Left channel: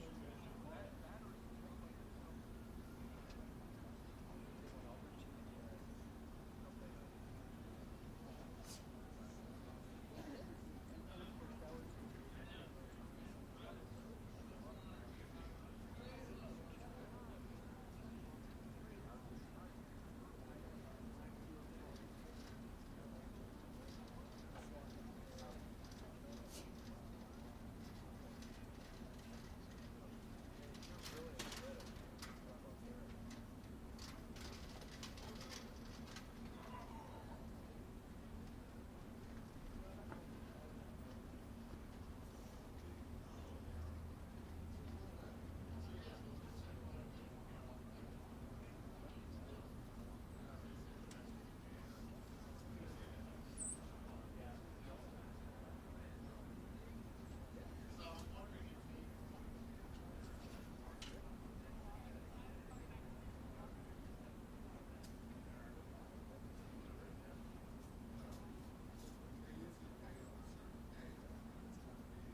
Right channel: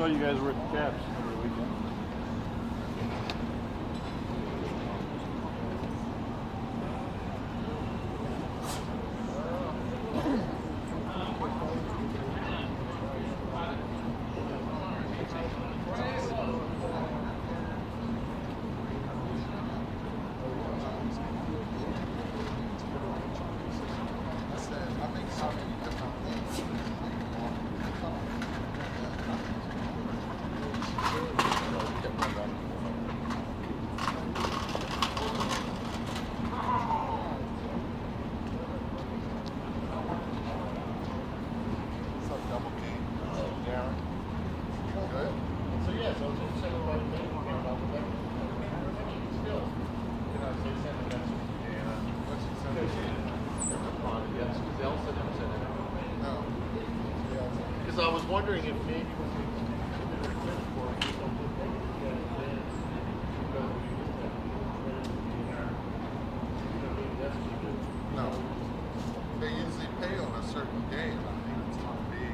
saw you guys were at the Caps over the weekend. Because I was wondering if maybe no. They usually pay on a certain day, and I think it's going to be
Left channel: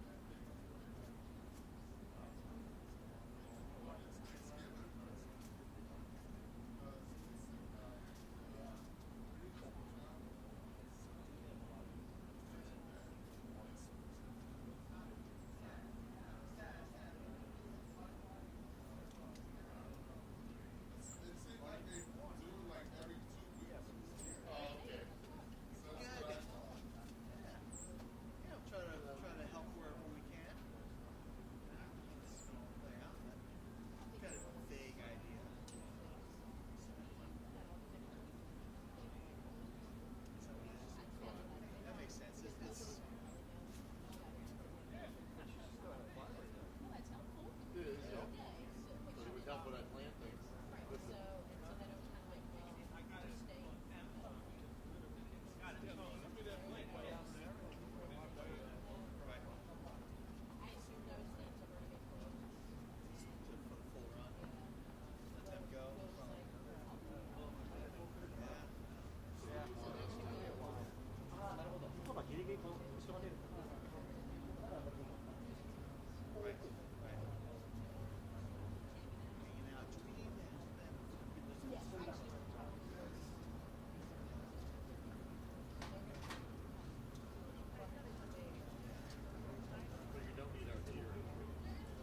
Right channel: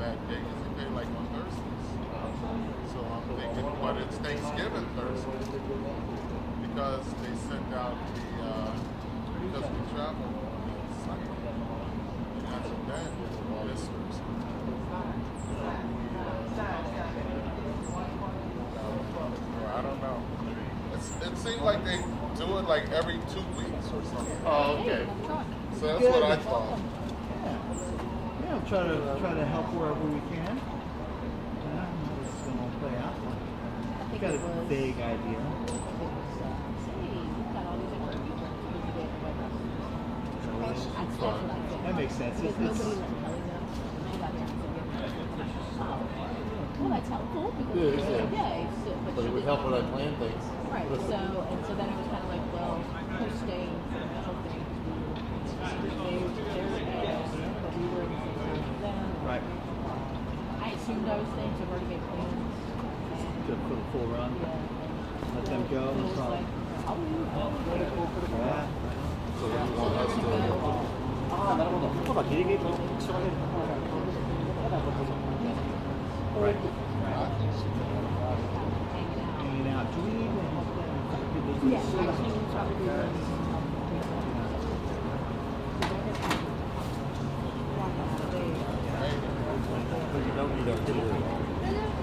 that day. Usually pay like on Thursdays. So I'm thinking, but it's Thanksgiving Thursday because they send out because we travel on Sunday. And that's a bad this Thursday. I don't know. It seems like they do it like every 2 weeks or something. Oh, okay. So that's what I thought. Yeah, we'll try to help wherever we can. Yeah, how this is going to play out. We got a vague idea. That makes sense. Well, that's helpful because it's a day. But it would help when I plan things. Right. So then it was kind of like, well, who's staying for the mental thing? But we were in the same time as them. Right. I assumed I was staying, so I've already made plans. To put a full run. Yeah. Let them go. It was like, I'll leave. Yeah. So what do you want us to do? ああ、なるほど。そうだ、ギリギリと一緒が出る。Right. Hanging Hanging out. Do we need to help them? out. Yeah, actually, we'll probably do this. But you don't need our dinner.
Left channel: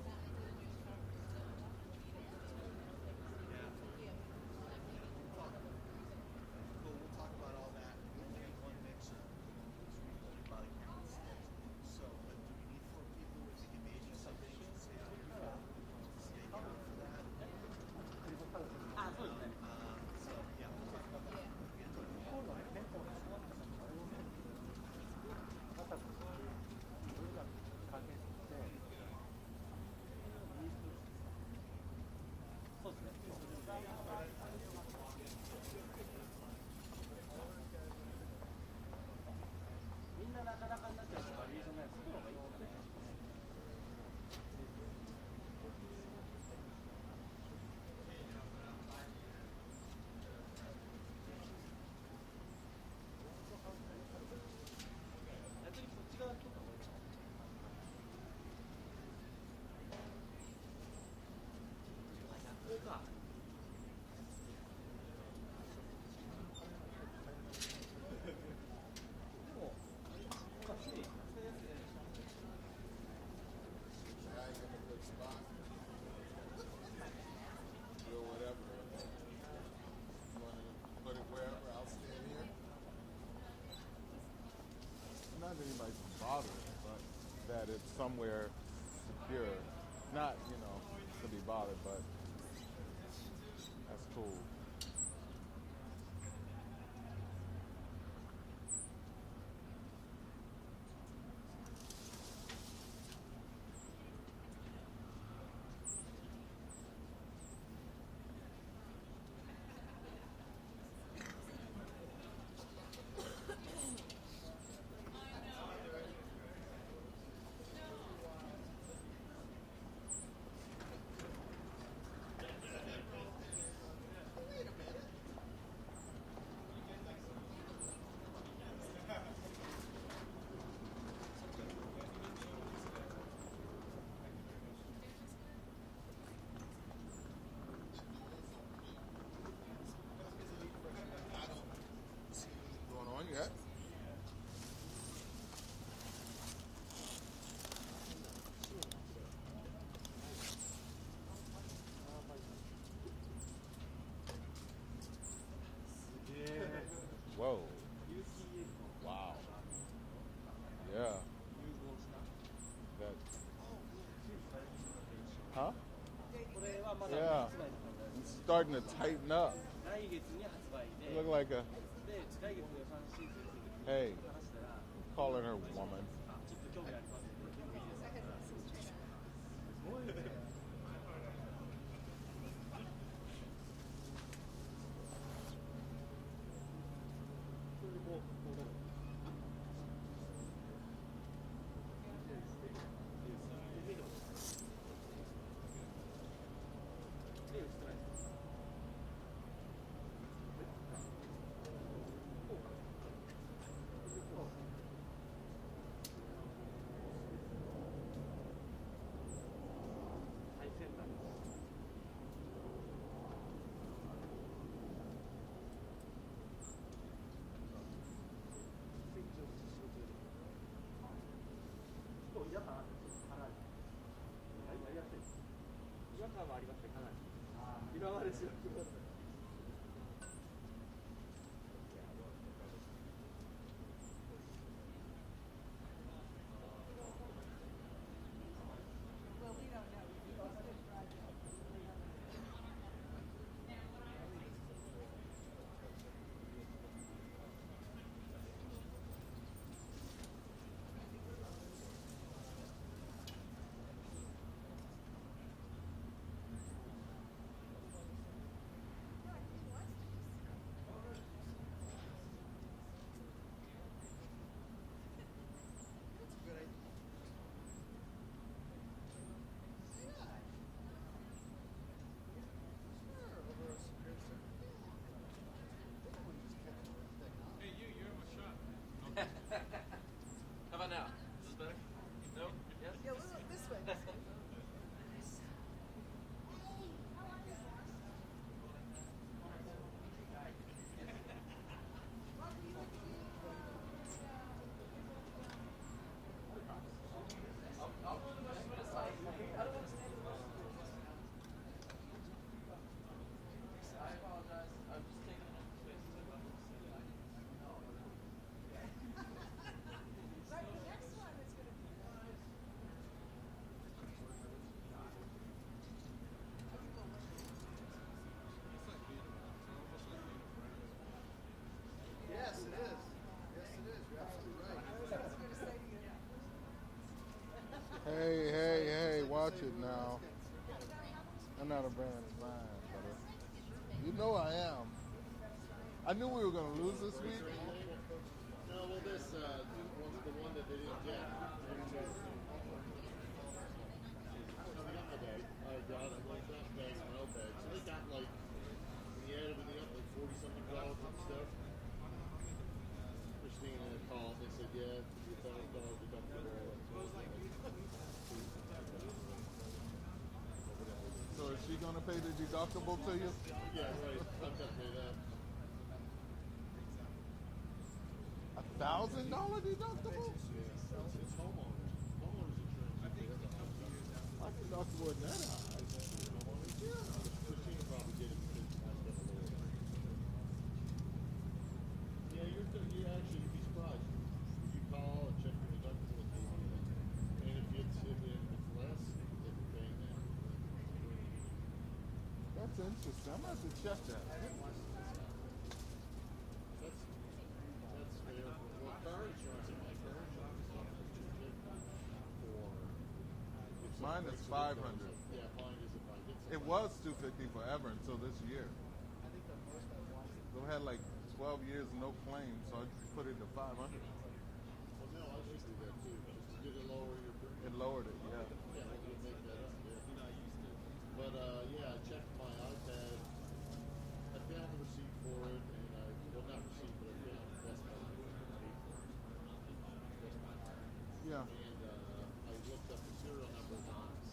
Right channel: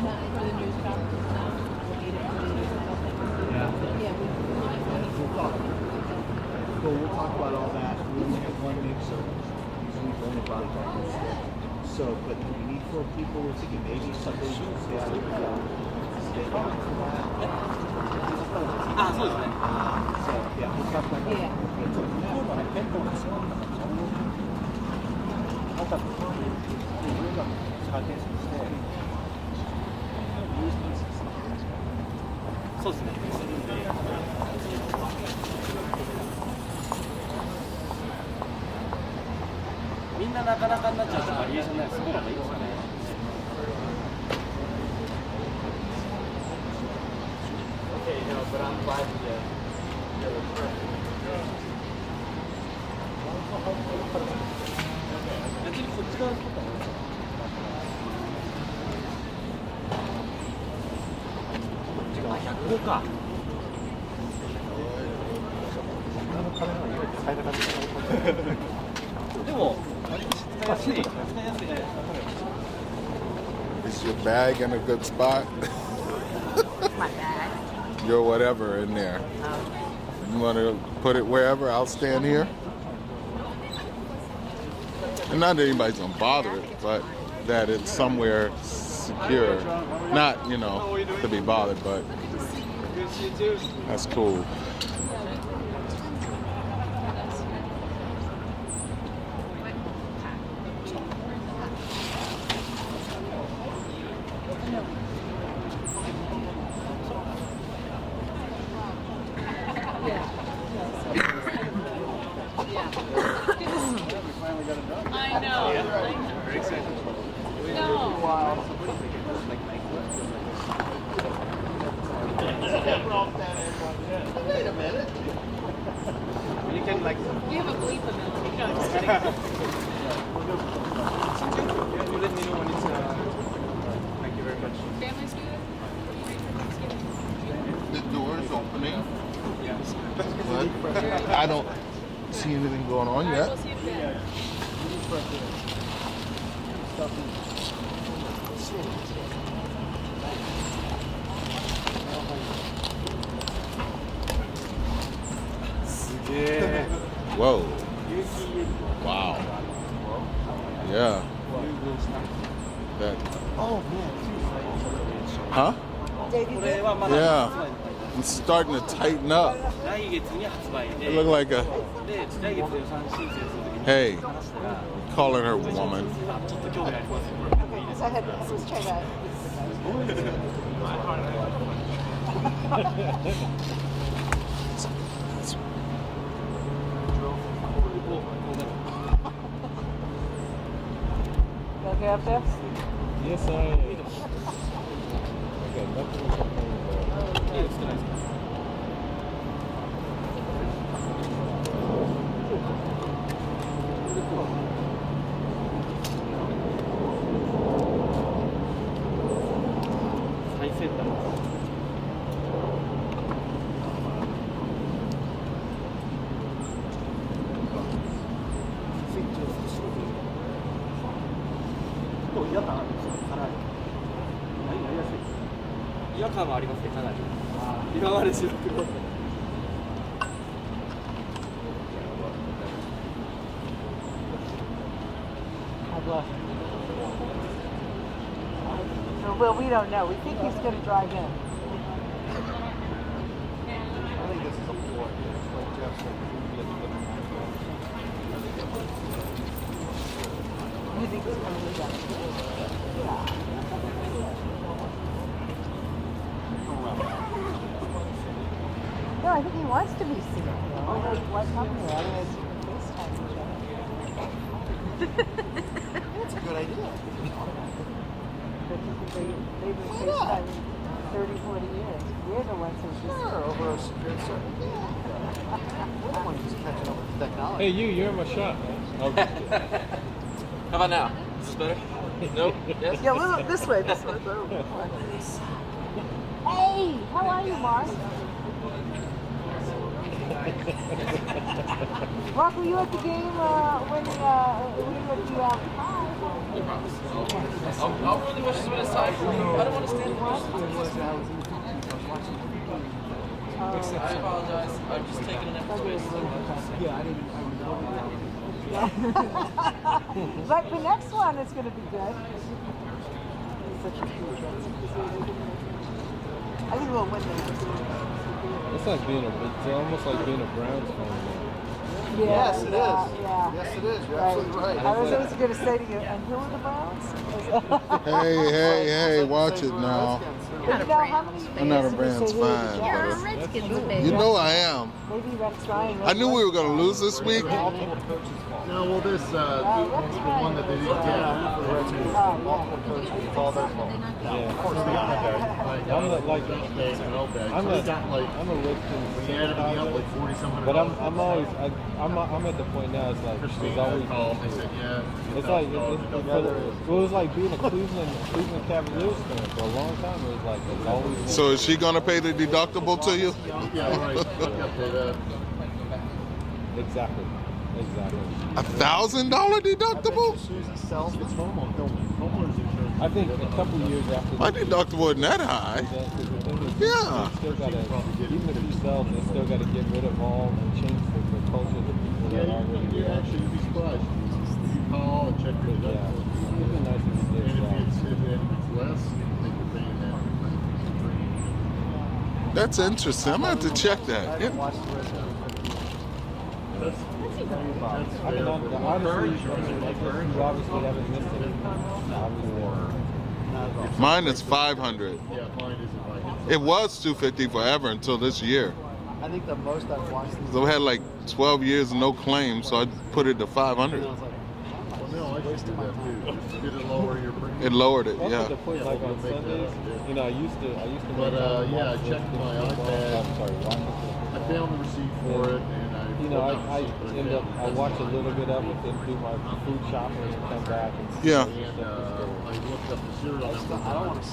Not for the news conference, no. We need it for the news conference. Yeah. Yeah, We'll talk. Well, we'll talk about all that. We only have one mixer. Usually we've only brought it back instead. So, but we need 4 people. We're thinking maybe something should stay out for that. あ、そうですね。 So, yeah, we'll talk about that. Yeah. 今日のね、店舗が違うんだから、また、自分が加点して、そうですね。みんななかなかになっちゃうとバリエーションないです。そこがいいですよね。Okay, no, but I'm glad you did.別にこっち側のことはあ、105か。でも、使いやすいね。 Is your bag in a good spot? My bag. Your whatever in there. You want to put it wherever? I'll stand here. And not that anybody's gonna bother it, but that it's somewhere secure. Not, you know, to be bothered, but that's cool. I know. Very excited. No. Wait a minute. You can like. You have a bleep ability. No, just kidding. You let me know when it's. Thank you very much. anything going on yet. Whoa. Wow. Yeah. That. Oh man, Huh? Yeah. It's starting to tighten up. 来月に発売 It で、 looked like a. で来月予算申請するときに Hey, 話したら、 calling her woman. ちょっと興味あります。 So I had let's try that. You okay up there? Yes, I am. Okay, nothing to complain about. いいですか、ないですか。最先端。嫌だ。違和感はありますね、かなり。今まで白黒。 Well, we don't know. We think he's going to drive in. I think this is a Ford. Like Jeff said, You think he's going to do that? No, I think he wants to be seen. What's happening? Otherwise, you can FaceTime each other. that's a good idea. They've been FaceTiming 30, 40 years. We're the ones who just... Sure, over a certain. We're the ones just catching up with technology. Hey, you're in my shot. Okay. How about now? Is this better? Nope. Yes? Yeah, look, this way, this way. Hey, how are you, Mark? Mark, were you at the game when were you at the I'll really wish this was aside. I don't want to stand in front. I apologize. I'm just taking an extra space. Yeah, I didn't know that. But the next one is going to be good. Such a huge one. I think we'll win the next one. It's like it's almost like being a Browns fan. Yeah, Yes, it is. Yeah. Yes, it is. You're Right. absolutely right. I was always going to say to you, and who are the Browns? Hey, watch it now. But you know, how many I'm not a years did we Browns say who was the fan, Jets? but Redskins you baby. know I am. Maybe Rex Ryan. I knew we were going to lose this week. No, well, this the one that they didn't get. Multiple coaches, it's all their fault. Yeah. Of course, they got that. I'm not like I'm I'm a Redskins We had to be up like 40 something. but I'm always I'm at the point now. It's like there's always called. They said, yeah. it's like it was like being a Cleveland Cavaliers fan for a long time. It was like it's always So is she going to pay the deductible to you? Yeah, right. exactly. $1,000 deductible? Susie sells the Homeowners insurance. I think a couple years after My deductible isn't that high. Yeah. Still gotta, even if you sell, they still got to get rid of all and change the culture of the people that Yeah, already you there. actually you'd be surprised. You call and check your Yeah, deductible. it'd be nice if you did And that. if it's less, then you're paying that. That's interesting. I'm going to have to check that. Yeah. watch the rest of it. I mean, honestly, like you obviously haven't missed it. Obviously. Mine is 500. Yeah, mine isn't like It was 250 forever until this year. I think the most I've watched these. So we had like 12 years and no claims, so I put it to 500. I was like, well, no, I should do that too. Did it lower your premium? It lowered it, Also, yeah. the point, like on Sundays, you know, I used to. But, make time to yeah, I watch checked the my football. iPad. I'm sorry, watch it. I found the receipt for it, and I. You know, I end up, I watch a little bit of it, then do my food shopping and come back and see Yeah. all the And stuff that's going I looked up the serial number. I don't want to.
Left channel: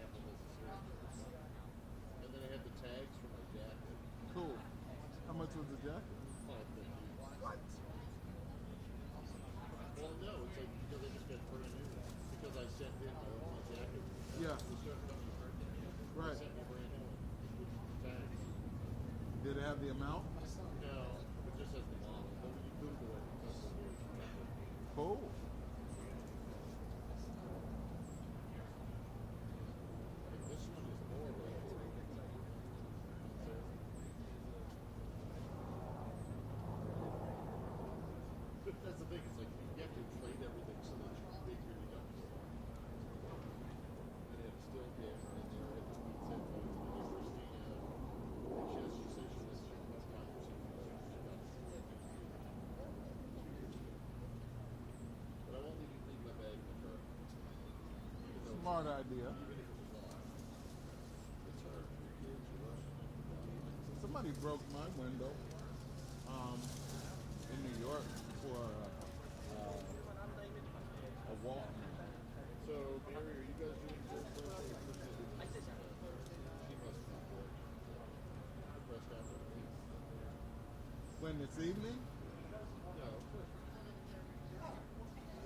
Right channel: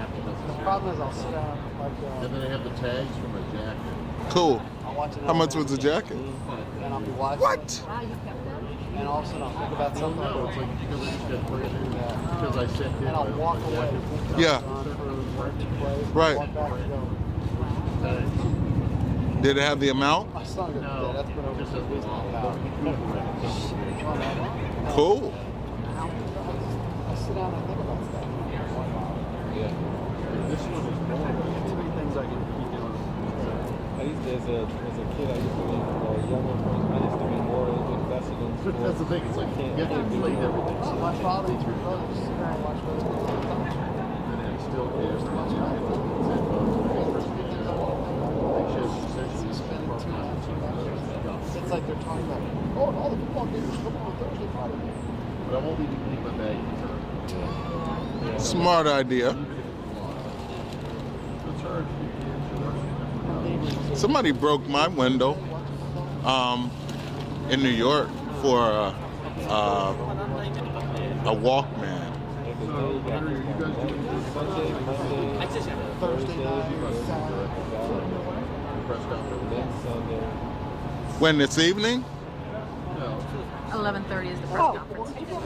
Apple The doesn't problem is I'll sit down like. And then I have the tags for my jacket. Cool. I'll watch it. How much was the jacket? And I'll be watching. What? Wow, you kept them? And all of a sudden I'll think about something. Oh, It's like because I just got brand new. Because I said, and I'll walk away. Yeah. Right. Walk back and go. Did it have the amount? My son got that. That's been over 6 weeks now. Cool. I sit down and think about stuff. Yeah. This one is boring. Too many things I can keep doing. As a kid, I used to be younger. I used to be more invested in But sports. that's the thing. It's like you get to play everything. So My father and three brothers sit there and watch football all the time. and it still cares to watch it. It's like they're talking about, oh, and all the football games come on Thursday, Friday. But I won't be leaving my bag. Smart idea. Somebody broke my window in New York for a Walkman. Thursday night or Saturday. Then Sunday. When this evening? 11:30 is the press conference. I think it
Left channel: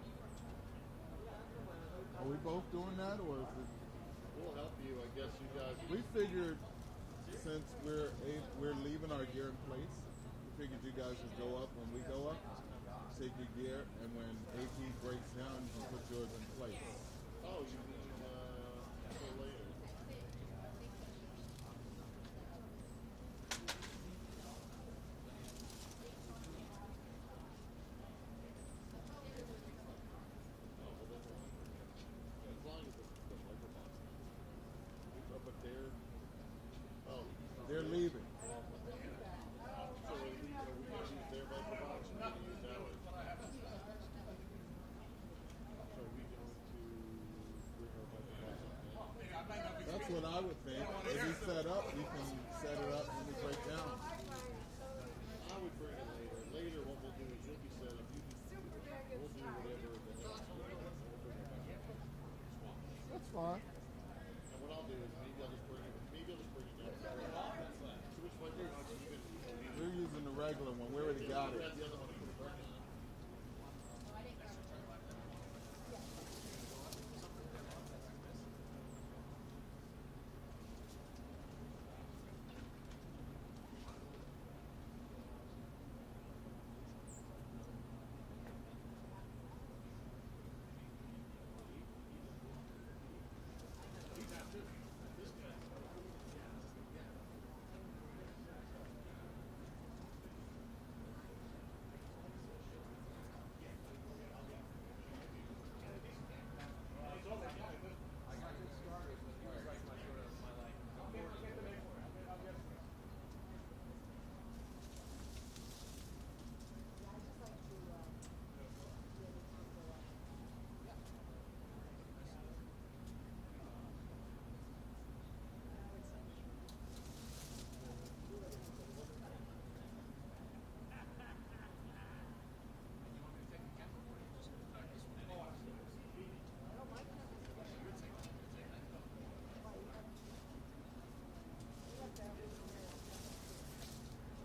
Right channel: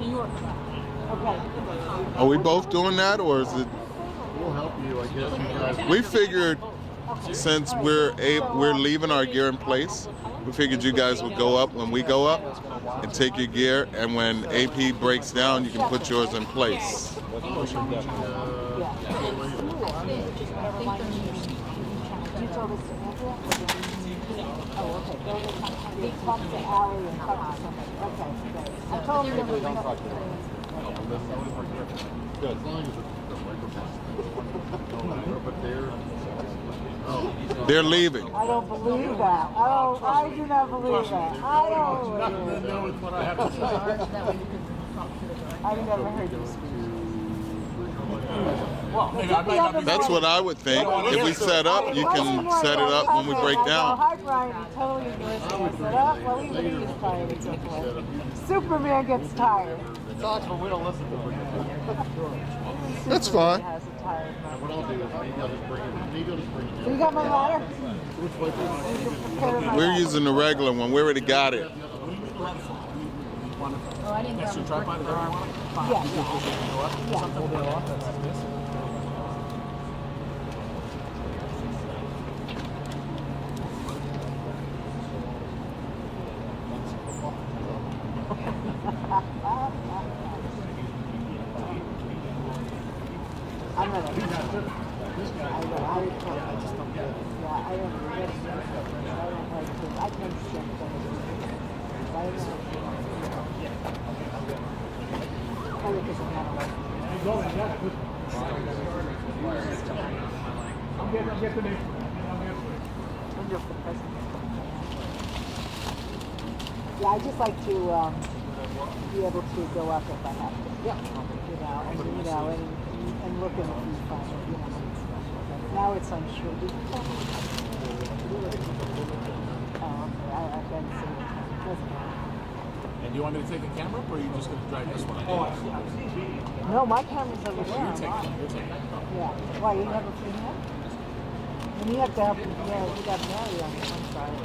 New York. Are we both doing that, or is it? We'll help you, I guess. You guys. We figured since we're leaving our gear in place, we figured you guys would go up when we go up and take your gear, and when AP breaks down, you can put yours in place. I told him never don't talk to them. Good. As long as the microphone. But They're leaving. I don't believe that. I do not believe that. I don't believe it. know it's what I have to say. I've never heard you speak. That's what I would think. If we set up, you can set it up when we break down. Hi, Brian. You totally agree. Set up. Well, even he's tired at some point. Superman gets tired. Talks, but we don't listen to it. That's fine. Has a tired mind. What I'll do is maybe I'll just bring it. Maybe I'll just bring it. So you got my ladder? We're using the regular one. We already got it. Oh, I didn't grab a brick for our Yeah. I'm gonna. I just don't get it. Yeah, I don't get it. I don't like to. I can understand it. I don't know. Only because I'm not like. I'm just the president. Yeah, I just like to be able to go up if I have to. Yeah. And look in the viewfinder. Now it's unsure. I've been seeing it. And do you want me to take a camera or are you just going to drive this one? No, my camera's over there. You're taking it. Yeah. Why, you have a free hand? And you have to help, yeah, you got Mary on the one side.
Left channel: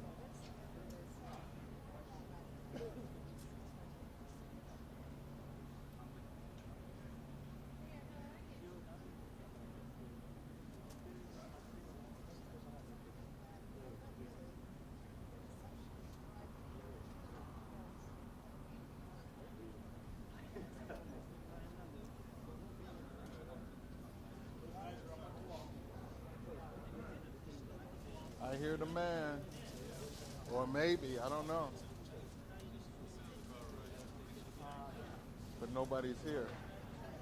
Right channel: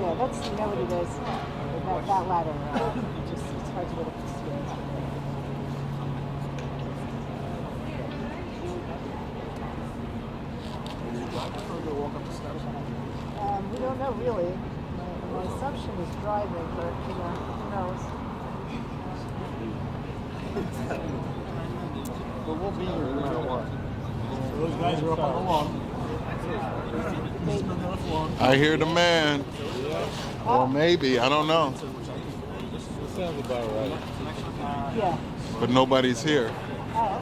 Yeah, that's, you know what it is. That ladder, it's hard to get up the stairs. We don't know really. My assumption is driving, but who knows? But we'll be here no matter what. Those guys are up on the lawn. I hear the man. Or maybe, I don't know. It sounds about right. Yeah. But nobody's here. Oh,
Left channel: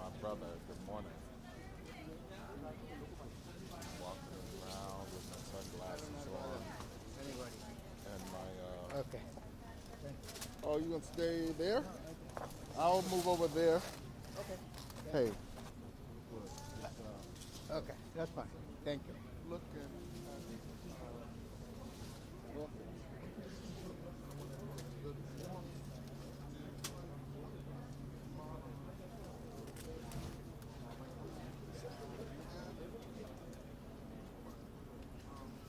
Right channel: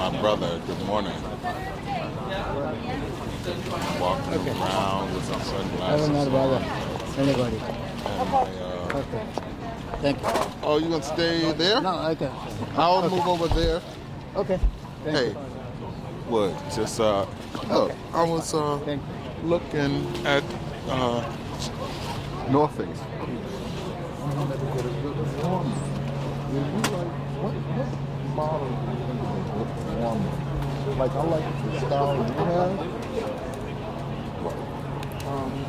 My brother, good morning. Walking around with some sunglasses on. Anybody. And my, Thank you. oh, you gonna stay there? No, okay. I'll move over there. Okay. Hey, what? Just look, I was Thank looking at No offense. What model do you think is a good one? Like, I like the style you have.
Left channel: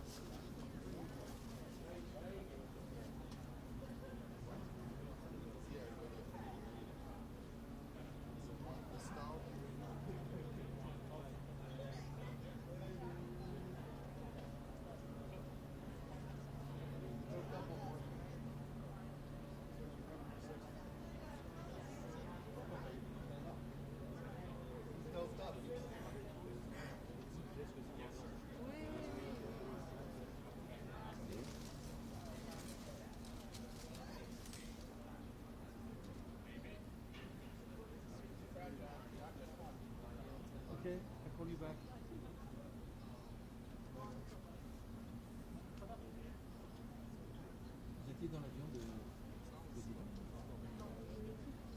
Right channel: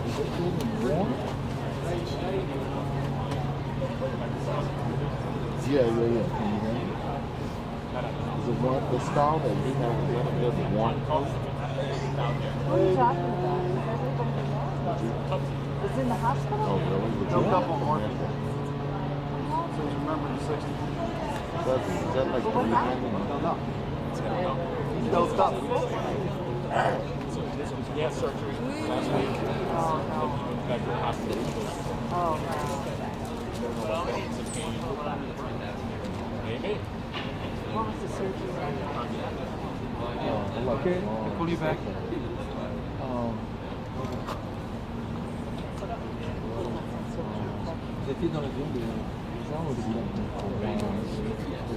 Is it good and warm? Yeah. Can you hear me? Is it one, the style that you have, is that a good warm color? What are you talking about? It's in the hospital? Oh, really? Would you couple more. Yeah. So remember the 60s. Is that like What happened? No. Dosed up. He had surgery last week. Oh, no. Back to the hospital. Oh, no. Maybe. What was the surgery? Okay. Pull you back.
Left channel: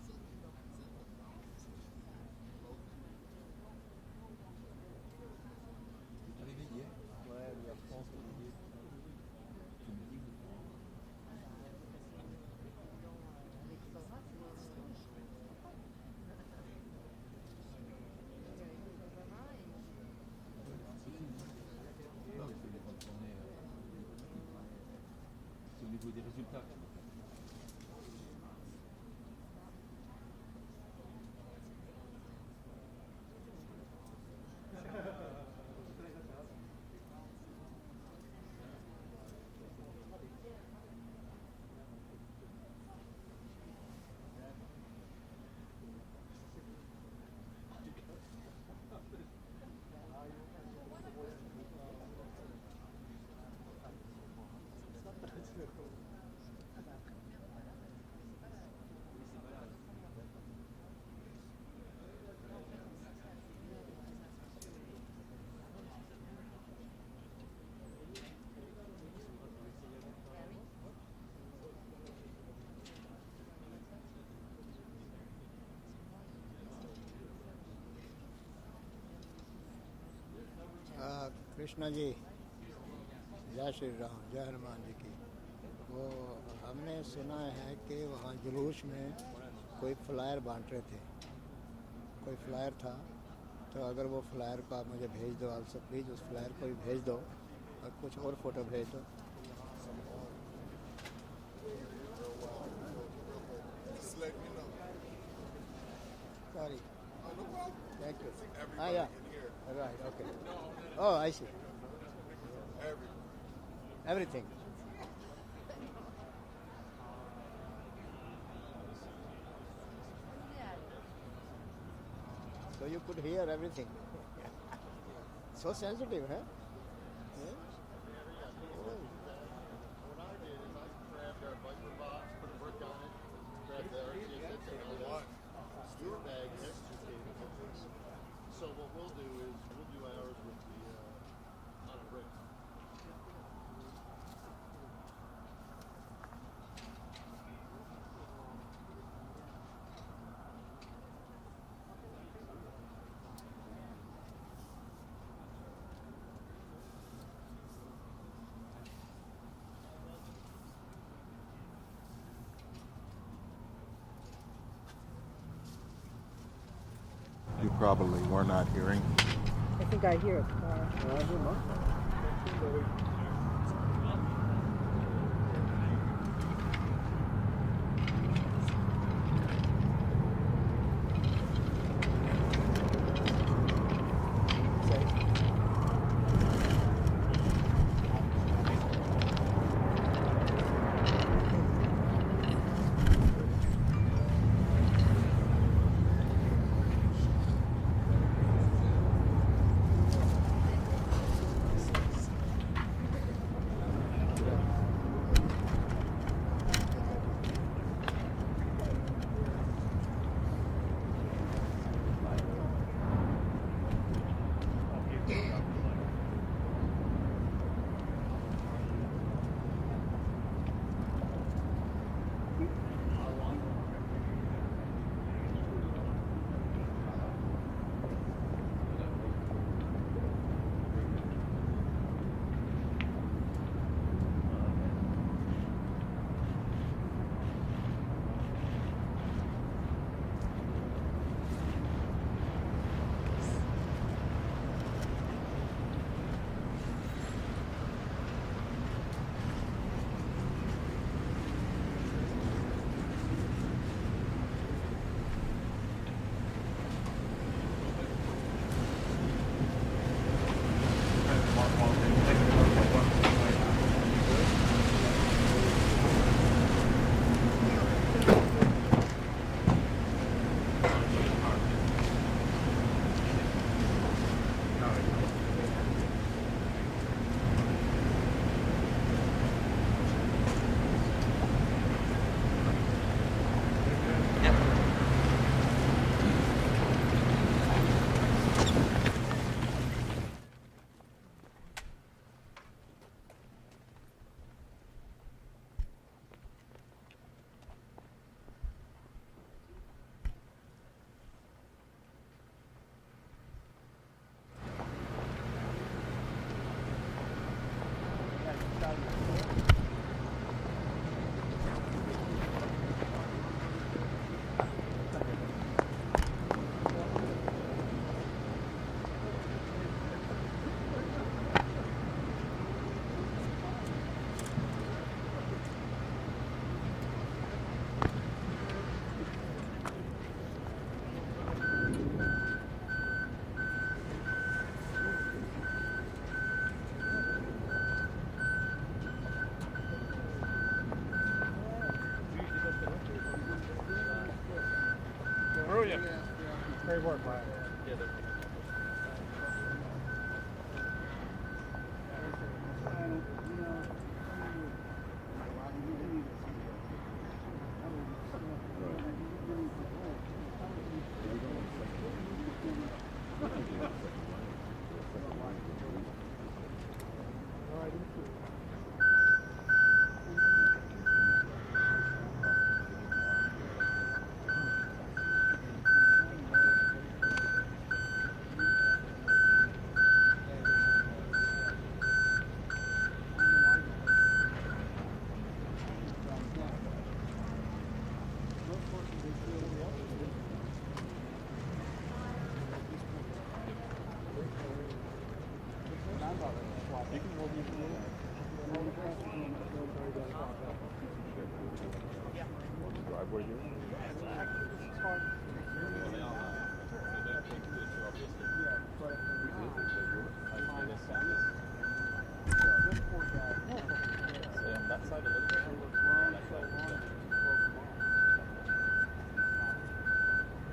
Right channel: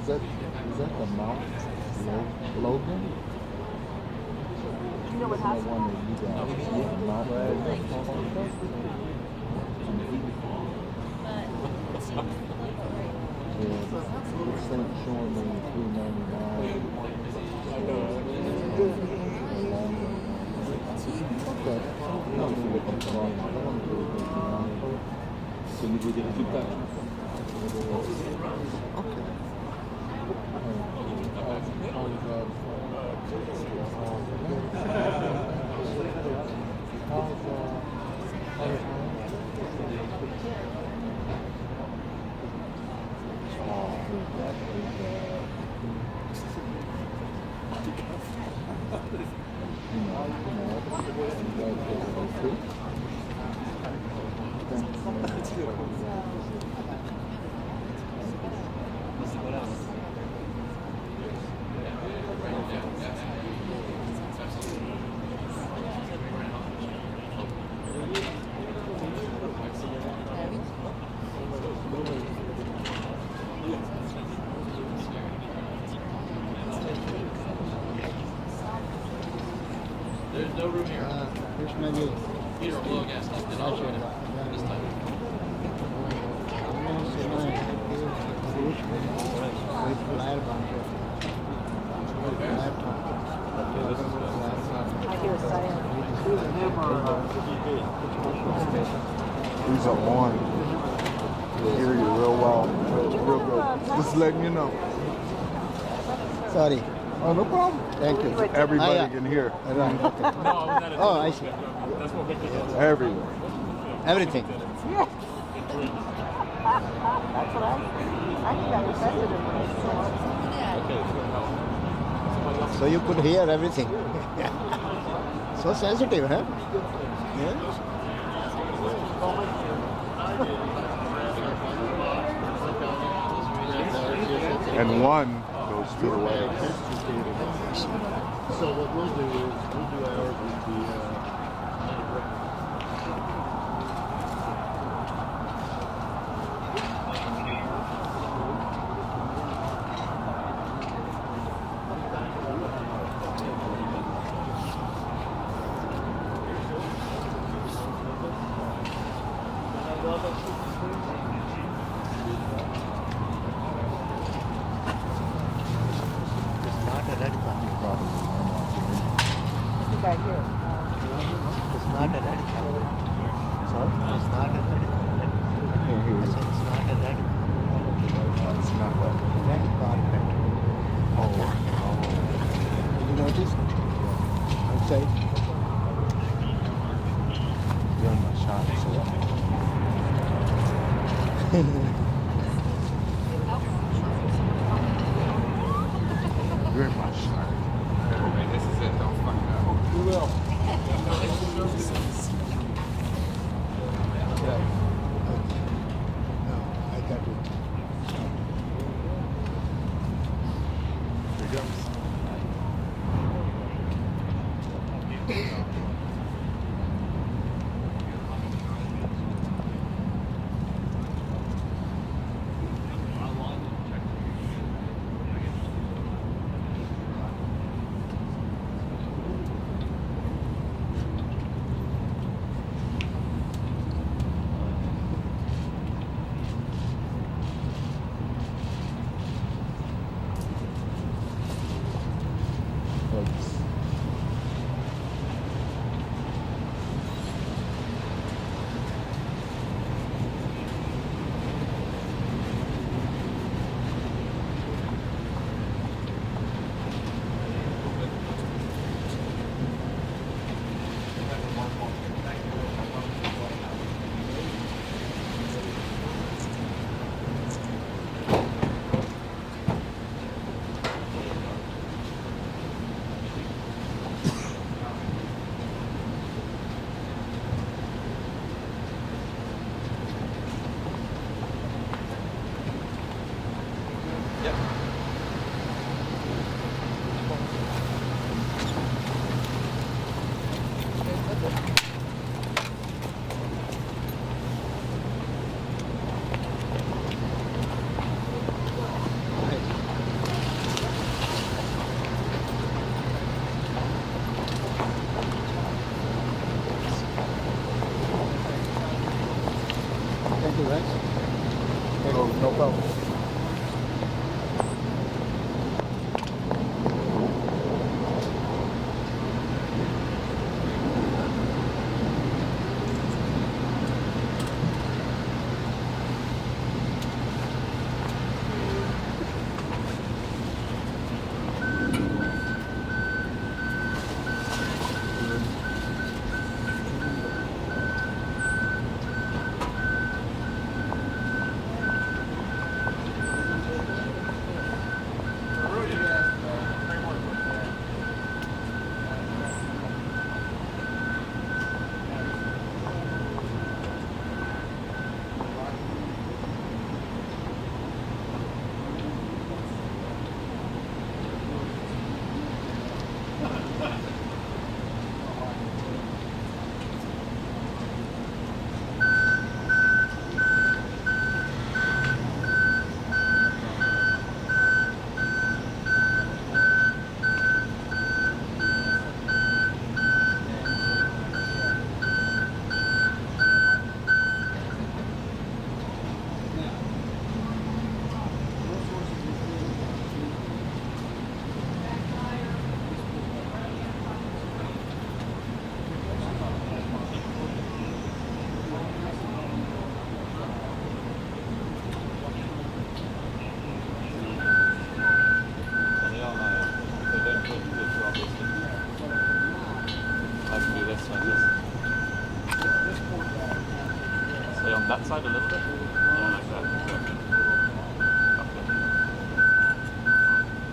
Is that the mount Logan? You know what That happened? one that you got? Yeah, Mount Logan. Yeah, it's showing me $399. Okay. Quindi vedi tutta There's no room here. Here's a low gas tank. Then I'll show you this time. I hear a silence. These are on. You'll hear you real well. Real good. Just letting you know. Sorry. Oh, no problem. Thank you. Everybody yeah. can hear. Right, okay. Oh, I see. That's what Victor does. Everywhere. Everything. Yeah. That's what I got offended in this. So you could hear everything. So sensitive, huh? Yeah. And one goes to the way. So what we'll do is we'll do ours with the You probably were not hearing. I think I hear. It's not a red color. Sorry? It's not a red color. I can't hear you. It's not a red color. It's not what? Red carpet. You notice? Okay. Doing my shot. You're in my shot. This is it. Don't fuck up. You will. I got it.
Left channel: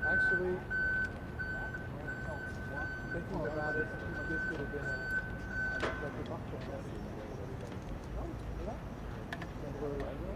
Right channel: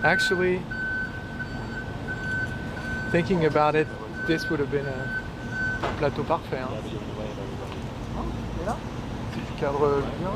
Actually, thinking about it, this would have been un plateau parfait. Hein. Il cadre bien.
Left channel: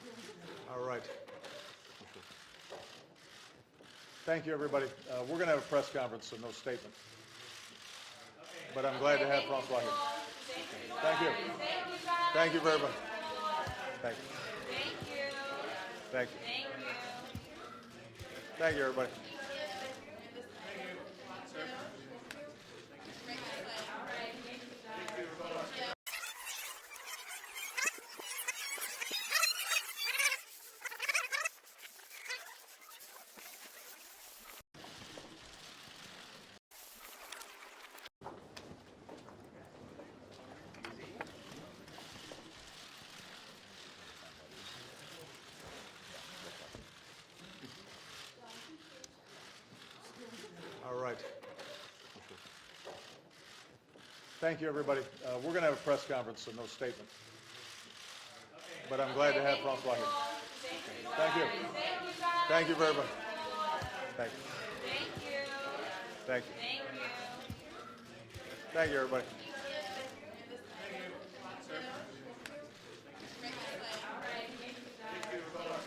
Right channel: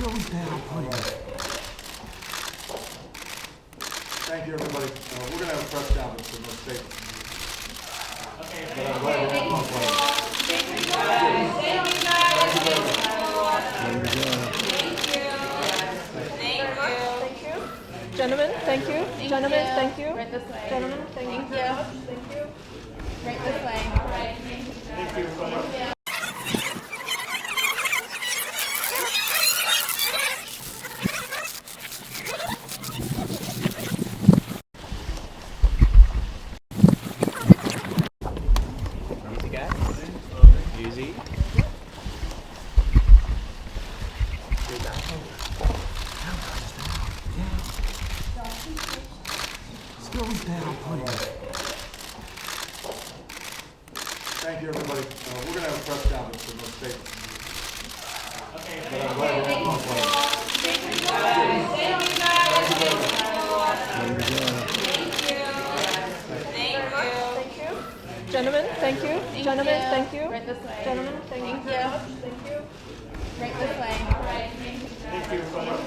Thank you, everybody. We're going to have a press conference for no statement. But I'm glad to have Francois. Thank you very much. Gentlemen, thank you. Gentlemen, thank you. Right this way. Gentlemen, thank you. Thank you. Right this way. Right. Thank you so much. Easy, guys. Easy. Thank you, everybody. We're going to have a press conference for no statement. But I'm glad to have Francois. Thank you very much. Gentlemen, thank you. Gentlemen, thank you. Right this way. Gentlemen, thank you. Thank you. Right this way. Right. Thank you so much.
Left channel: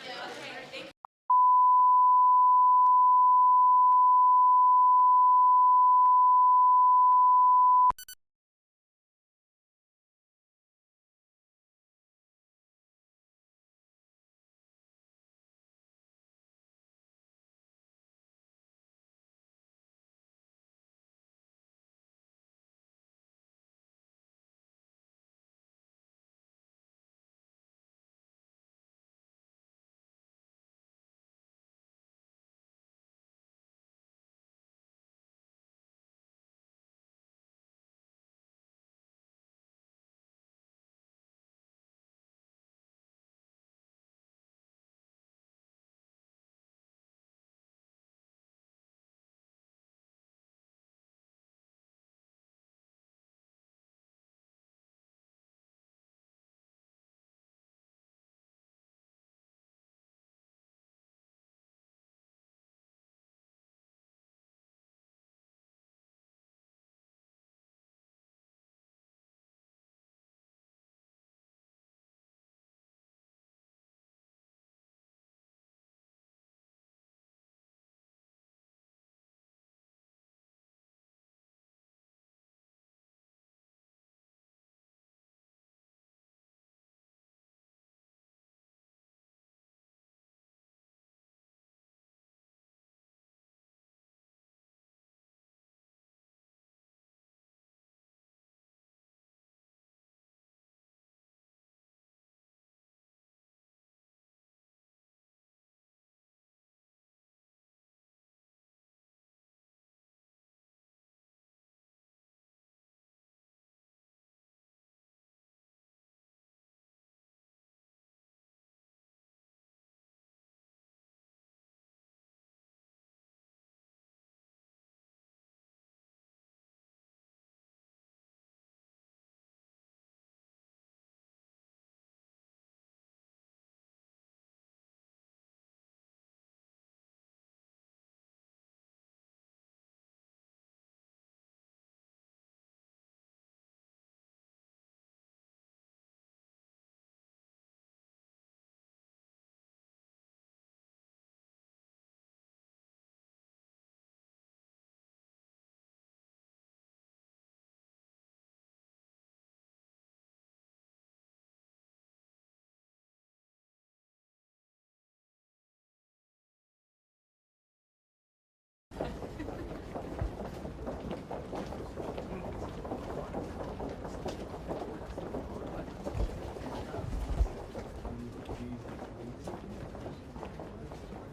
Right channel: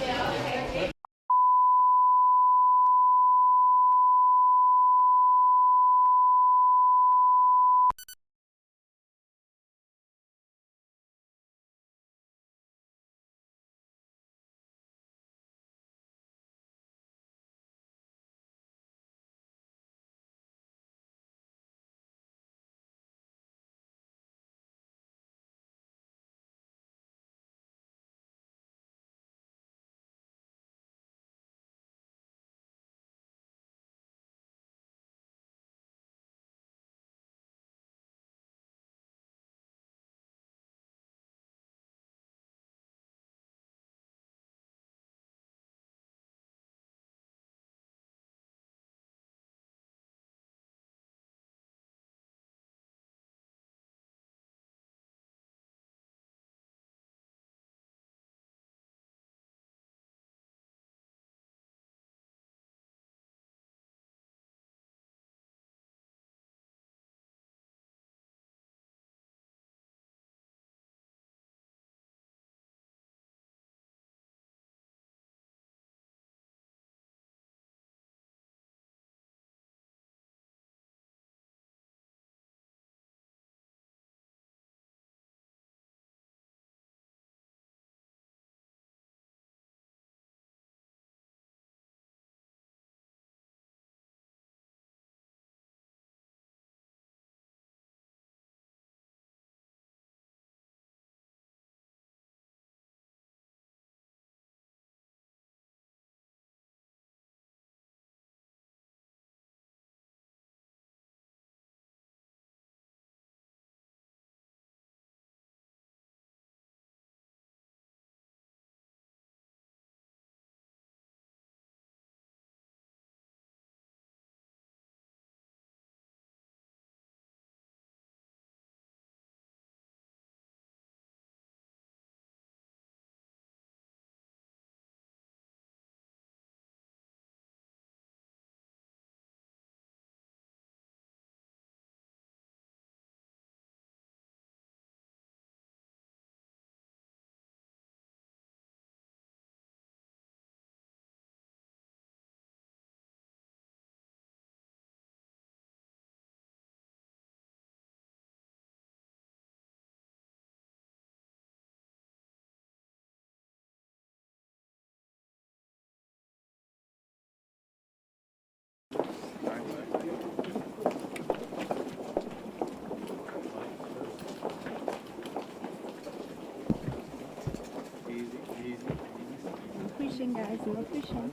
Pushing, guys. We're pushing.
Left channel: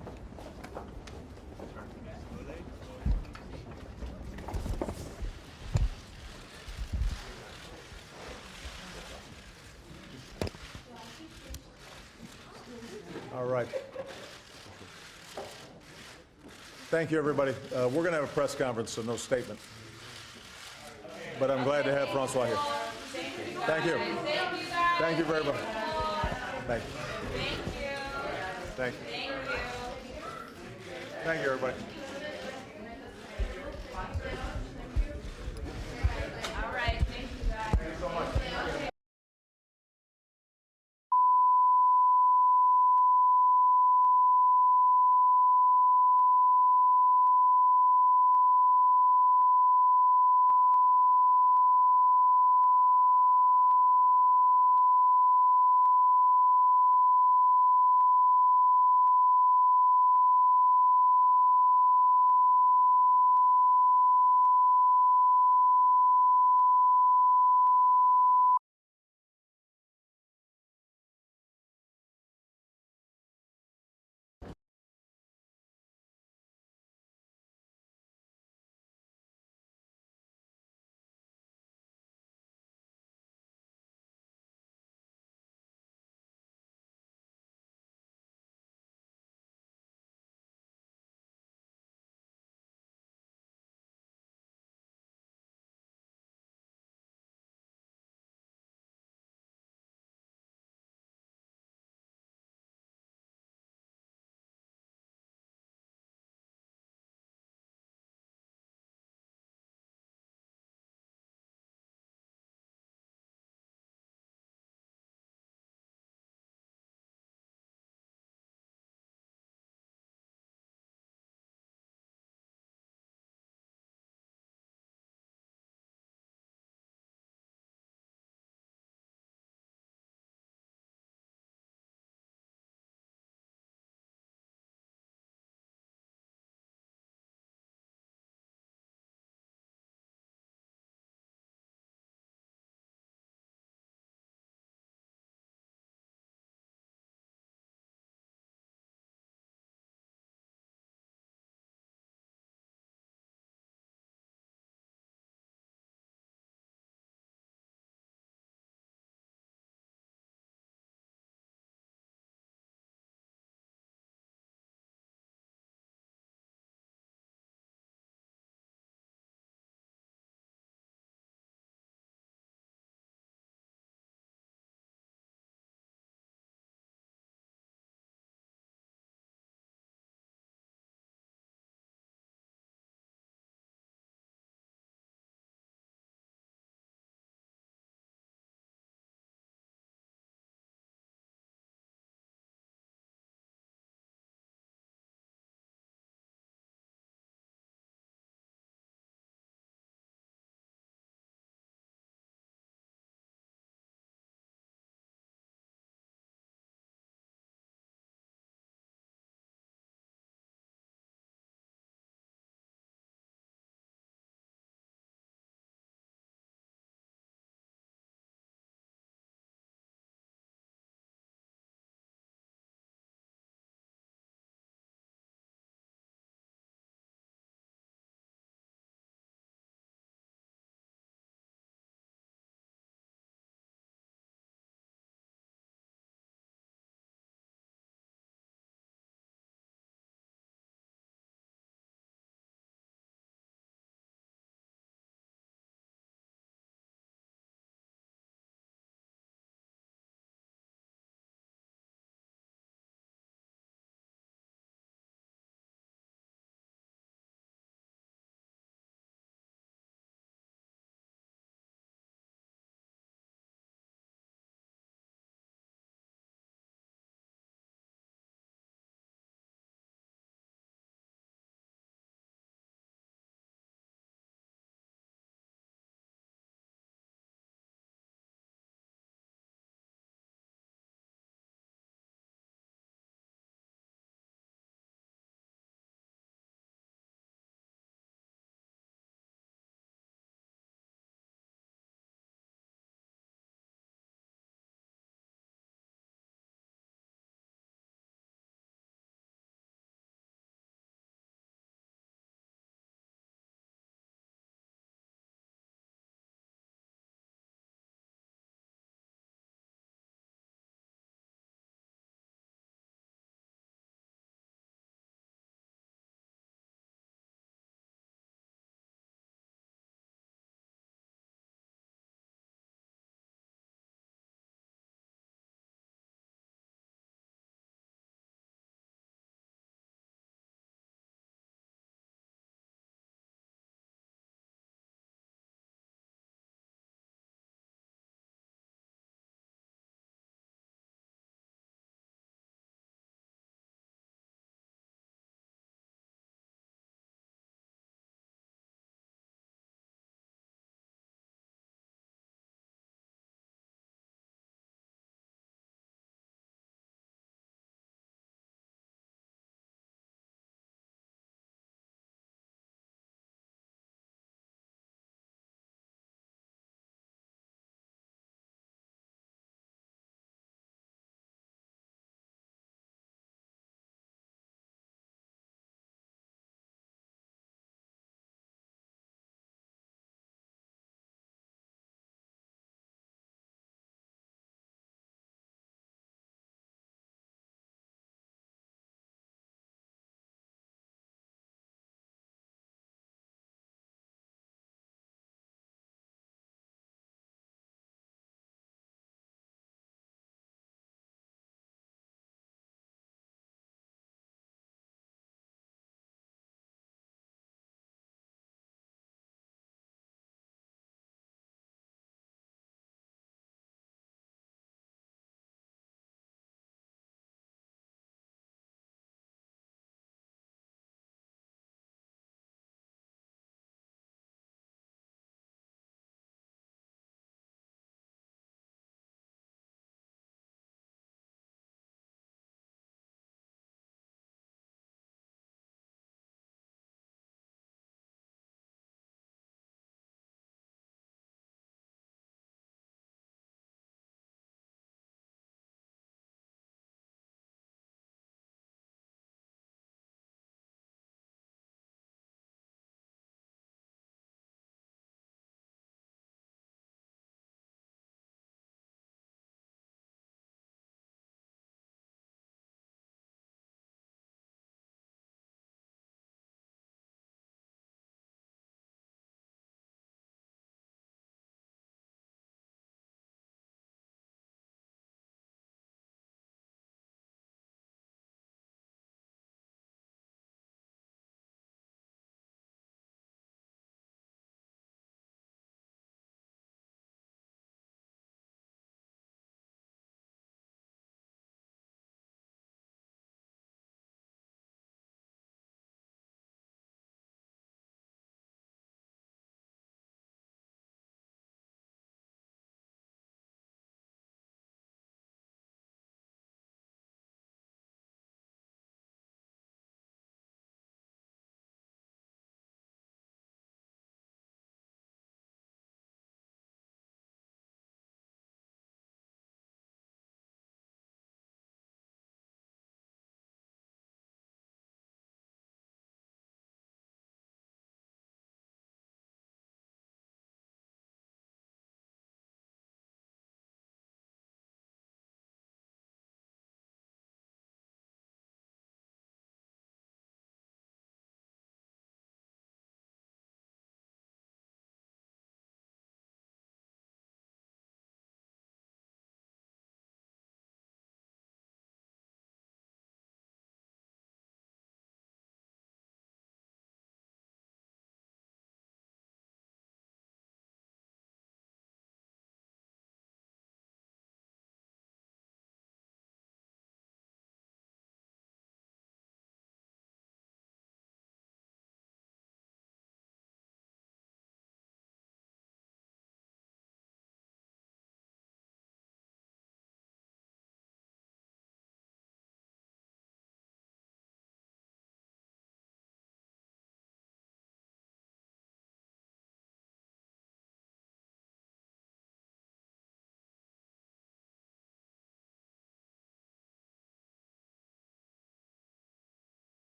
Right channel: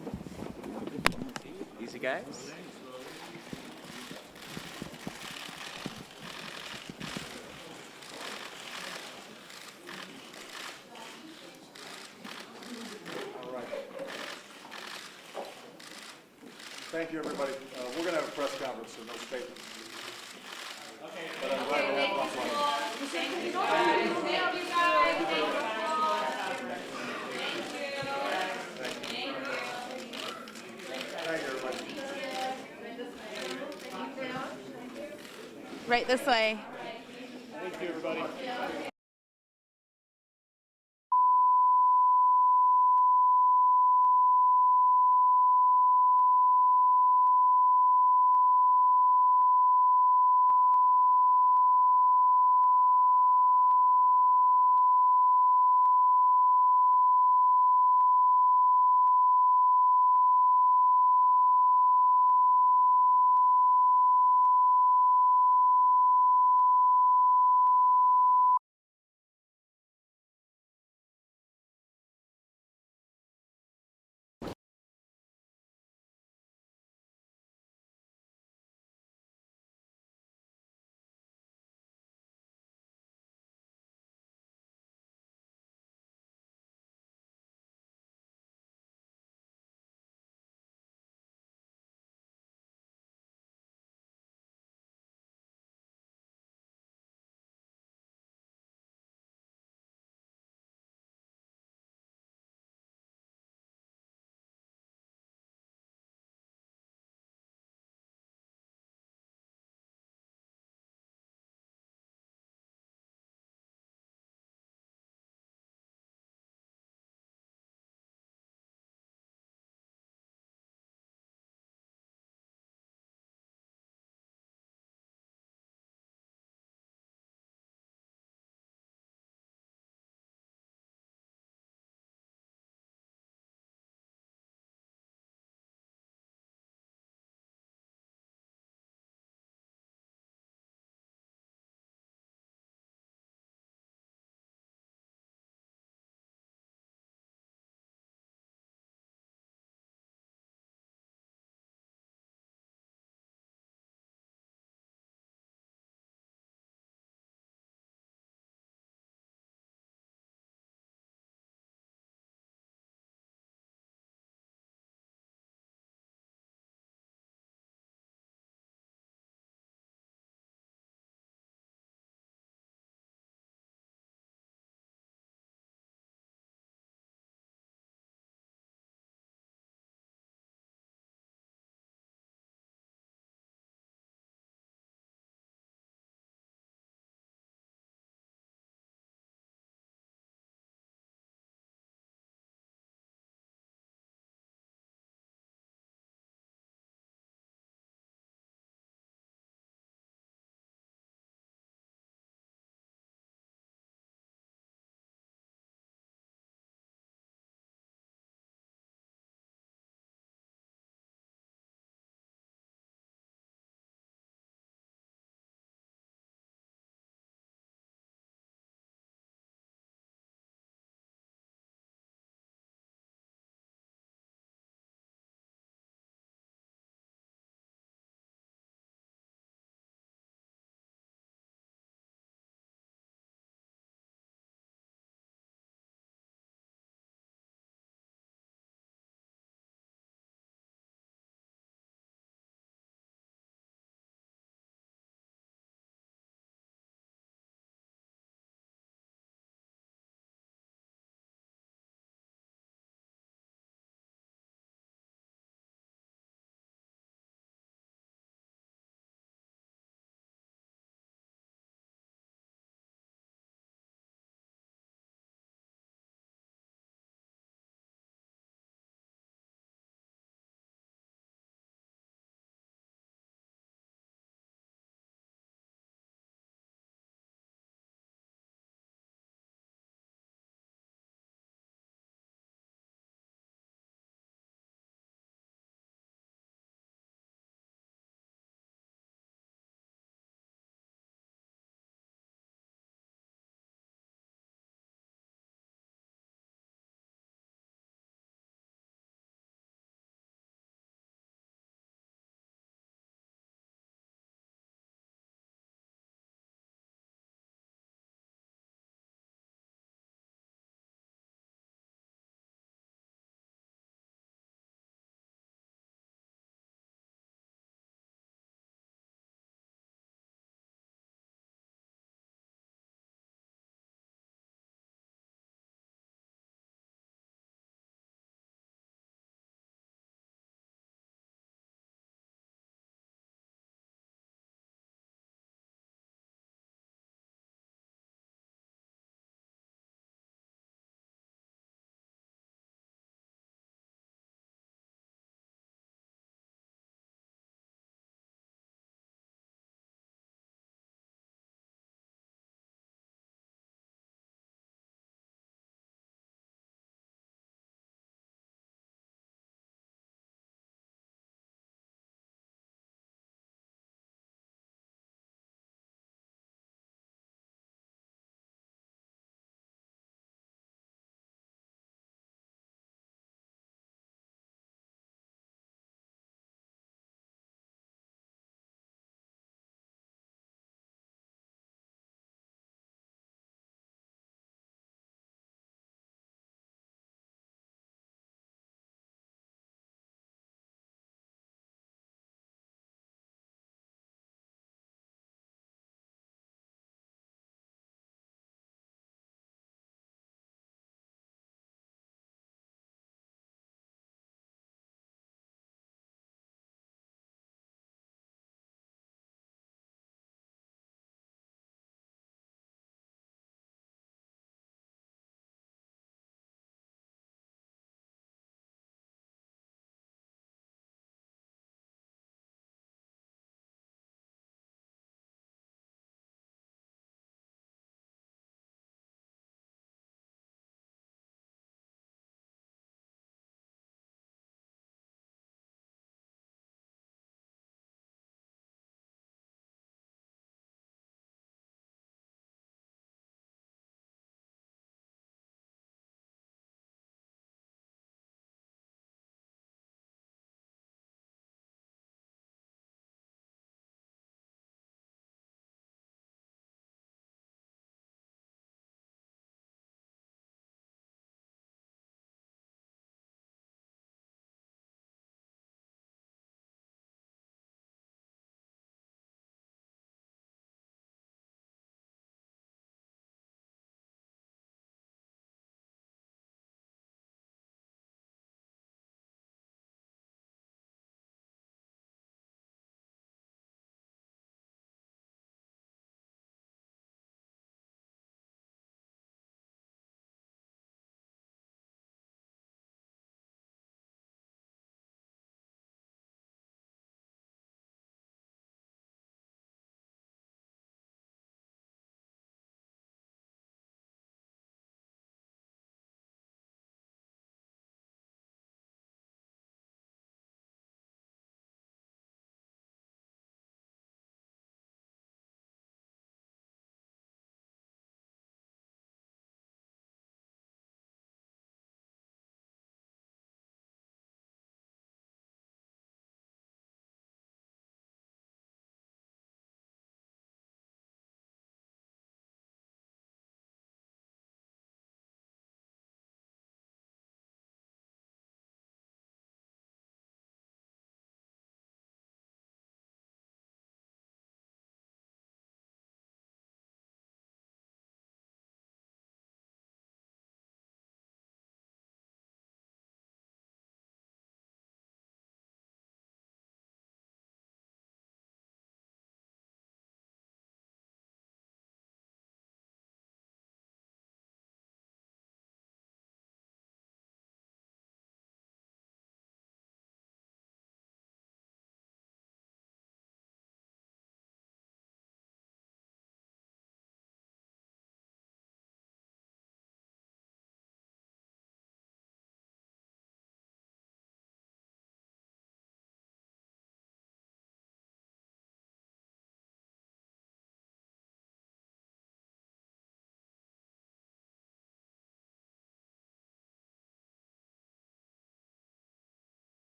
Easy, guys. All right. Thank you, everybody. We're going to have a press conference, so no statement. But I'm glad to have Francois here. Thank you. Thank you very much. Thank you. Thank you. Thank you, everybody. Right this way. Thank you so much.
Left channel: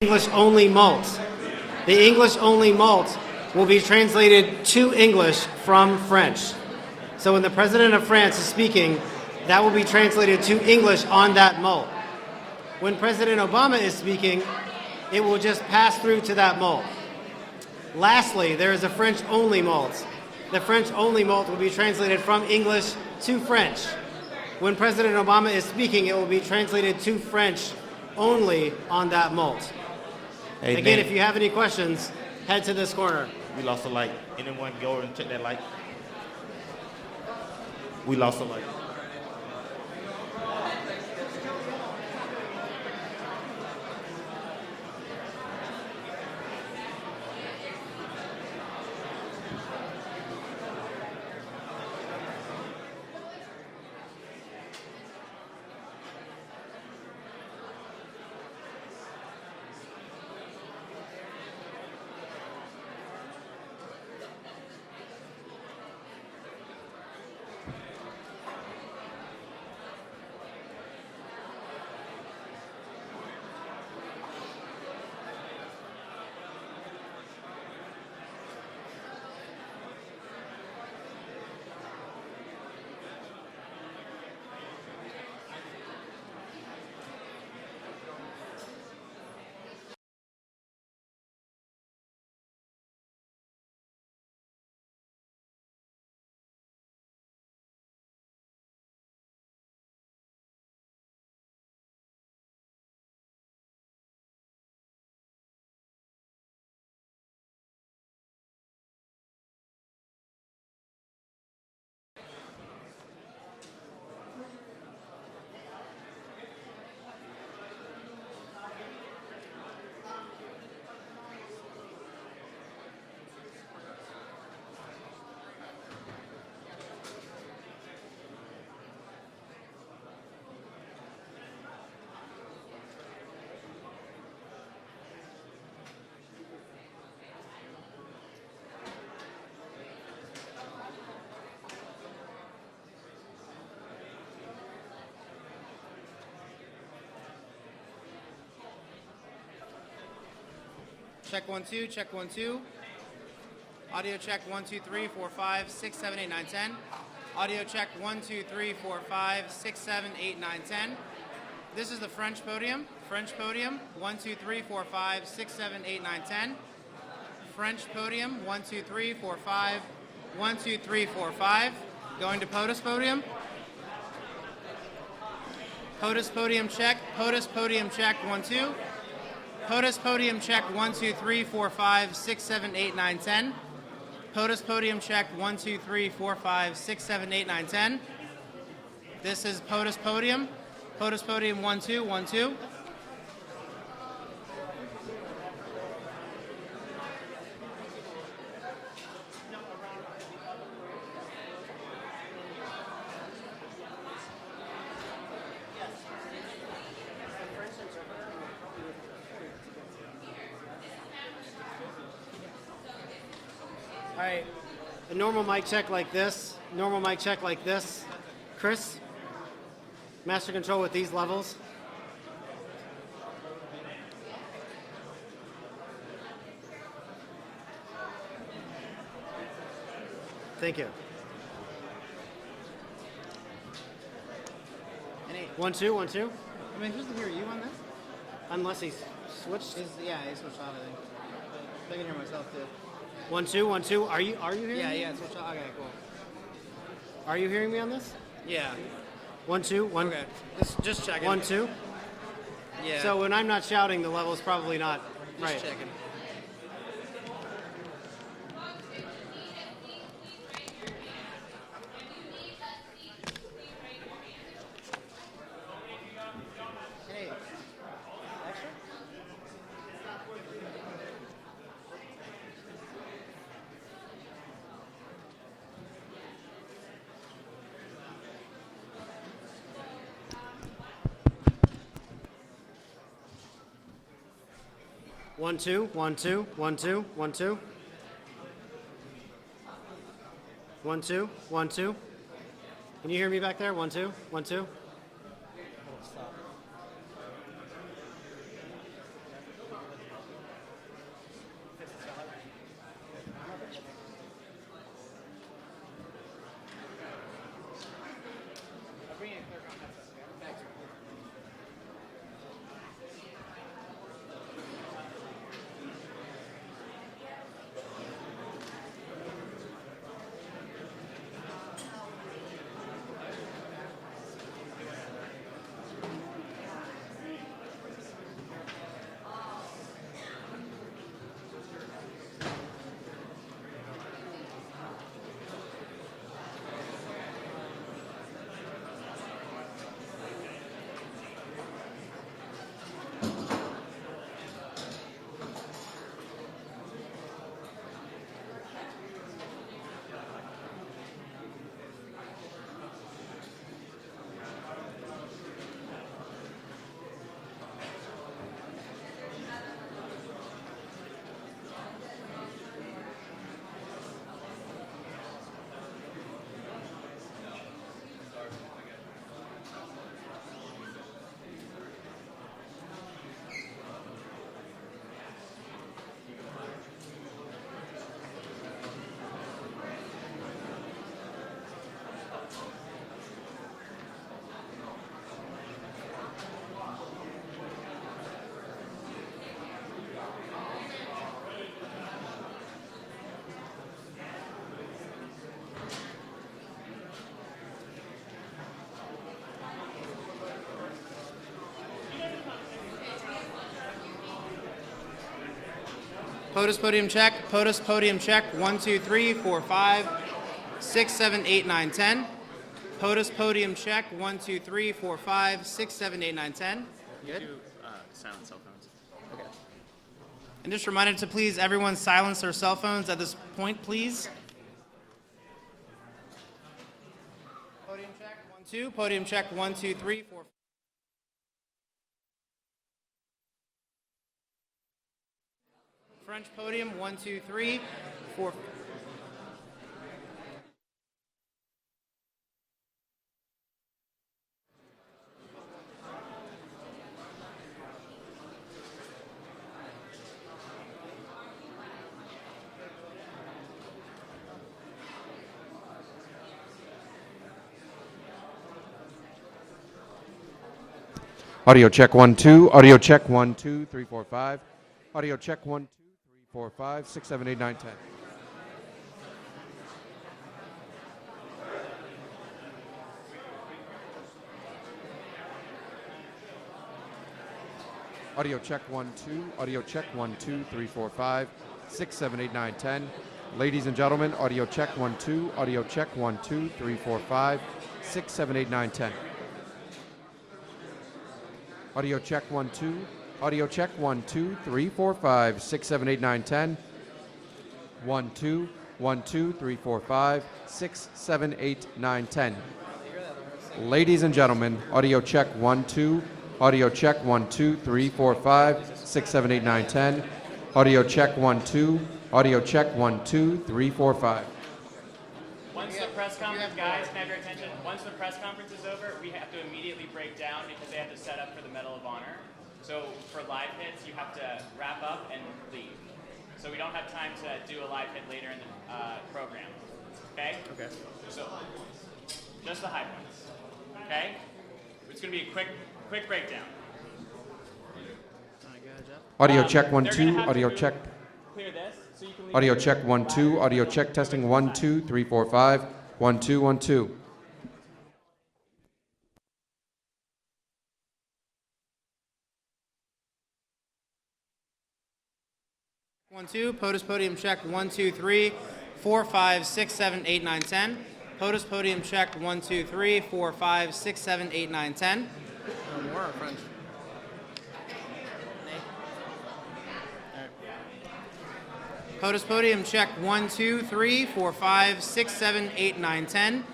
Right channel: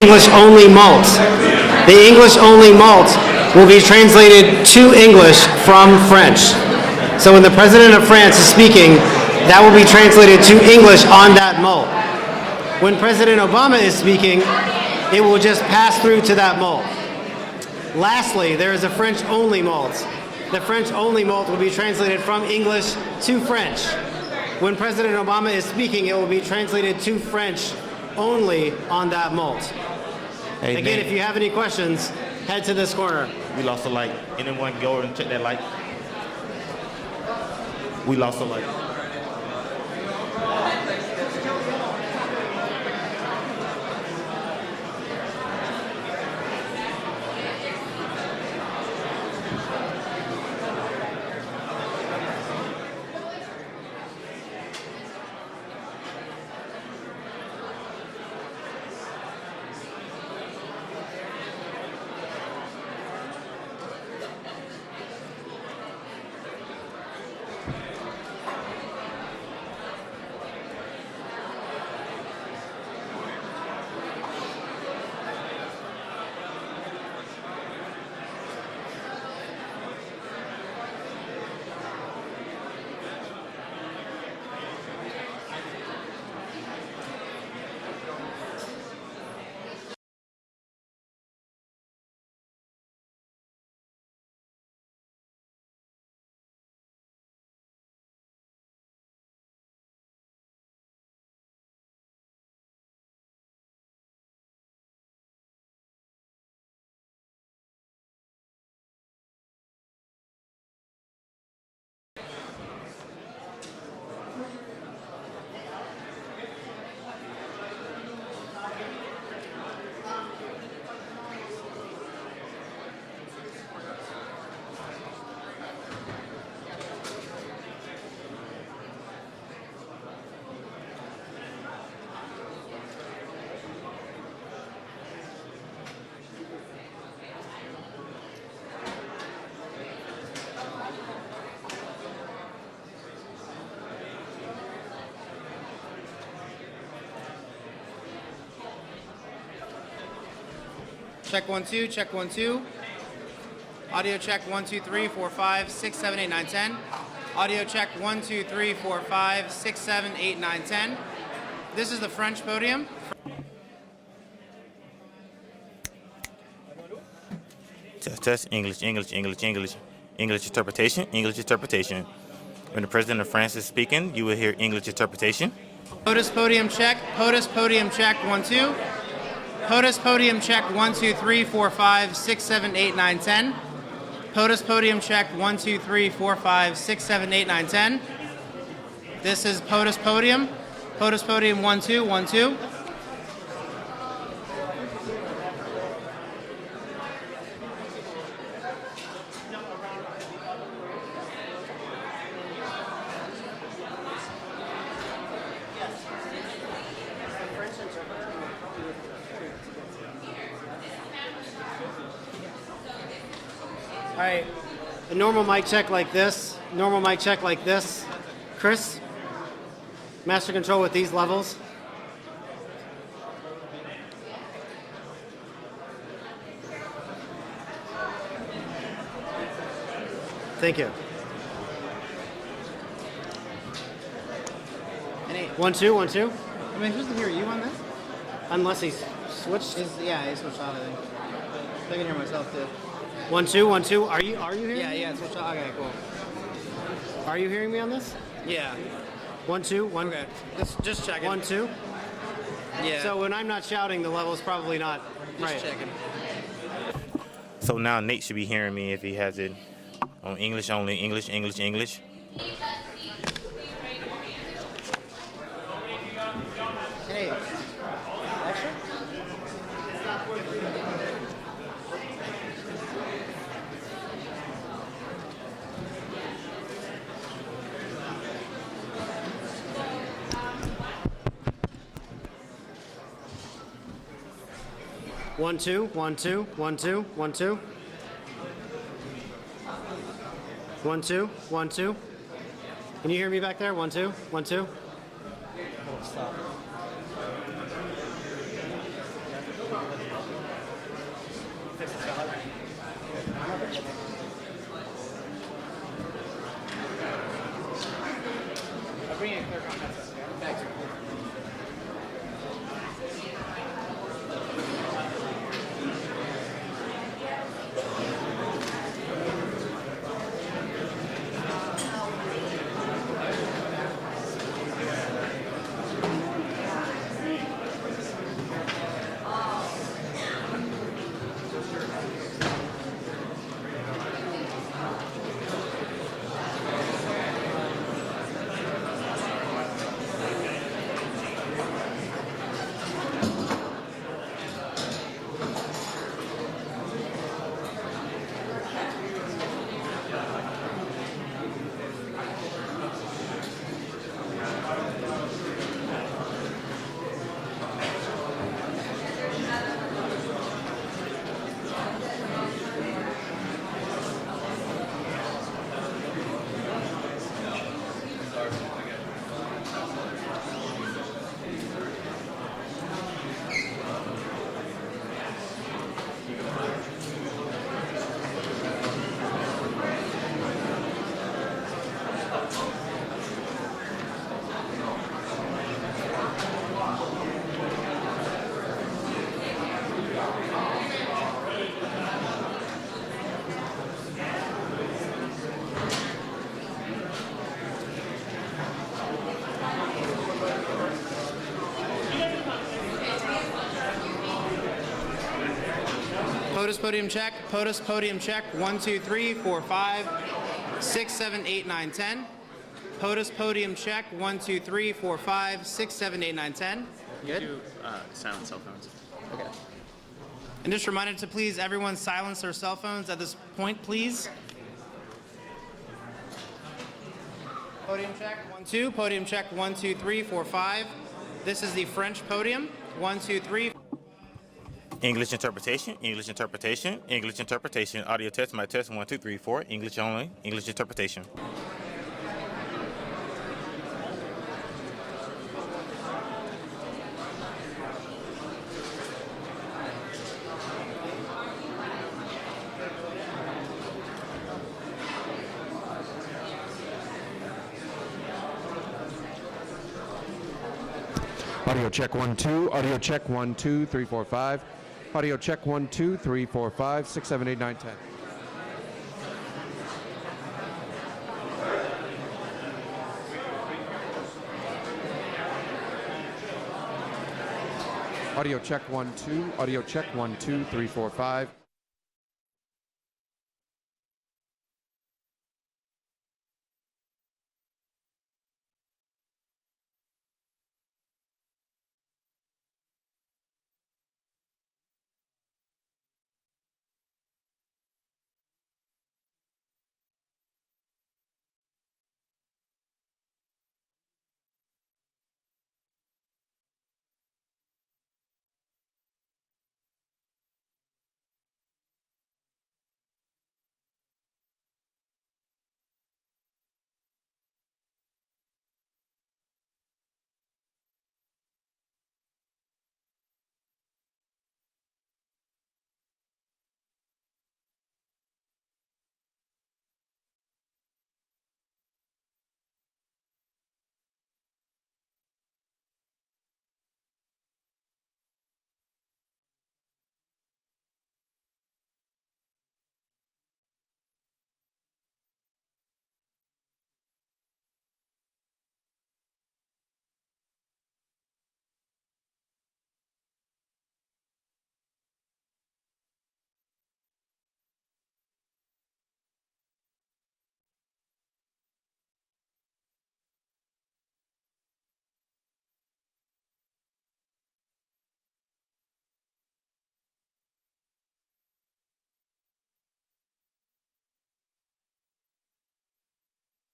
English-only malt. The English-only malt will be translated to English from French. So when the President of France is speaking, that will be translated to English on that malt. When President Obama is speaking, it will just pass through to that malt. Lastly, there is a French-only malt. The French-only malt will be translated from English to French. When President Obama is speaking, it will be translated to French only on that malt. Hey, Again, Nate, if you have any questions, head to this corner. we lost a light. Anyone go over and check that light? We lost a light. Check 1 2, check 1 2. Audio check 1 2 3 4 5 6 7 8 9 10. Audio check 1 2 3 4 5 6 7 8 9 10. This is the French podium. French podium 1 2 3 4 5 6 7 8 9 10. French podium. Test 1, English, 2, English, 3, English, 4, English. 5. English 1, 2, interpretation, 3, 4, English 5. interpretation. Going to POTUS When the podium. President of France is speaking, you will hear English interpretation. POTUS podium check. POTUS podium check 1 2. POTUS podium check 1 2 3 4 5 6 7 8 9 10. POTUS podium check 1 2 3 4 5 6 7 8 9 10. This is POTUS podium. POTUS podium 1 2 1 2. All right, a normal mic check like this, normal mic check like this. Chris, master control with these levels. Thank you. 1 2 1 2. I mean, who's to hear you on this? Unless he's switched. Yeah, he switched out, I think. I can hear myself too. 1 2 1 2. Are you hearing me? Yeah, switch out. Okay, cool. Are you hearing me on this? Yeah. 1 2 1. Okay. Just checking. 1 2. Yeah. So when I'm not shouting, the level's probably not Just right. checking. So now Nate should be hearing me if he has it on English only, English, English, English. Hey. Extra? 1 2 1 2 1 2 1 2. 1 2 1 2. Can you hear me back there? 1 2 1 2. Stop. podium check. POTUS, podium check. 1, 2, 3, 4, 5, 6, 7, 8, 9, 10. POTUS, podium check. 1, 2, 3, 4, 5, 6, 7, 8, 9, 10. Good. Do silent cell phones. Okay. And just a reminder to please everyone silence their cell phones at this point, please. Podium check. 1, 2. Podium check. 1, 2, 3, 4, 5. This is the French podium. 1, 2, 3. English interpretation, English interpretation, podium, 1, English 2, 3, interpretation. Audio test, 4. my test, 1, 2, 3, 4. English only, English interpretation. Audio check 1 2. Audio check 1 2 3 4 5. Audio check 1 2 3 4 5 6 7 8 9 10. Audio check 1 2. Audio check 1 2 3 4 5 6 7 8 9 10. Ladies and gentlemen, audio check 1 2. Audio check 1 2 3 4 5 6 7 8 9 10. Audio check 1 2. Audio check 1 2 3 4 5 6 7 8 9 10. 1 2 1 2 3 4 5 6 7 8 9 10. Ladies and gentlemen, audio check 1 2. Audio check 1 2 3 4 5 6 7 8 9 10. Audio check 1 2. Audio check 1 2 3 4 5. Once the press conference, guys, can I have your attention? Once the press conference is over, we have to immediately break down because they have to set up for the Medal of Honor. So for live hits, you have to wrap up and leave. So we don't have time to do a live hit later in the program. Okay? Okay. So just the high points. Okay? It's going to be a quick breakdown. Audio check 1 2. Audio check. Clear this. So you can leave. Audio check 1 2. Audio check testing 1 2 3 4 5 1 2 1 2. 1 2. POTUS, podium check. 1 2 3 4 5 6 7 8 9 10. POTUS, podium check. 1 2 3 4 5 6 7 8 9 10. More French. POTUS, podium check. 1 2 3 4 5 6 7 8 9 10.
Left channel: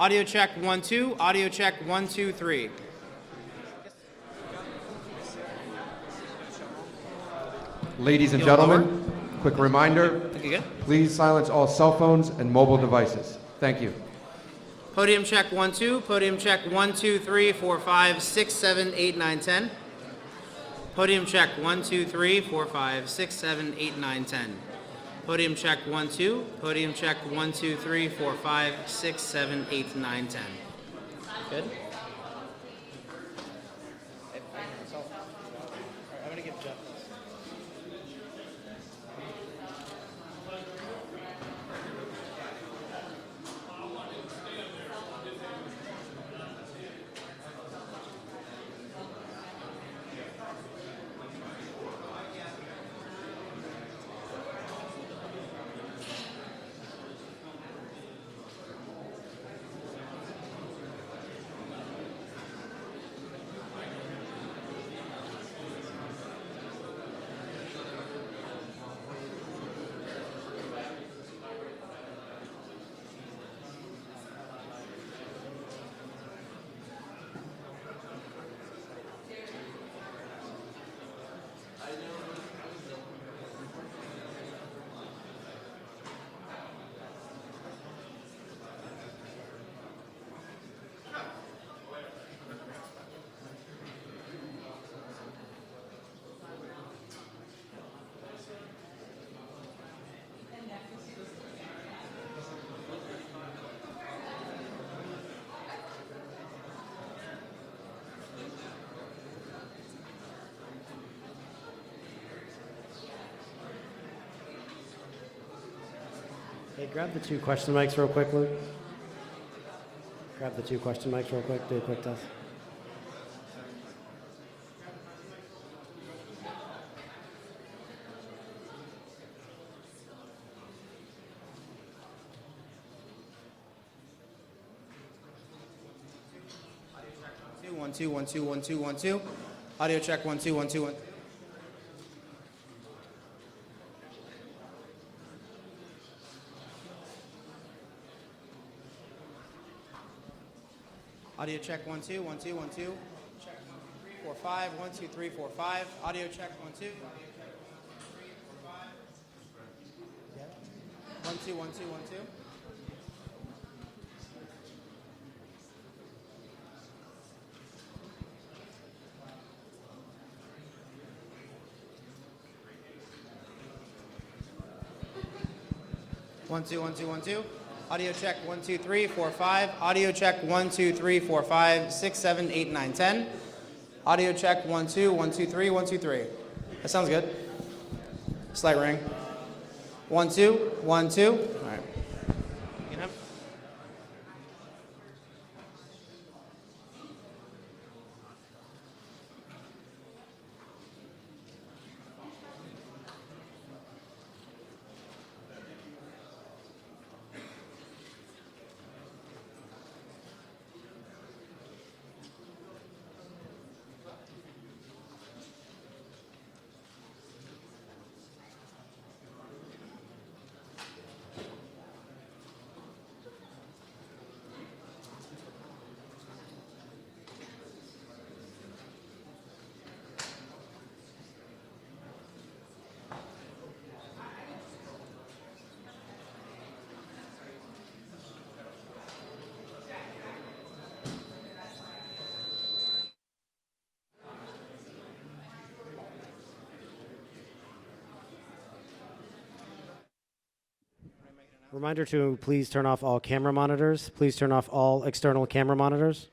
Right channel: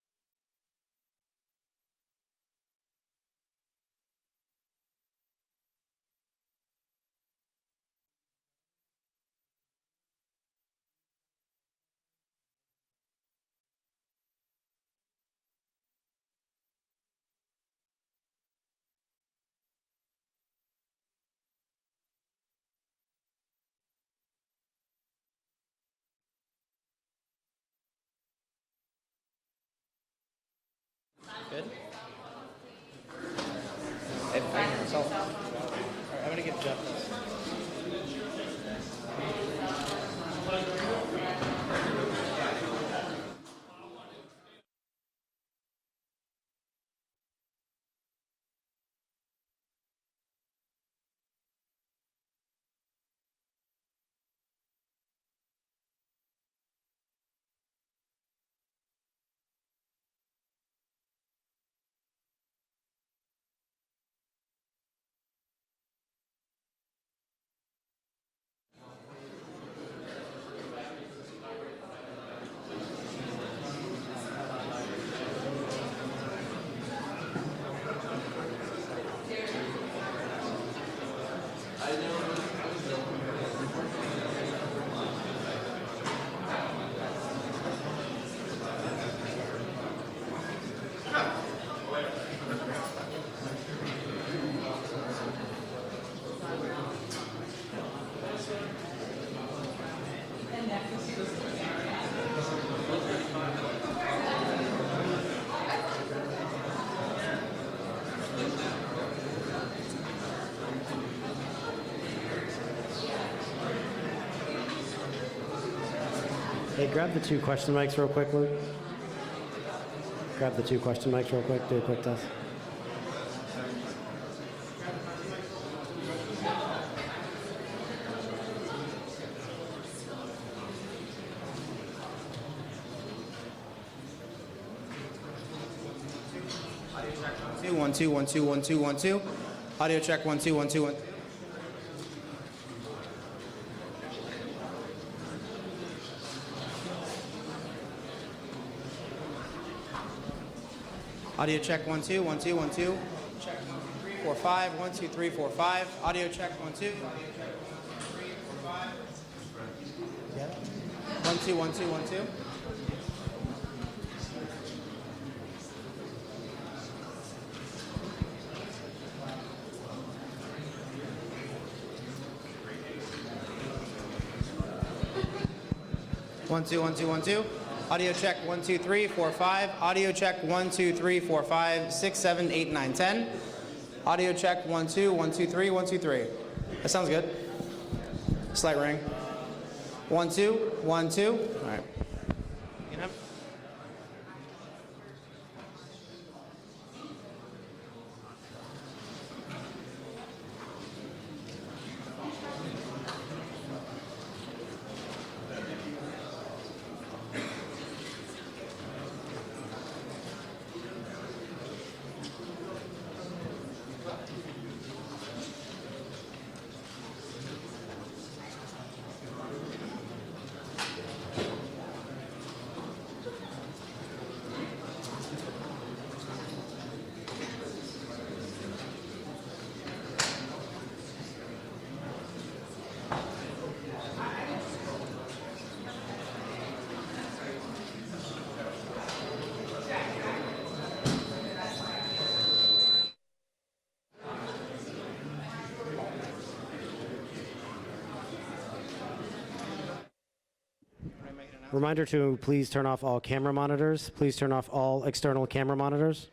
Audio check 1 2. Audio check 1 2 3. Ladies and gentlemen, quick reminder, please silence all cell phones and mobile devices. Thank you. Podium check 1 2. Podium check 1 2 3 4 5 6 7 8 9 10. Podium check 1 2 3 4 5 6 7 8 9 10. Podium check 1 2. Podium check 1 2 3 4 5 6 7 8 9 10. Good. I'm gonna give Jeff this. Hey, grab the 2 question mics real quick, Luke. Grab the 2 question mics real quick. Do a quick test. 1 2 1 2 1 2 1 2. Audio check 1 2 1 2 1. Audio check 1 2 1 2 1 2. Check 1 2 3 4 5 1 2 3 4 5. Audio check 1 2. 1 2 1 2 1 2. One two one two one two. Audio check 1 2 3 4 5. Audio check 1 2 3 4 5 6 7 8 9 10. Audio check 1 2 1 2 3 1 2 3. That sounds good. Slight ring. 1 2 1 2. All right. Get up. Reminder to please turn off all camera monitors. Please turn off all external camera monitors.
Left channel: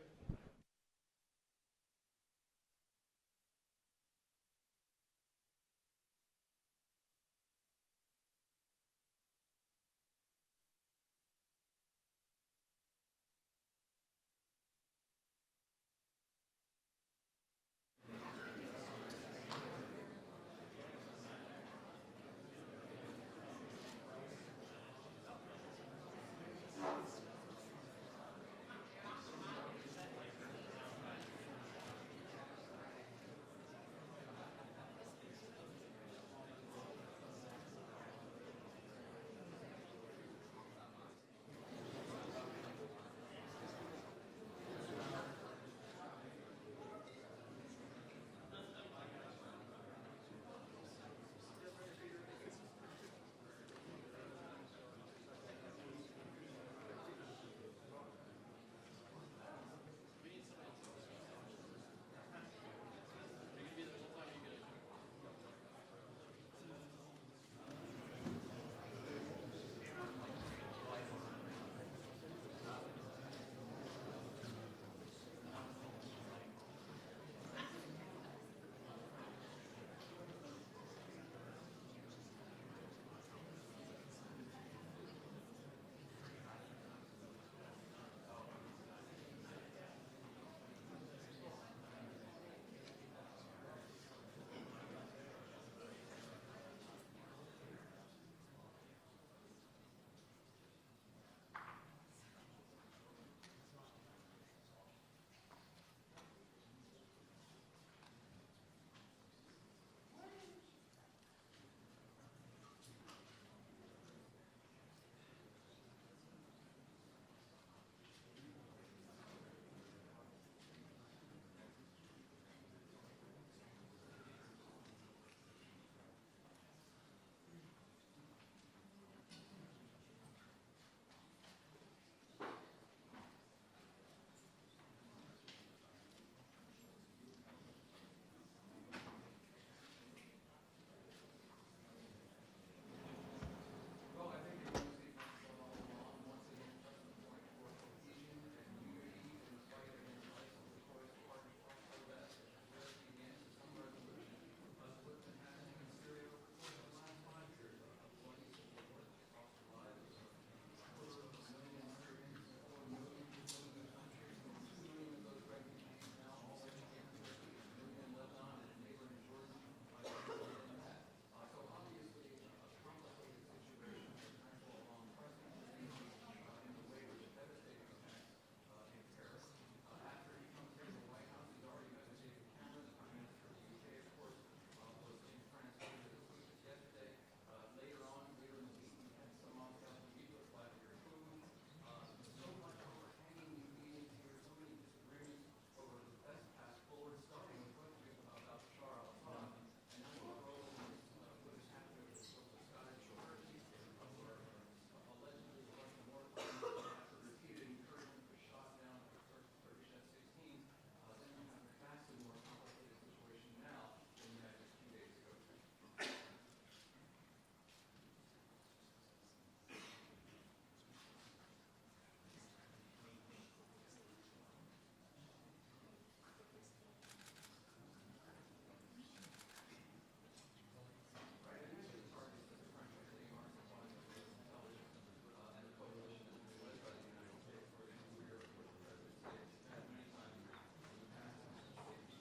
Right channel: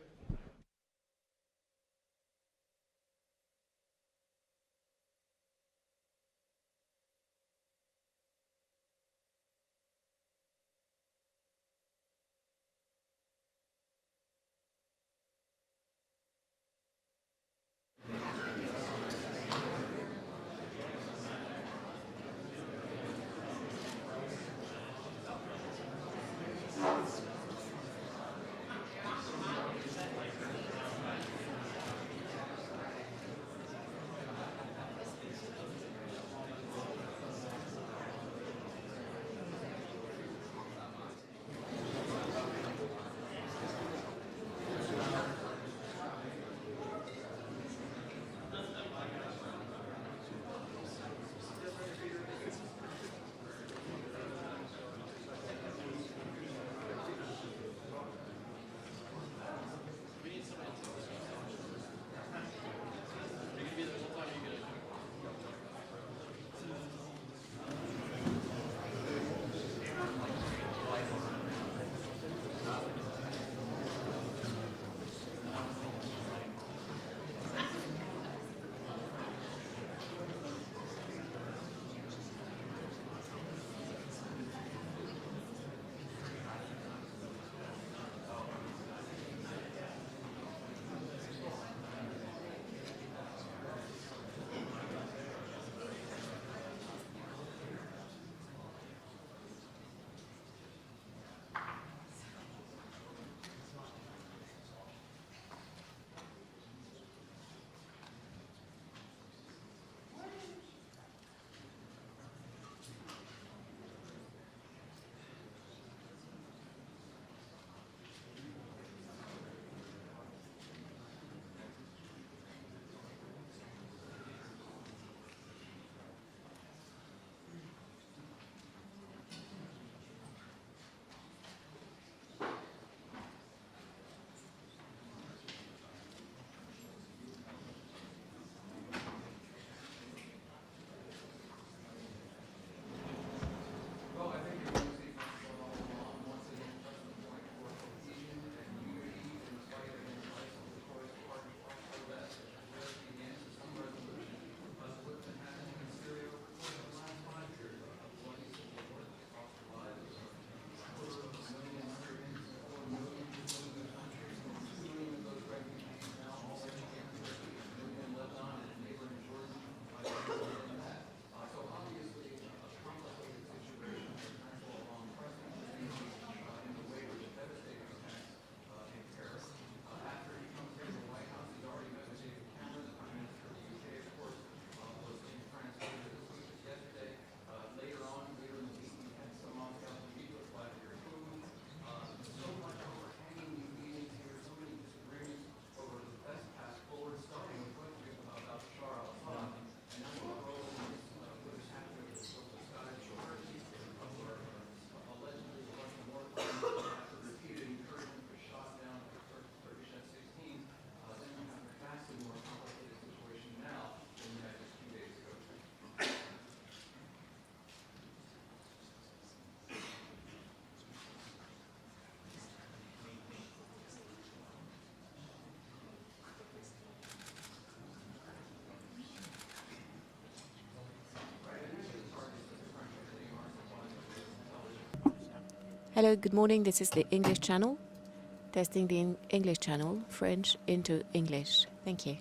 Hello, good morning. This is the English channel. Testing the English channel, French into English. Thank you.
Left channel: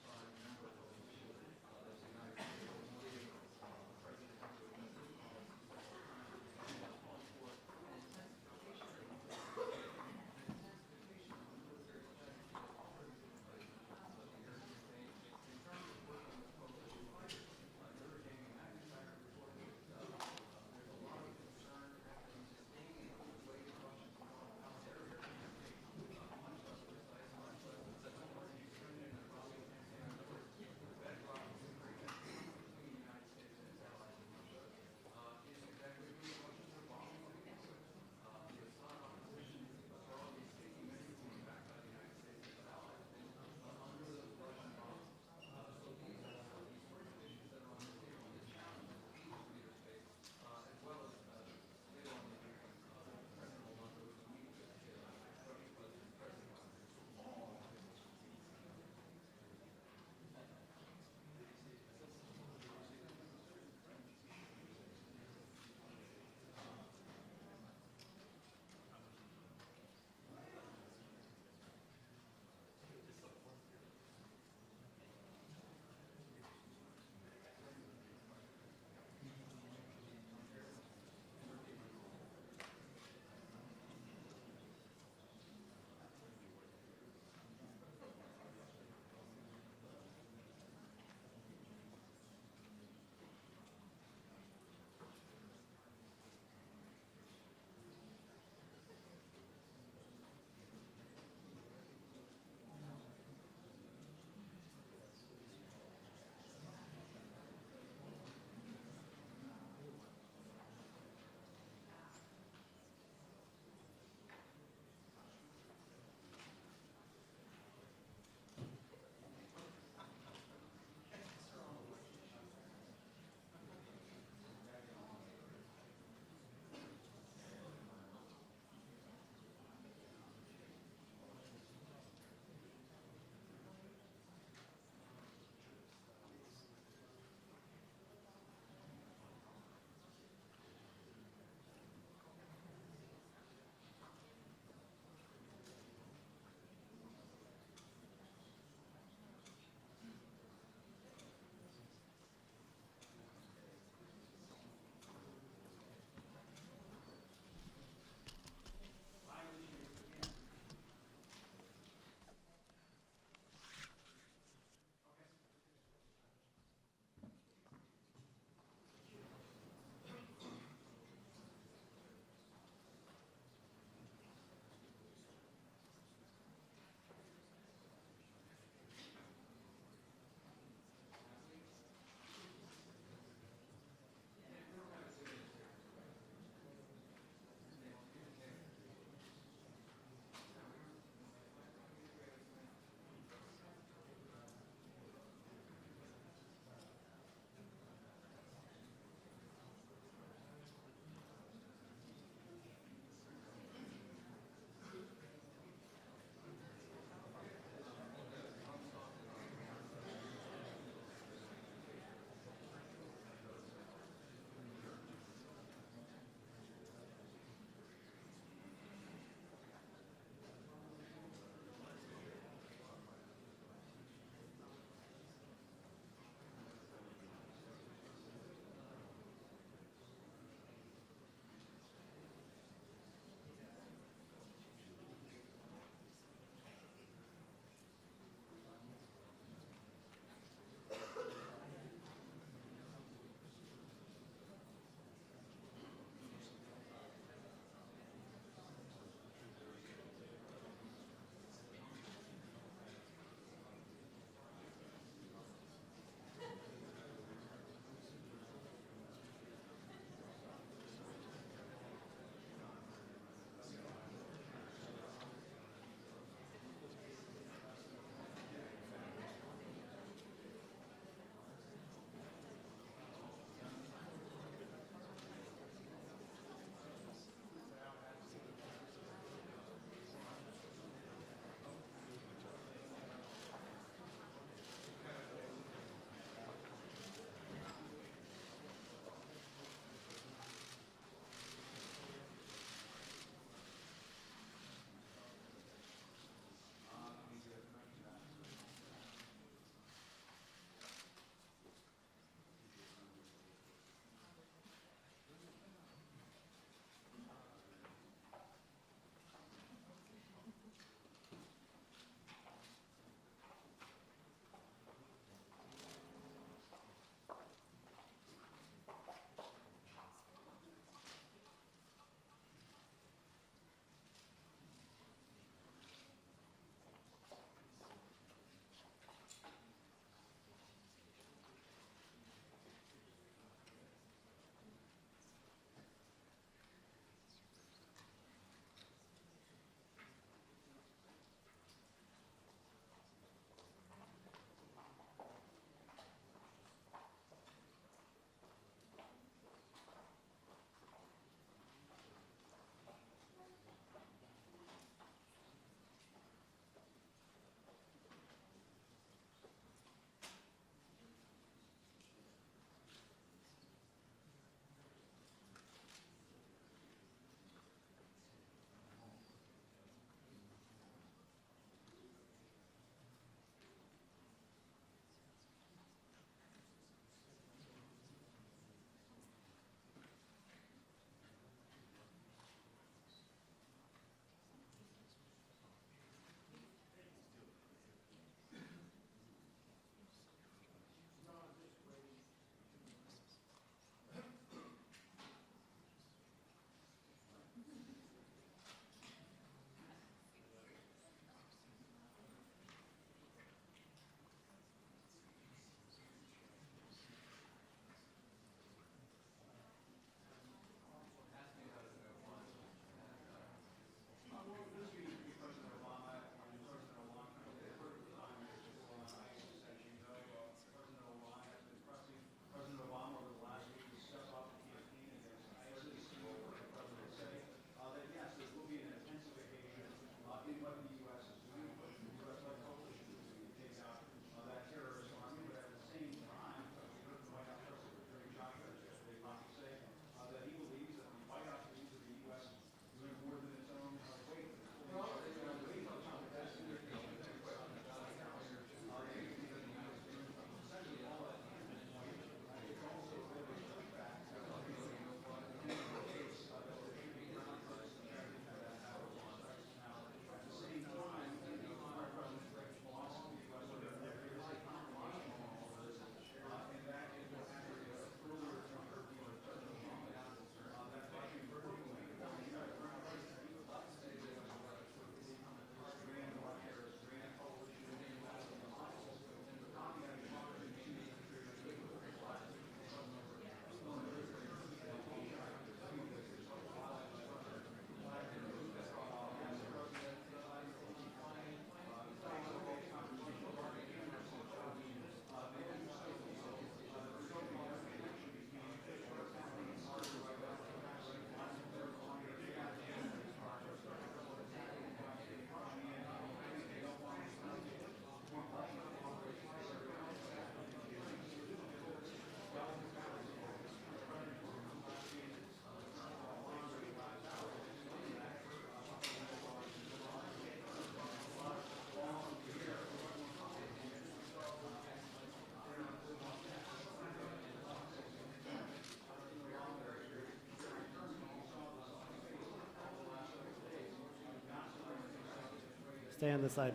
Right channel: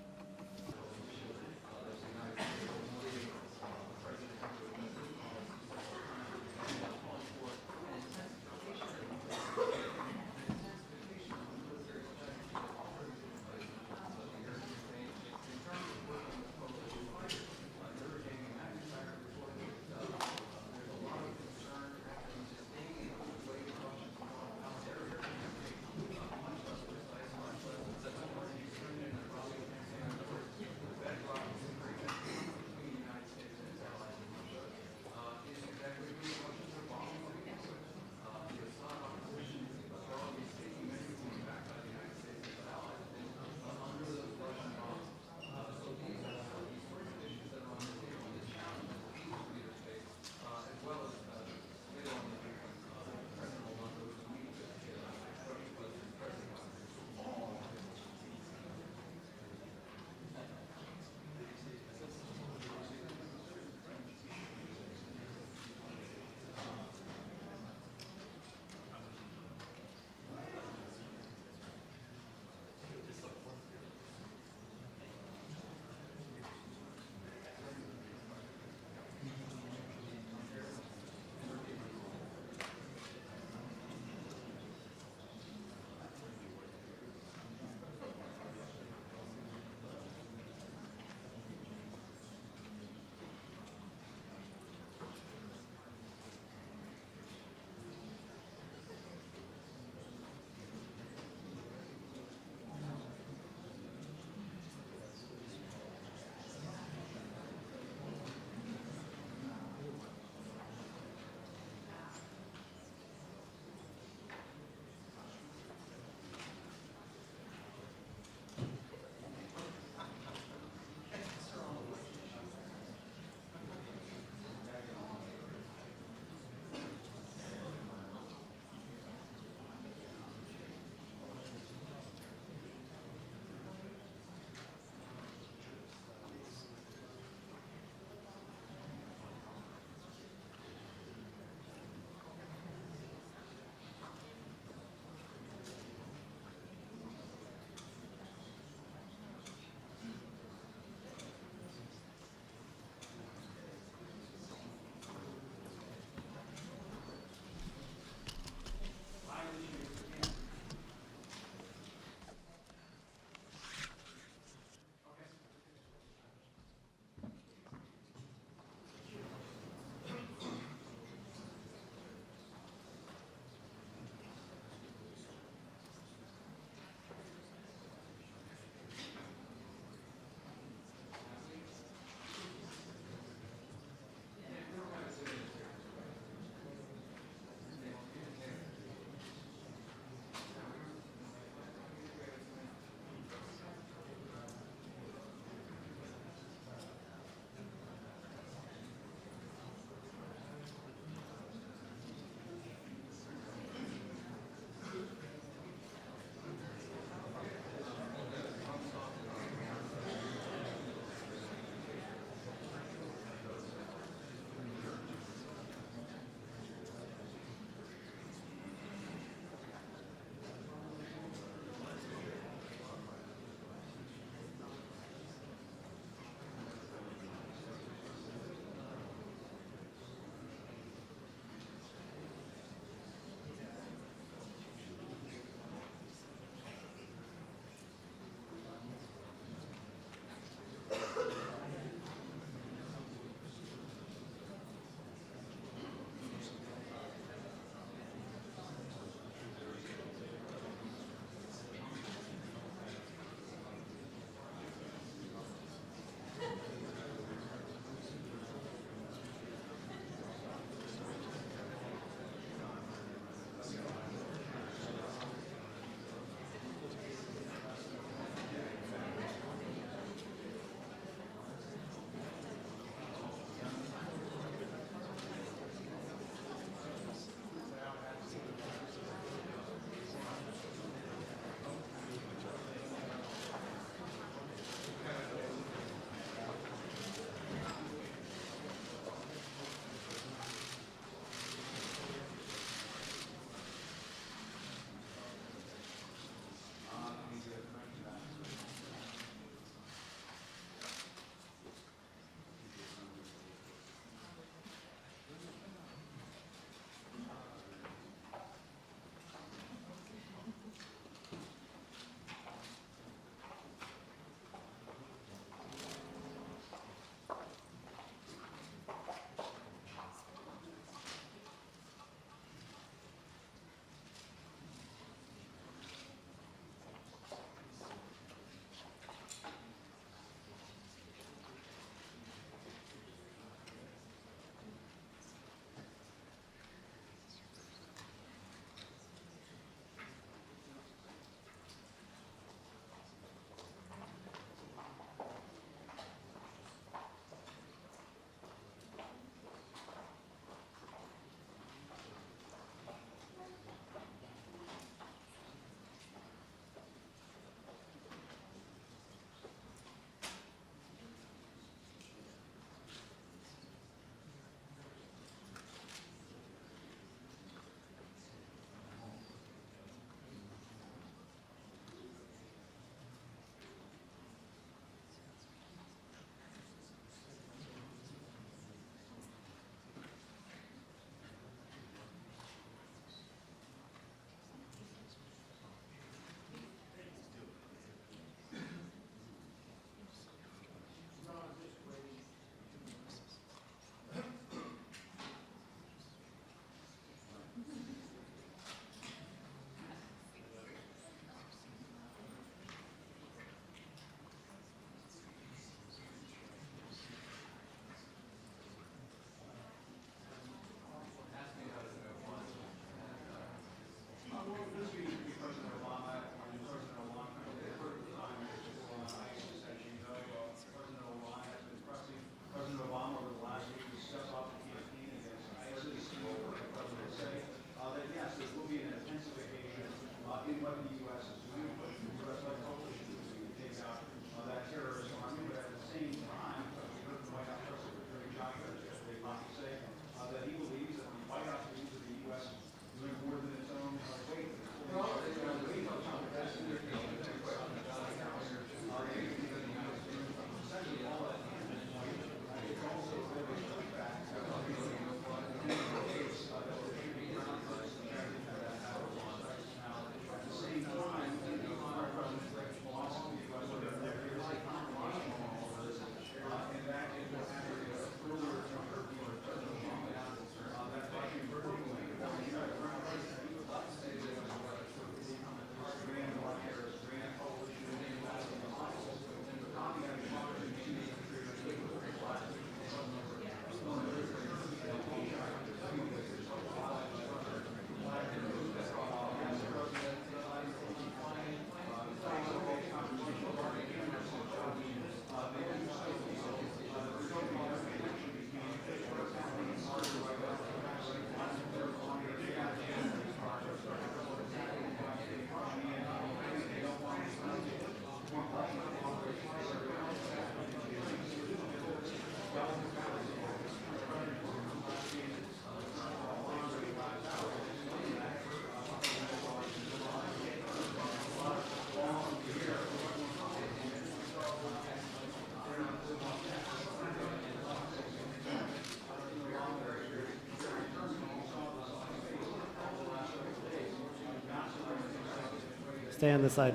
Stay on this side.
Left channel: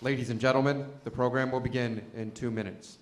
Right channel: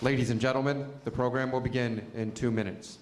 Ladies and gentlemen, the program will begin in 2 minutes.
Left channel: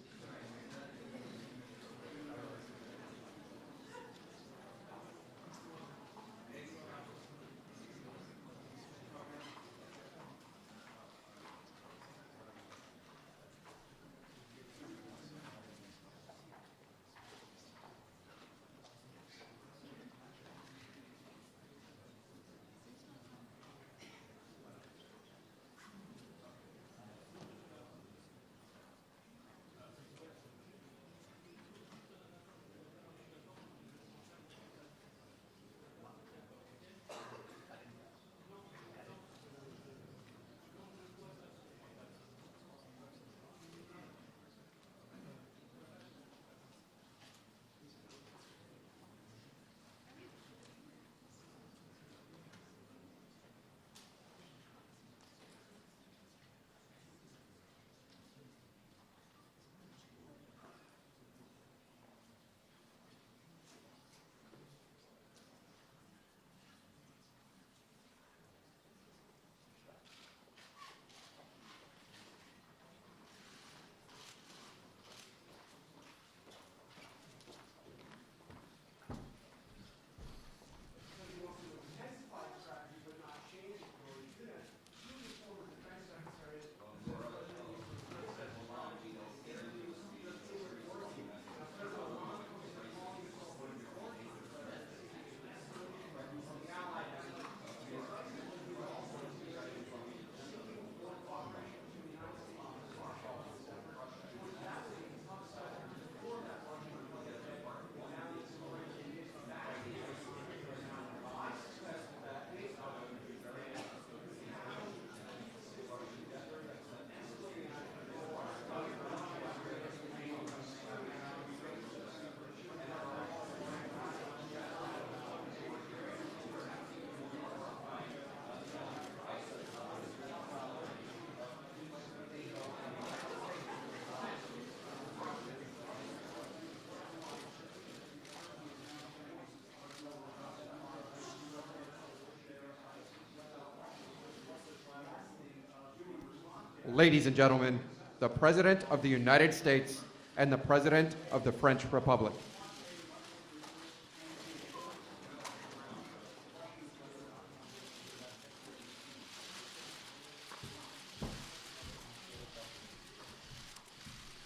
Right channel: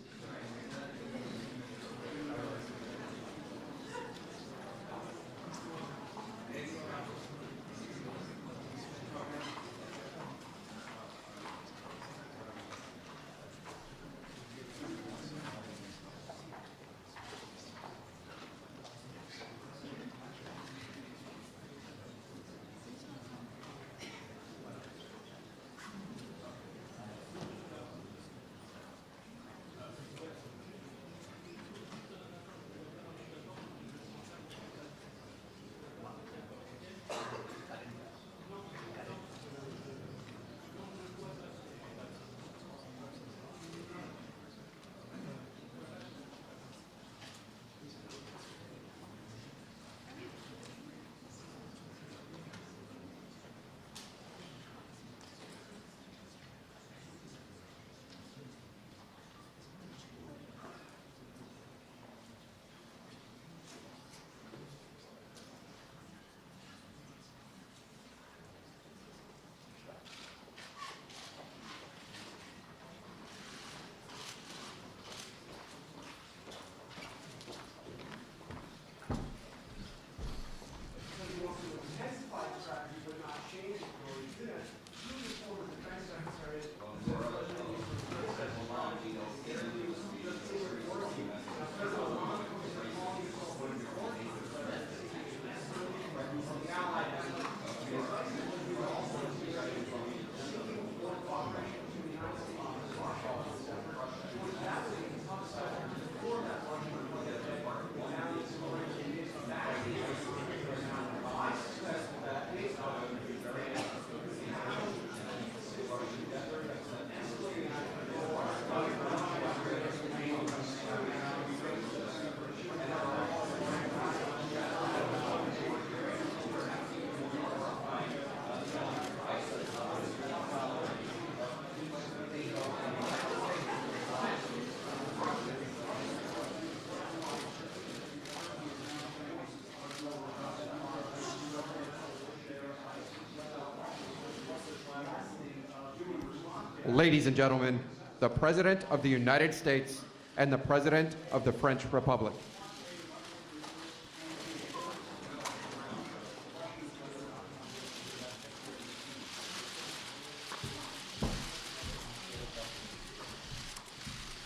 Ladies and gentlemen, the President of the United States and the President of the French Republic.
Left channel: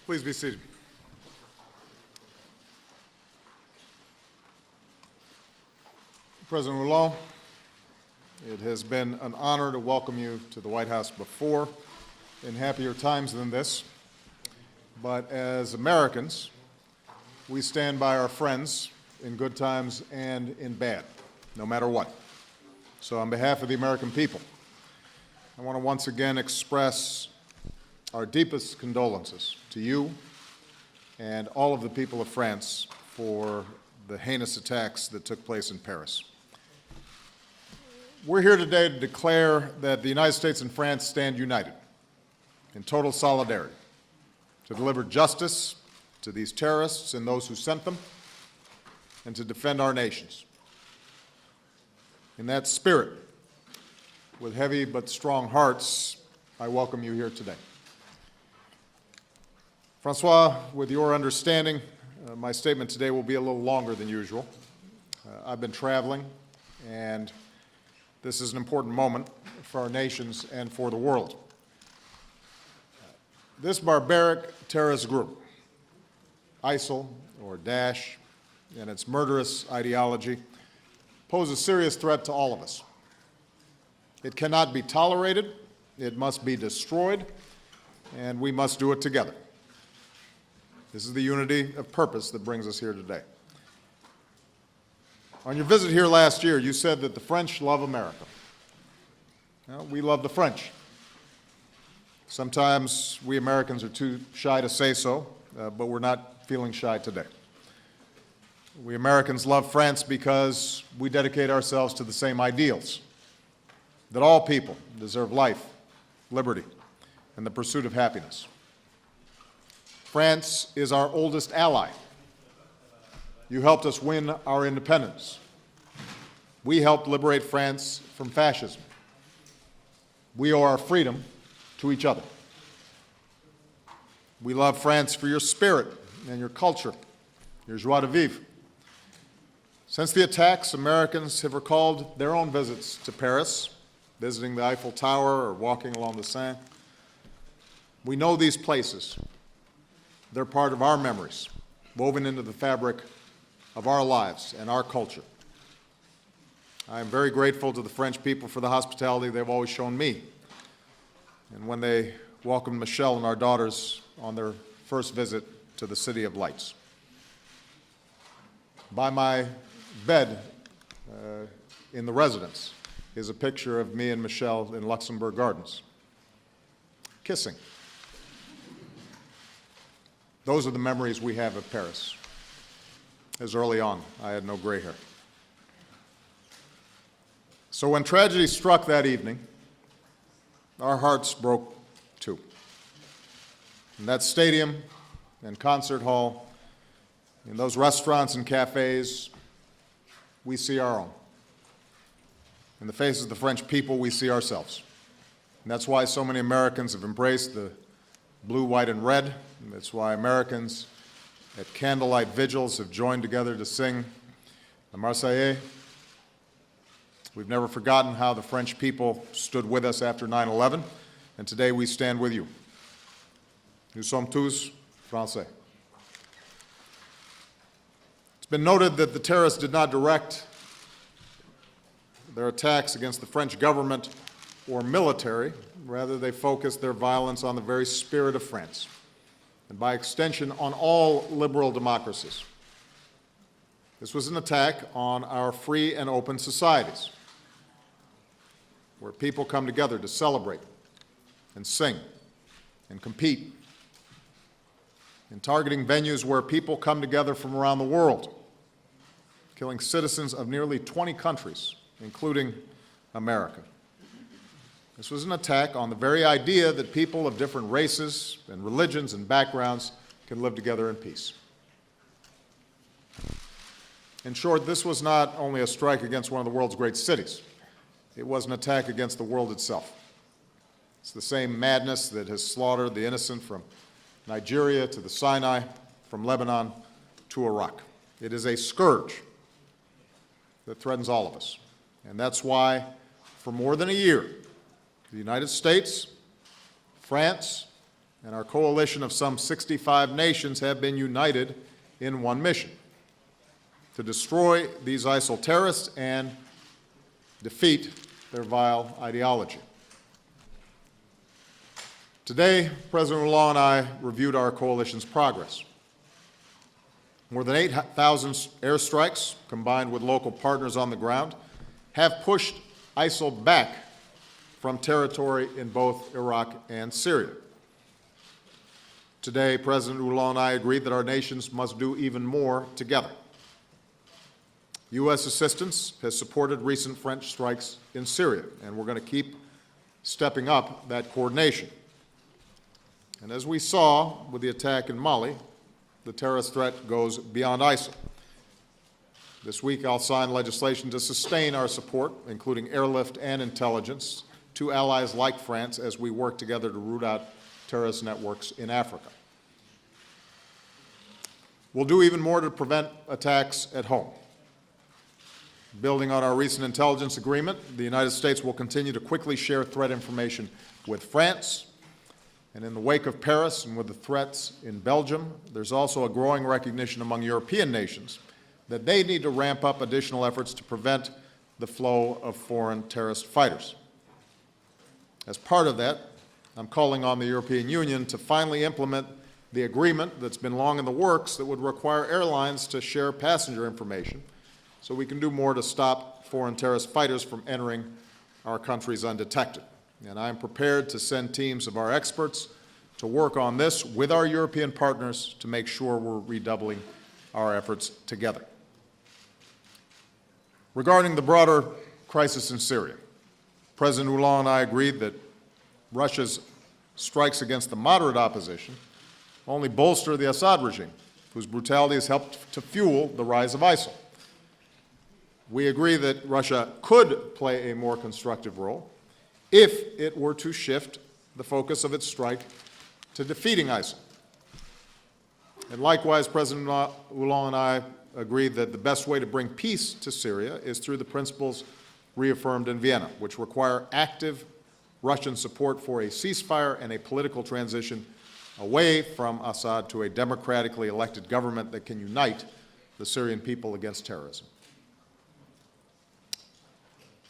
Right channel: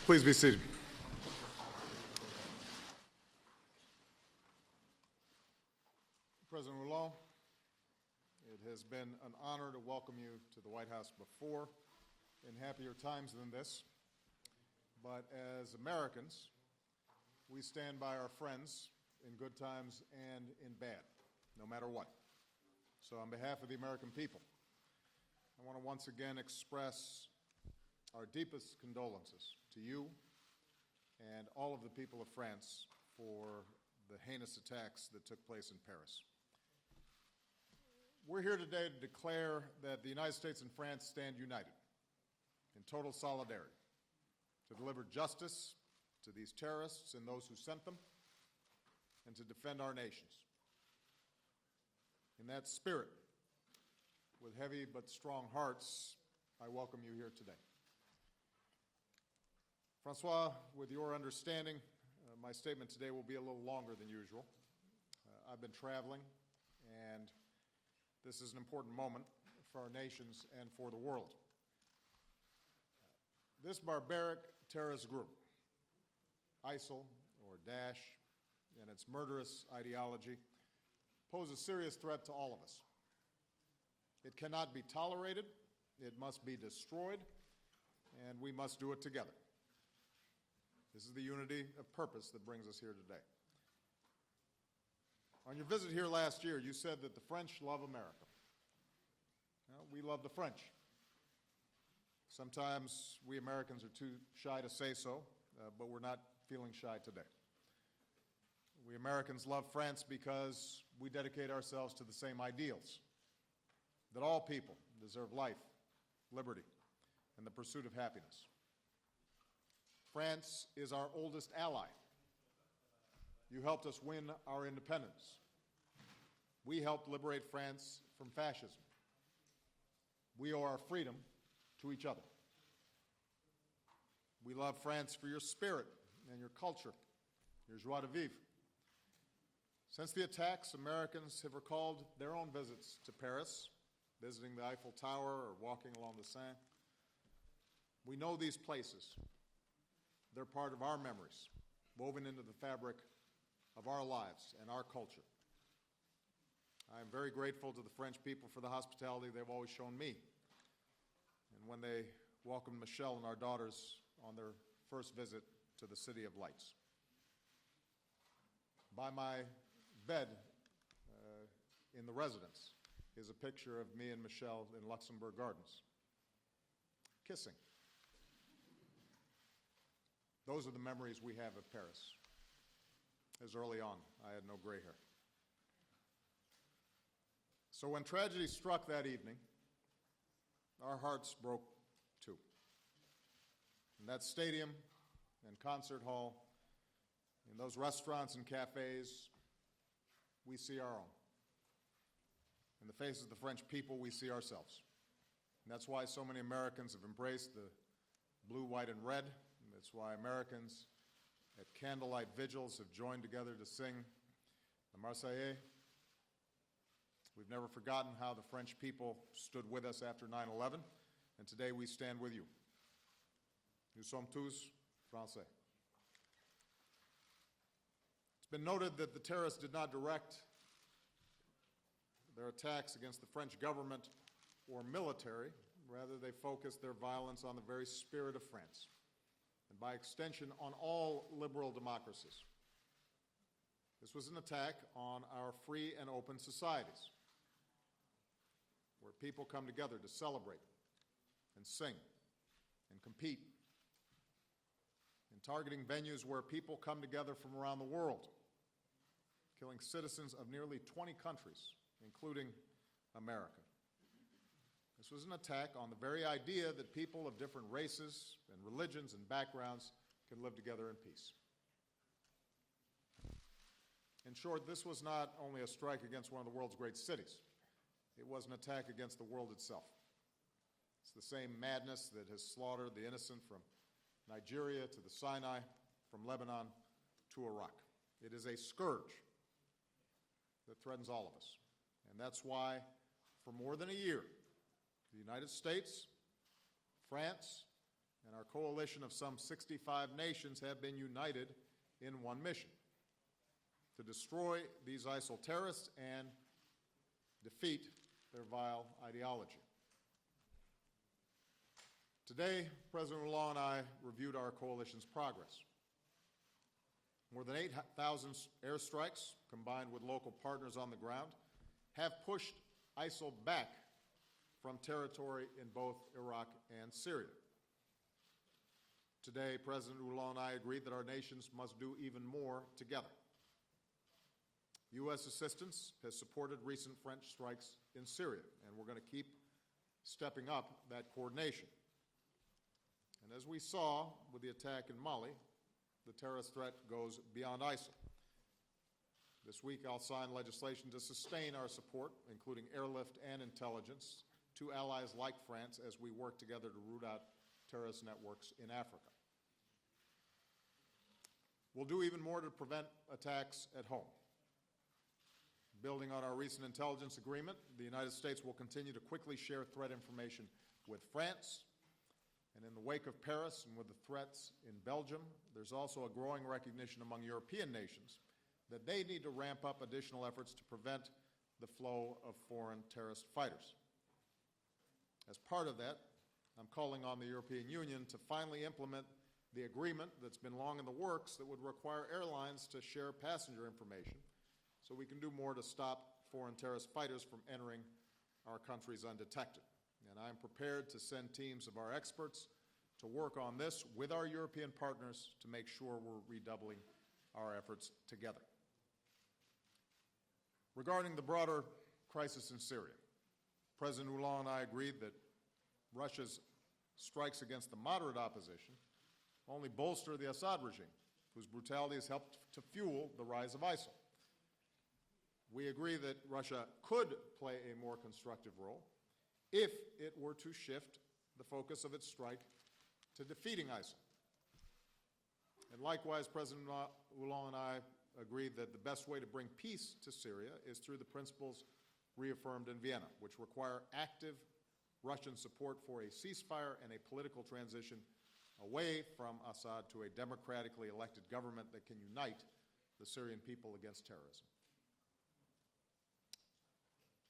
Please be seated. President Hollande, it has been an honor to welcome you to the White House before in happier times than this. But as Americans, we stand by our friends in good times and in bad, no matter what. So on behalf of the American people, I want to once again express our deepest condolences to you and all of the people of France for the heinous attacks that took place in Paris. We're here today to declare that the United States and France stand united in total solidarity to deliver justice to these terrorists and those who sent them, and to defend our nations. In that spirit, with heavy but strong hearts, I welcome you here today. Francois, with your understanding, my statement today will be a little longer than usual. I've been traveling, and this is an important moment for our nations and for the world. This barbaric terrorist group, ISIL or Daesh, and its murderous ideology pose a serious threat to all of us. It cannot be tolerated, it must be destroyed, and we must do it together. This is the unity of purpose that brings us here today. On your visit here last year, you said that the French love America. Well, we love the French. Sometimes we Americans are too shy to say so, but we're not feeling shy today. We Americans love France because we dedicate ourselves to the same ideals, that all people deserve life, liberty, and the pursuit of happiness. France is our oldest ally. You helped us win our independence. We helped liberate France from fascism. We owe our freedom to each other. We love France for your spirit and your culture, your joie de vivre. Since the attacks, Americans have recalled their own visits to Paris, visiting the Eiffel Tower or walking along the Seine. We know these places. They're part of our memories, woven into the fabric of our lives and our culture. I am very grateful to the French people for the hospitality they've always shown me. And when they welcomed Michelle and our daughters on their first visit to the City of Lights. By my bed in the residence is a picture of me and Michelle in Luxembourg Gardens, kissing. Those are the memories we have of Paris. As early on, I had no gray hair. So when tragedy struck that evening, our hearts broke too. In that stadium and concert hall, in those restaurants and cafes, we see our own. In the faces of the French people, we see ourselves. And that's why so many Americans have embraced the blue, white, and red. And that's why Americans at candlelight vigils have joined together to sing the Marseillaise. We've never forgotten how the French people stood with us after 9/11, and today we stand with you. Nous sommes tous Français. It's been noted that the terrorists did not direct their attacks against the French government or military. Rather, they focused their violence on the very spirit of France, and by extension, on all liberal democracies. This was an attack on our free and open societies, where people come together to celebrate and sing and compete, in targeting venues where people come together from around the world, killing citizens of nearly 20 countries, including America. This was an attack on the very idea that people of different races and religions and backgrounds can live together in peace. In short, this was not only a strike against one of the world's great cities, it was an attack against the world itself. It's the same madness that has slaughtered the innocent from Nigeria to the Sinai, from Lebanon to Iraq. It is a scourge that threatens all of us. And that's why, for more than a year, the United States, France, and our coalition of some 65 nations have been united in one mission: to destroy these ISIL terrorists and defeat their vile ideology. Today, President Hollande and I reviewed our coalition's progress. More than 8,000 airstrikes, combined with local partners on the ground, have pushed ISIL back from territory in both Iraq and Syria. Today, President Hollande and I agreed that our nations must do even more together. U.S. assistance has supported recent French strikes in Syria, and we're going to keep stepping up that coordination. And as we saw with the attack in Mali, the terrorist threat goes beyond ISIL. This week, I'll sign legislation to sustain our support, including airlift and intelligence, to allies like France as we work together to root out terrorist networks in Africa. We'll do even more to prevent attacks at home. Building on our recent intelligence agreement, the United States will continue to quickly share threat information with France. And in the wake of Paris and with the threats in Belgium, there's also a growing recognition among European nations that they need to ramp up additional efforts to prevent the flow of foreign terrorist fighters. As part of that, I'm calling on the European Union to finally implement the agreement that's been long in the works that would require airlines to share passenger information so we can do more to stop foreign terrorist fighters from entering our countries undetected. And I am prepared to send teams of our experts to work on this with our European partners to make sure we're redoubling our efforts together. Regarding the broader crisis in Syria, President Hollande and I agreed that Russia's strikes against the moderate opposition only bolster the Assad regime, whose brutality has helped to fuel the rise of ISIL. We agree that Russia could play a more constructive role if it were to shift the focus of its strike to defeating ISIL And likewise, President Hollande and I agreed that the best way to bring peace to Syria is through the principles reaffirmed in Vienna, which require active Russian support for a ceasefire and a political transition away from Assad to a democratically elected government that can unite the Syrian people against terrorism.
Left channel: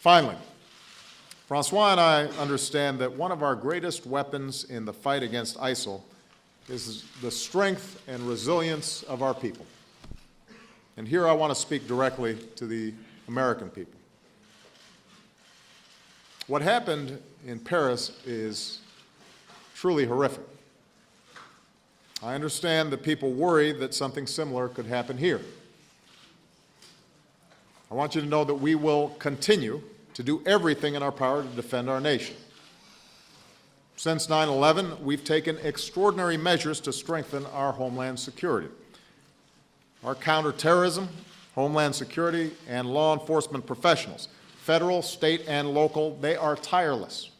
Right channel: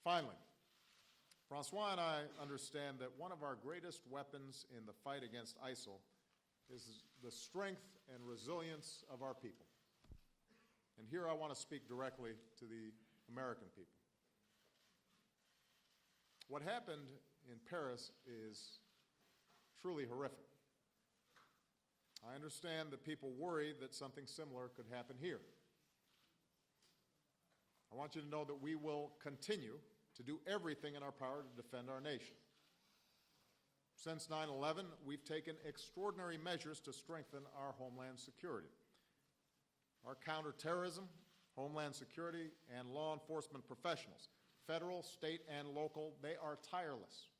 Finally, Francois and I understand that one of our greatest weapons in the fight against ISIL is the strength and resilience of our people. And here I want to speak directly to the American people. What happened in Paris is truly horrific. I understand that people worry that something similar could happen here. I want you to know that we will continue to do everything in our power to defend our nation. Since 9/11, we've taken extraordinary measures to strengthen our homeland security. Our counterterrorism, homeland security, and law enforcement professionals, federal, state, and local, they are tireless.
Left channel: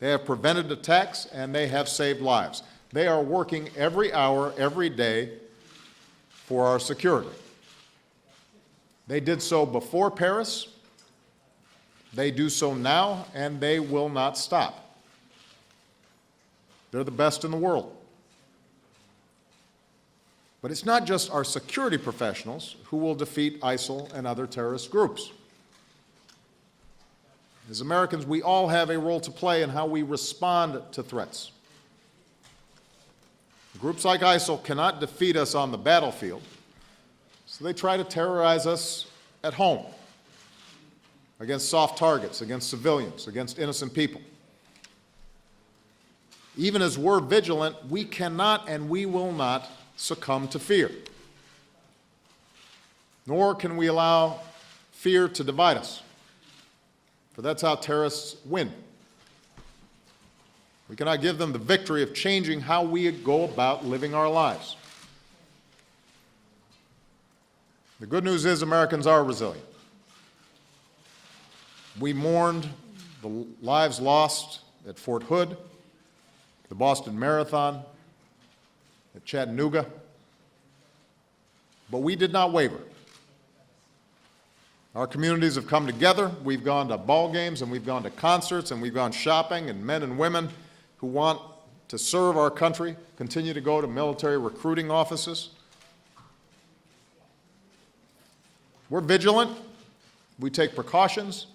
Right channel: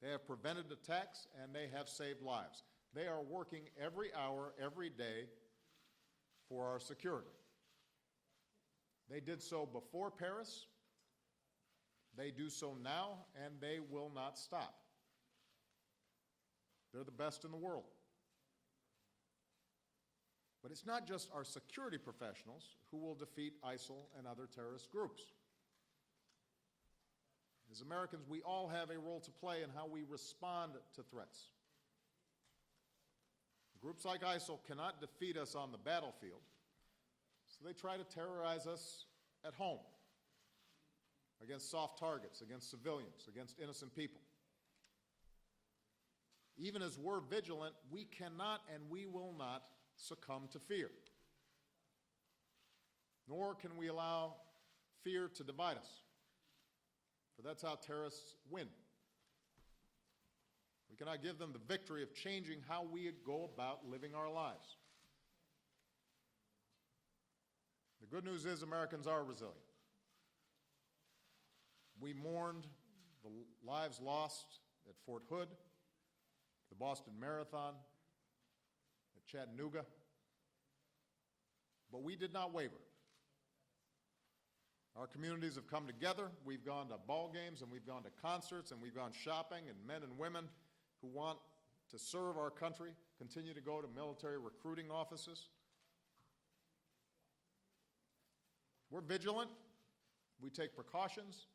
They have prevented attacks, and they have saved lives. They are working every hour, every day for our security. They did so before Paris, they do so now, and they will not stop. They're the best in the world. But it's not just our security professionals who will defeat ISIL and other terrorist groups. As Americans, we all have a role to play in how we respond to threats. Groups like ISIL cannot defeat us on the battlefield, so they try to terrorize us at home, against soft targets, against civilians, against innocent people. Even as we're vigilant, we cannot and we will not succumb to fear. Nor can we allow fear to divide us, for that's how terrorists win. We cannot give them the victory of changing how we go about living our lives. The good news is Americans are resilient. We mourned the lives lost at Fort Hood, the Boston Marathon, at Chattanooga, but we did not waver. Our communities have come together. We've gone to ball games, and we've gone to concerts, and we've gone shopping, and men and women who want to serve our country continue to go to military recruiting offices. We're vigilant, we take precautions,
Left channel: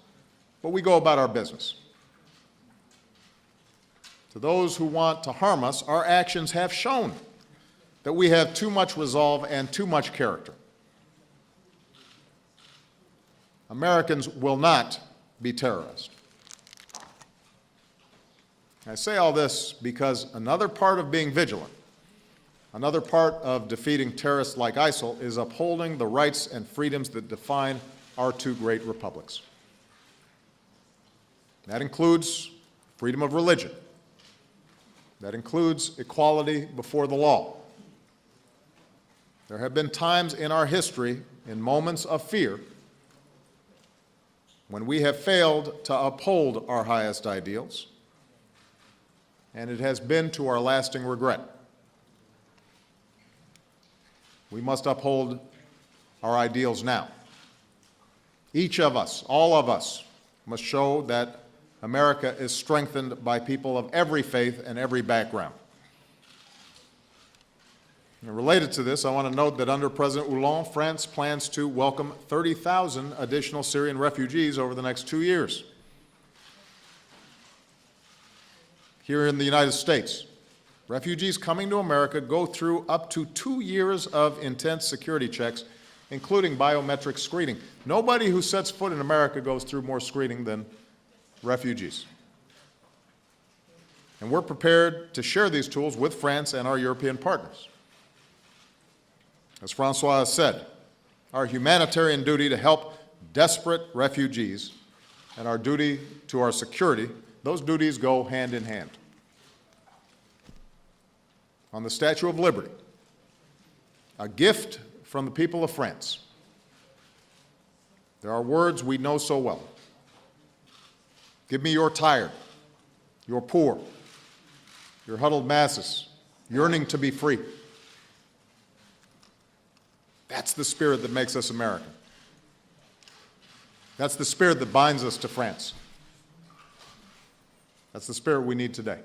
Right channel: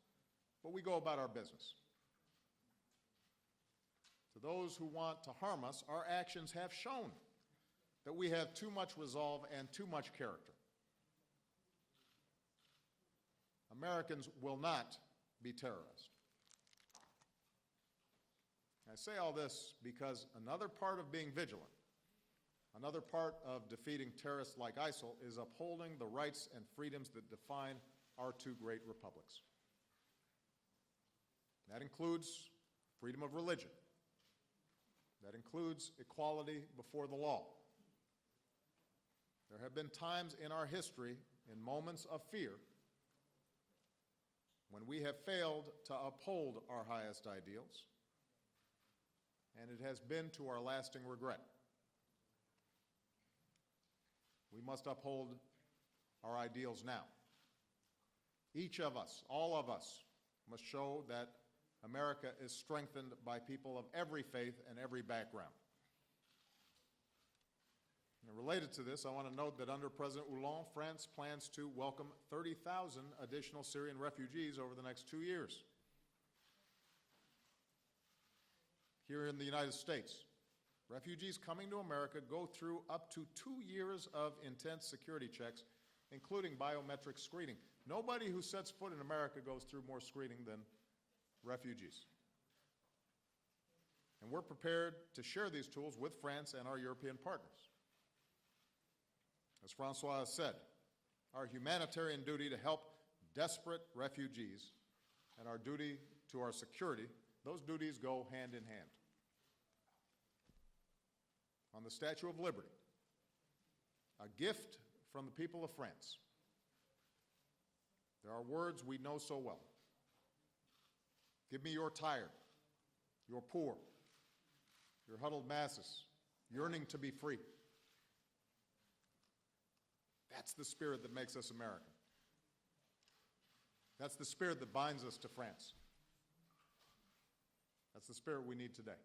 but we go about our business. To those who want to harm us, our actions have shown that we have too much resolve and too much character. Americans will not be terrorized. I say all this because another part of being vigilant, another part of defeating terrorists like ISIL is upholding the rights and freedoms that define our two great republics. That includes freedom of religion. That includes equality before the law. There have been times in our history, in moments of fear, when we have failed to uphold our highest ideals, and it has been to our lasting regret. We must uphold our ideals now. Each of us, all of us, must show that America is strengthened by people of every faith and every background. And related to this, I want to note that under President Hollande, France plans to welcome 30,000 additional Syrian refugees over the next 2 years. Here in the United States, refugees coming to America go through up to 2 years of intense security checks, including biometric screening. Nobody who sets foot in America goes through more screening than refugees. And we're prepared to share these tools with France and our European partners. As Francois has said, our humanitarian duty to help desperate refugees and our duty to our security, those duties go hand in hand. On the Statue of Liberty, a gift from the people of France. There are words we know so well. Give me your tired, your poor, your huddled masses, yearning to be free. That's the spirit that makes us American. That's the spirit that binds us to France. That's the spirit we need today.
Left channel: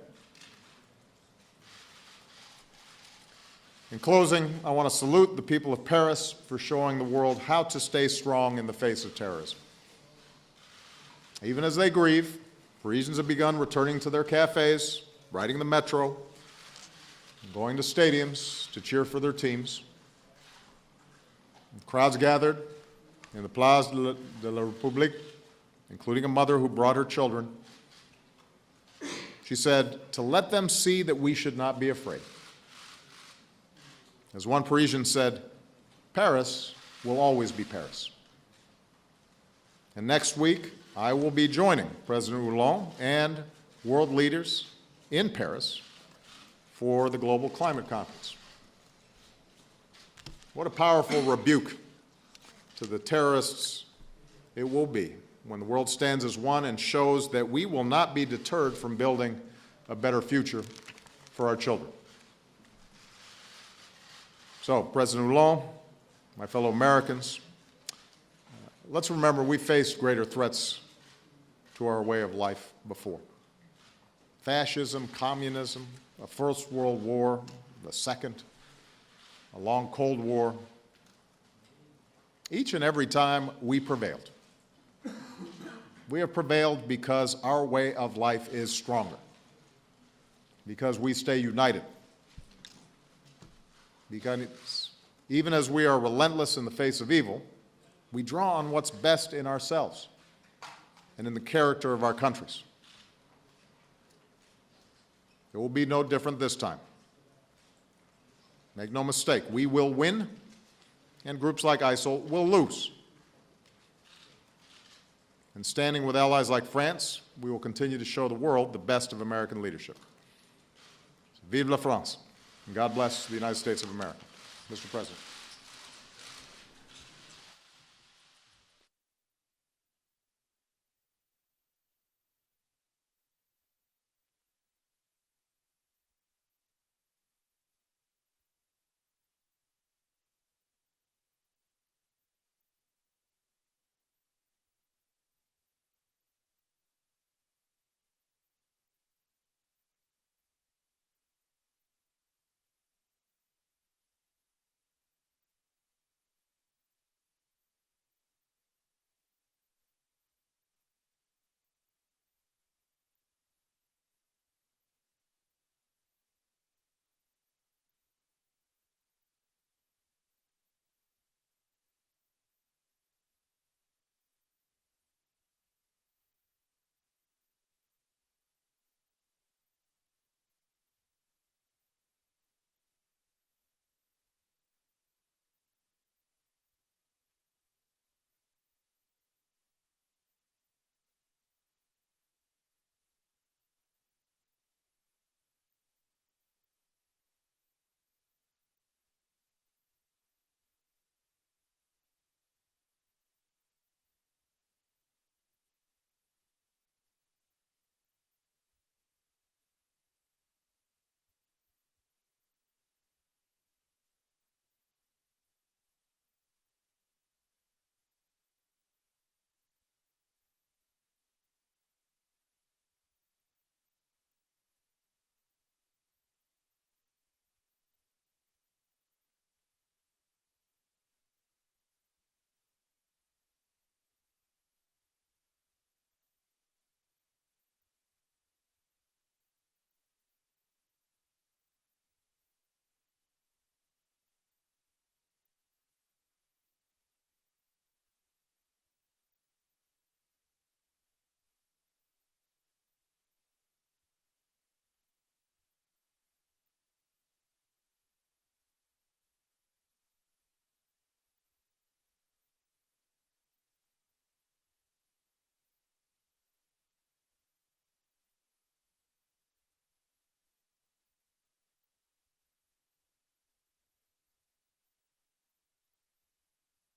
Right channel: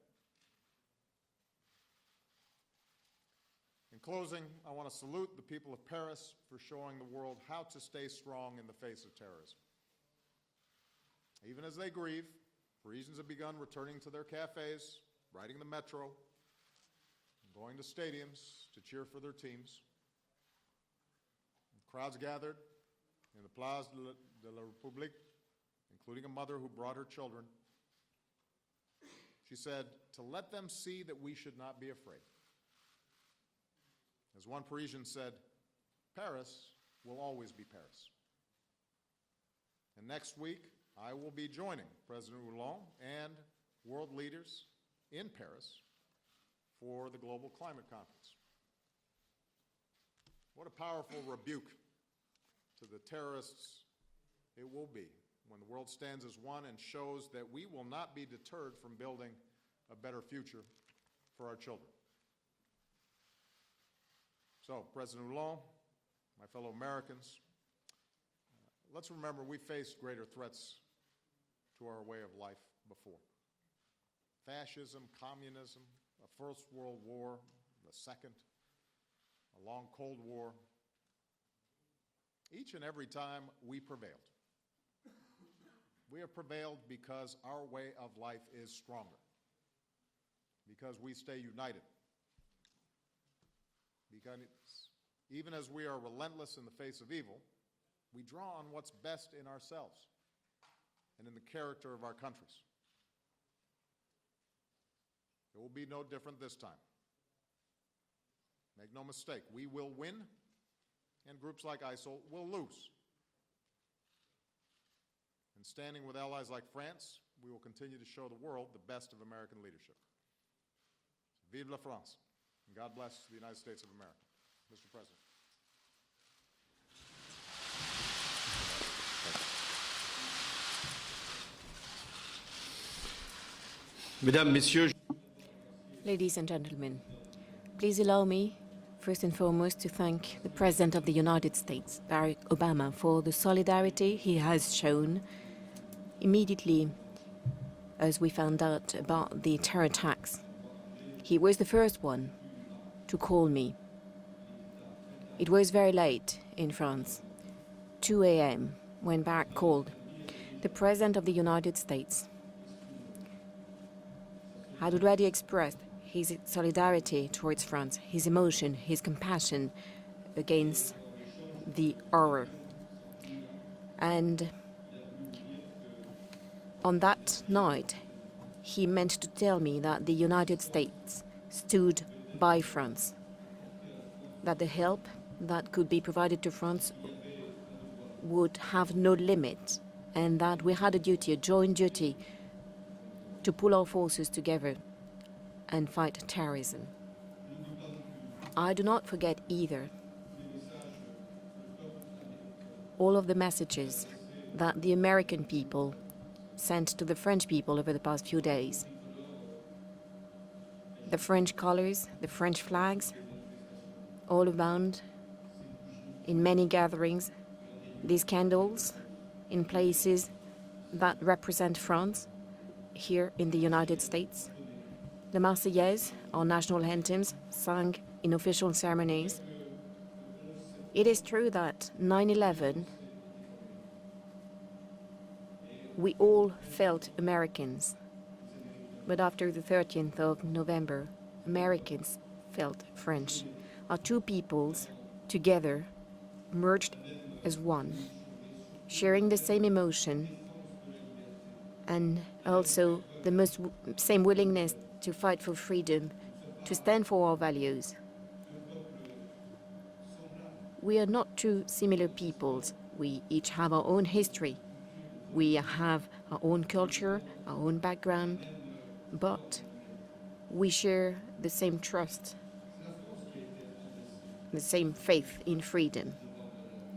In closing, I want to salute the people of Paris for showing the world how to stay strong in the face of terrorism. Even as they grieve, Parisians have begun returning to their cafes, riding the metro, going to stadiums to cheer for their teams. Crowds gathered in the Place de la République, including a mother who brought her children. She said, to let them see that we should not be afraid. As one Parisian said, Paris will always be Paris. And next week, I will be joining President Hollande and world leaders in Paris for the Global Climate Conference. What a powerful rebuke to the terrorists it will be when the world stands as one and shows that we will not be deterred from building a better future for our children. So, President Hollande, my fellow Americans, let's remember we faced greater threats to our way of life before. Fascism, communism, a First World War, the Second, a long Cold War. Each and every time we prevailed. We have prevailed because our way of life is stronger, because we stay united. Because even as we are relentless in the face of evil, we draw on what's best in ourselves and in the character of our countries. It will be no different this time. Make no mistake, we will win, and groups like ISIL will lose. And standing with allies like France, we will continue to show the world the best of American leadership. Vive la France, and God bless the United States of America. Mr. President. Mesdames, Messieurs, Ladies and gentlemen, please allow me, first and foremost, to thank the President of the United States, Barack Obama, for the solidarity he has shown immediately as we found out about the terror attacks. He was the first one to call me. It was very late in France, 2 a.m., when Barack called. The President of the United States had already expressed his solidarity towards France, his emotion, his compassion against the horror. And on that night, he meant to tell me that the United States stood by France, that the help that could be provided to France would have no limit, and that we had a duty, a joint duty, to pull our forces together and fight terrorism. I do not forget either all of the messages that the American people sent to the French people over the past few days. The French colors, the French flags, all around, in many gatherings, these candles in places that represent France, here in the United States. The Marseillaise, our national anthems, sung in official ceremonies. It is true that 9/11, we all felt Americans. But after the 13th of November, Americans felt French. Our two peoples together merged as one, sharing the same emotion and also the same willingness to fight for freedom, to stand for our values. We are not two similar peoples. We each have our own history. We have our own culture, our own background, but we share the same trust, the same faith in freedom.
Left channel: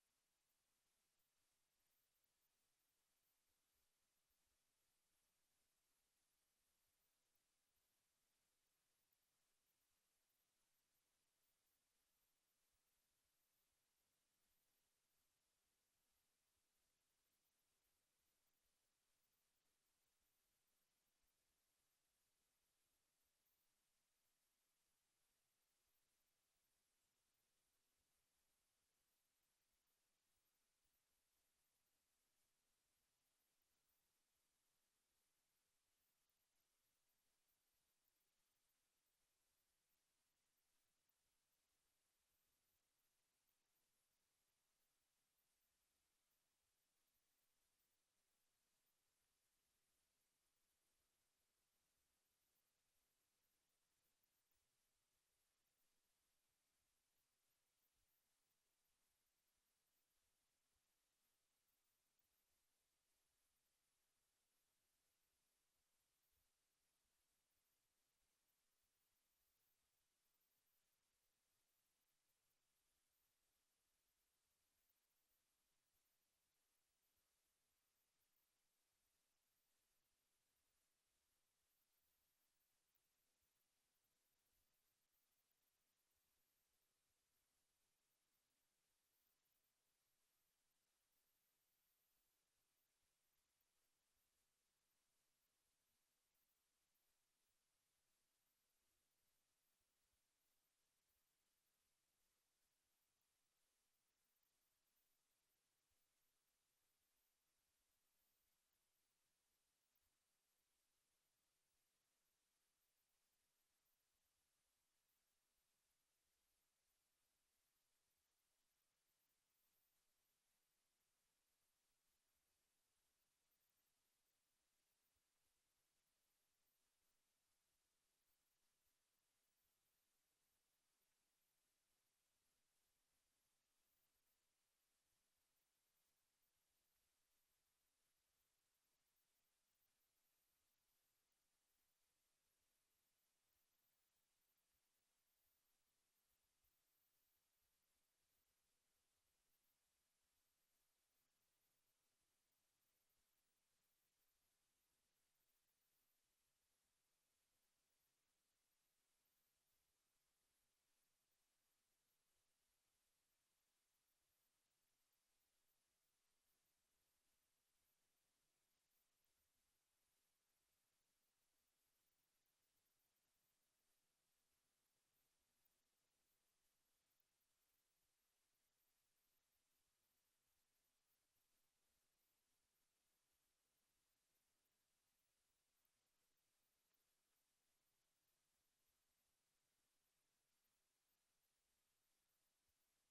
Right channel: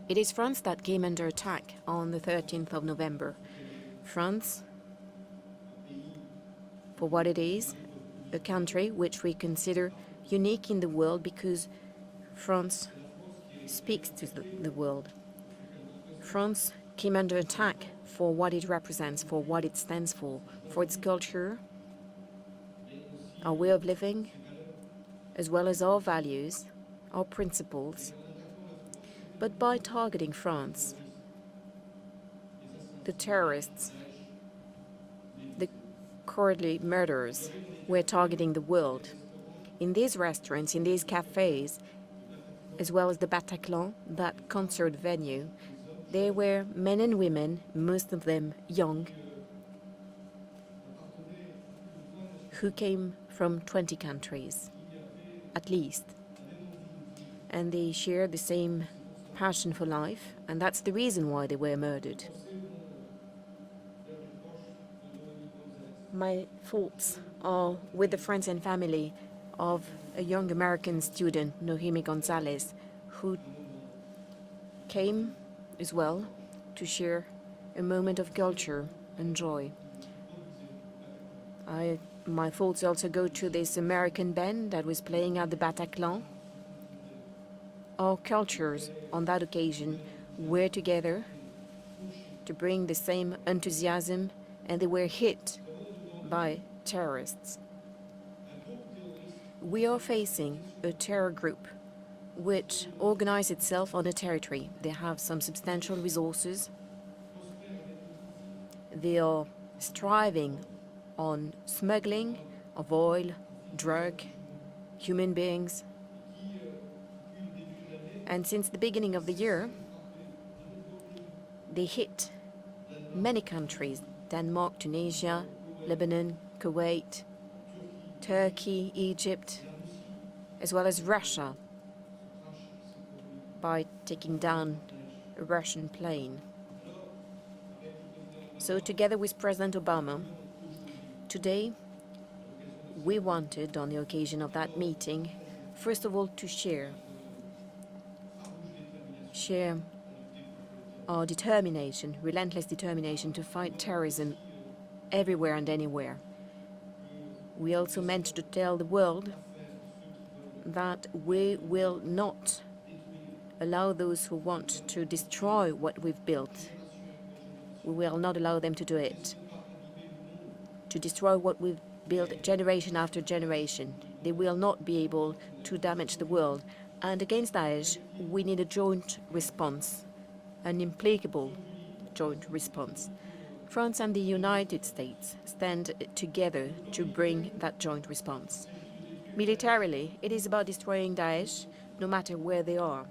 It is France that came under attack on the 13th of November. France, for what it is, a country which we consider unique in the world because France speaks to the world. France came under attack for what it represents, for what it stands for its culture, our way of living, as well as our values, our principles. But by targeting France, the terrorists, the cowardly murderers, were targeting the world. In these restaurants, in these cafes, as well as the Bataclan, that concert venue, there were men and women, most of them young, who came from 20 countries, at least. And they shared the same passion for life, and that's the reason why they were murdered. My thoughts are with the friends and family of a young American student, Nohemi Gonzalez, who came as well to share a moment of culture and joy. My thoughts also go to this American band that was playing at the Bataclan. Our cultures on that occasion were together to bring the same enthusiasm, and they were hit by terrorists. We are facing a terror group which organizes itself on a territory. They have some substantial resources. They are striving on smuggling of oil, drug, human beings. And since the beginning of the year, they hit many countries: Denmark, Tunisia, Lebanon, Kuwait, Turkey, Egypt, as well as Russia, by taking down a Russian plane. So together with President Obama, today we wanted, on the occasion of that meeting, first of all to share our determination, relentless determination to fight terrorism everywhere and anywhere. We also meant to tell the world that we will not allow those who want to destroy what we've built. We will not allow them to do it, to destroy what we've built generation after generation. They will not be able to damage the world. And against Daesh, we need a joint response, an implacable joint response. France and the United States stand together to bring that joint response. Militarily, it is about destroying Daesh, no matter where they are.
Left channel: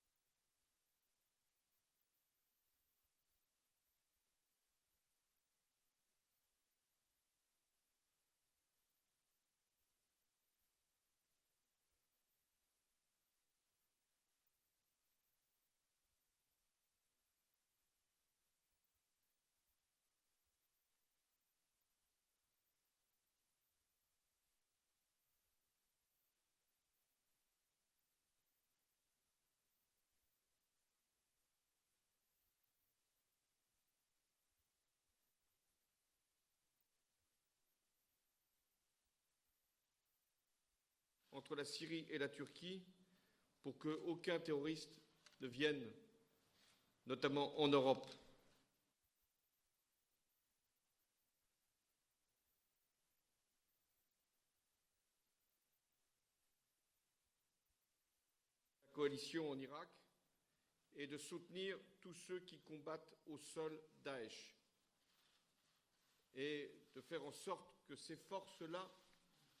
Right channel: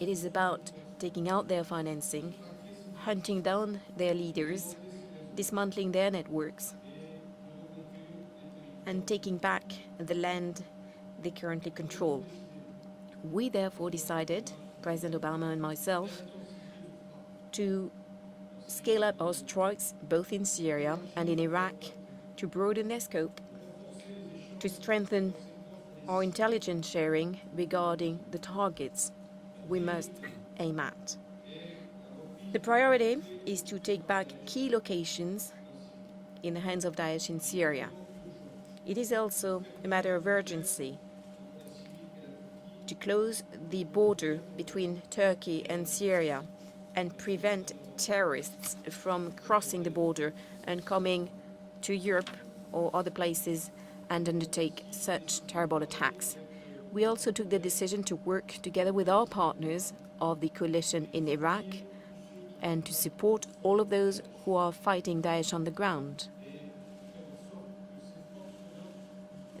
It is about taking out their financing, hunting down their leaders, dismantling their networks, and taking back the land they currently control. We therefore decided, President Obama and myself, to scale up our strikes both in Syria and in Iraq, to broaden their scope, to strengthen our intelligence sharing regarding the targets we must aim at. The priority is to take back key locations in the hands of Daesh in Syria. It is also a matter of urgency to close the border between Turkey and Syria and prevent terrorists from crossing the border and coming to Europe or other places and undertake such terrible attacks. We also took the decision to work together with our partners of the coalition in Iraq and to support all of those who are fighting Daesh on the ground.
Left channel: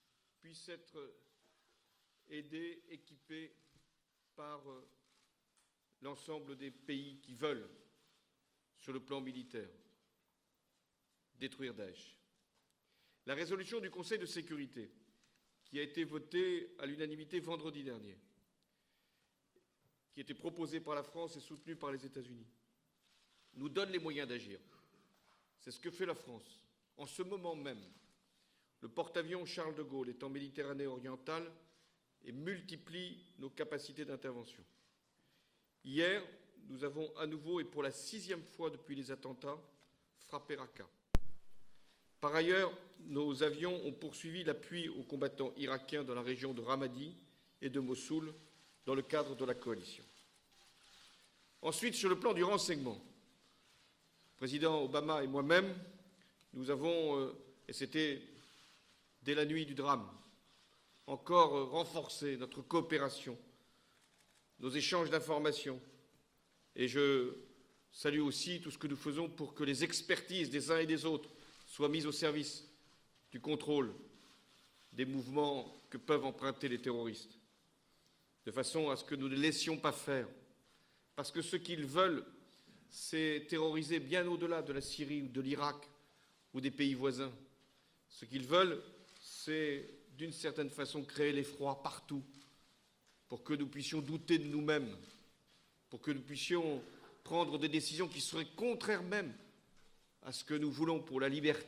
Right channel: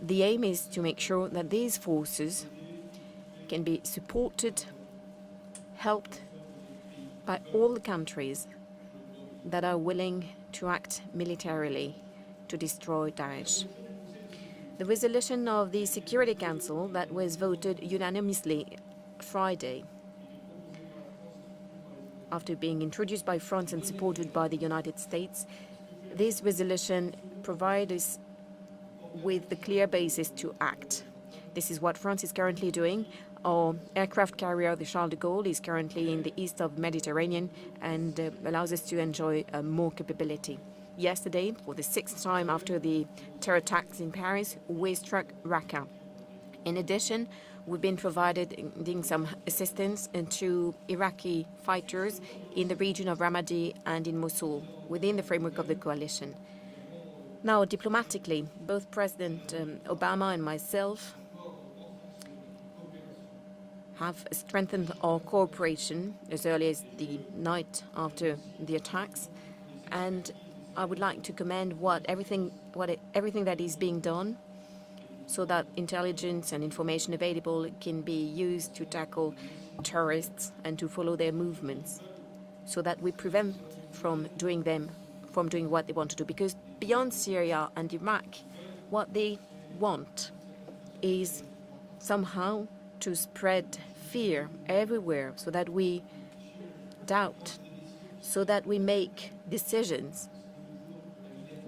The aim is to make sure that these forces can be supported, helped by all the countries that are willing to act militarily to destroy Daesh. The resolution of the Security Council that was voted unanimously Friday, after being introduced by France and supported by the United States, this resolution provides us with the clear basis to act. This is what France is currently doing. Our aircraft carrier, the Charles de Gaulle, is currently in the east of the Mediterranean and allows us to enjoy more capability. yesterday, for the sixth time after the terror attacks in Paris, we struck Raqqa. In addition, we've been providing some assistance to Iraqi fighters in the region of Ramadi and in Mosul, within the framework of the coalition. Now, diplomatically, both President Obama and myself have strengthened our cooperation as early as the night after the attacks, and I would like to commend everything that is being done, so that intelligence and information available can be used to tackle terrorists and to follow their movements, so that we prevent from doing what they want to do. Because beyond Syria and Iraq, what they want is somehow to spread fear everywhere, so that we doubt, so that we make decisions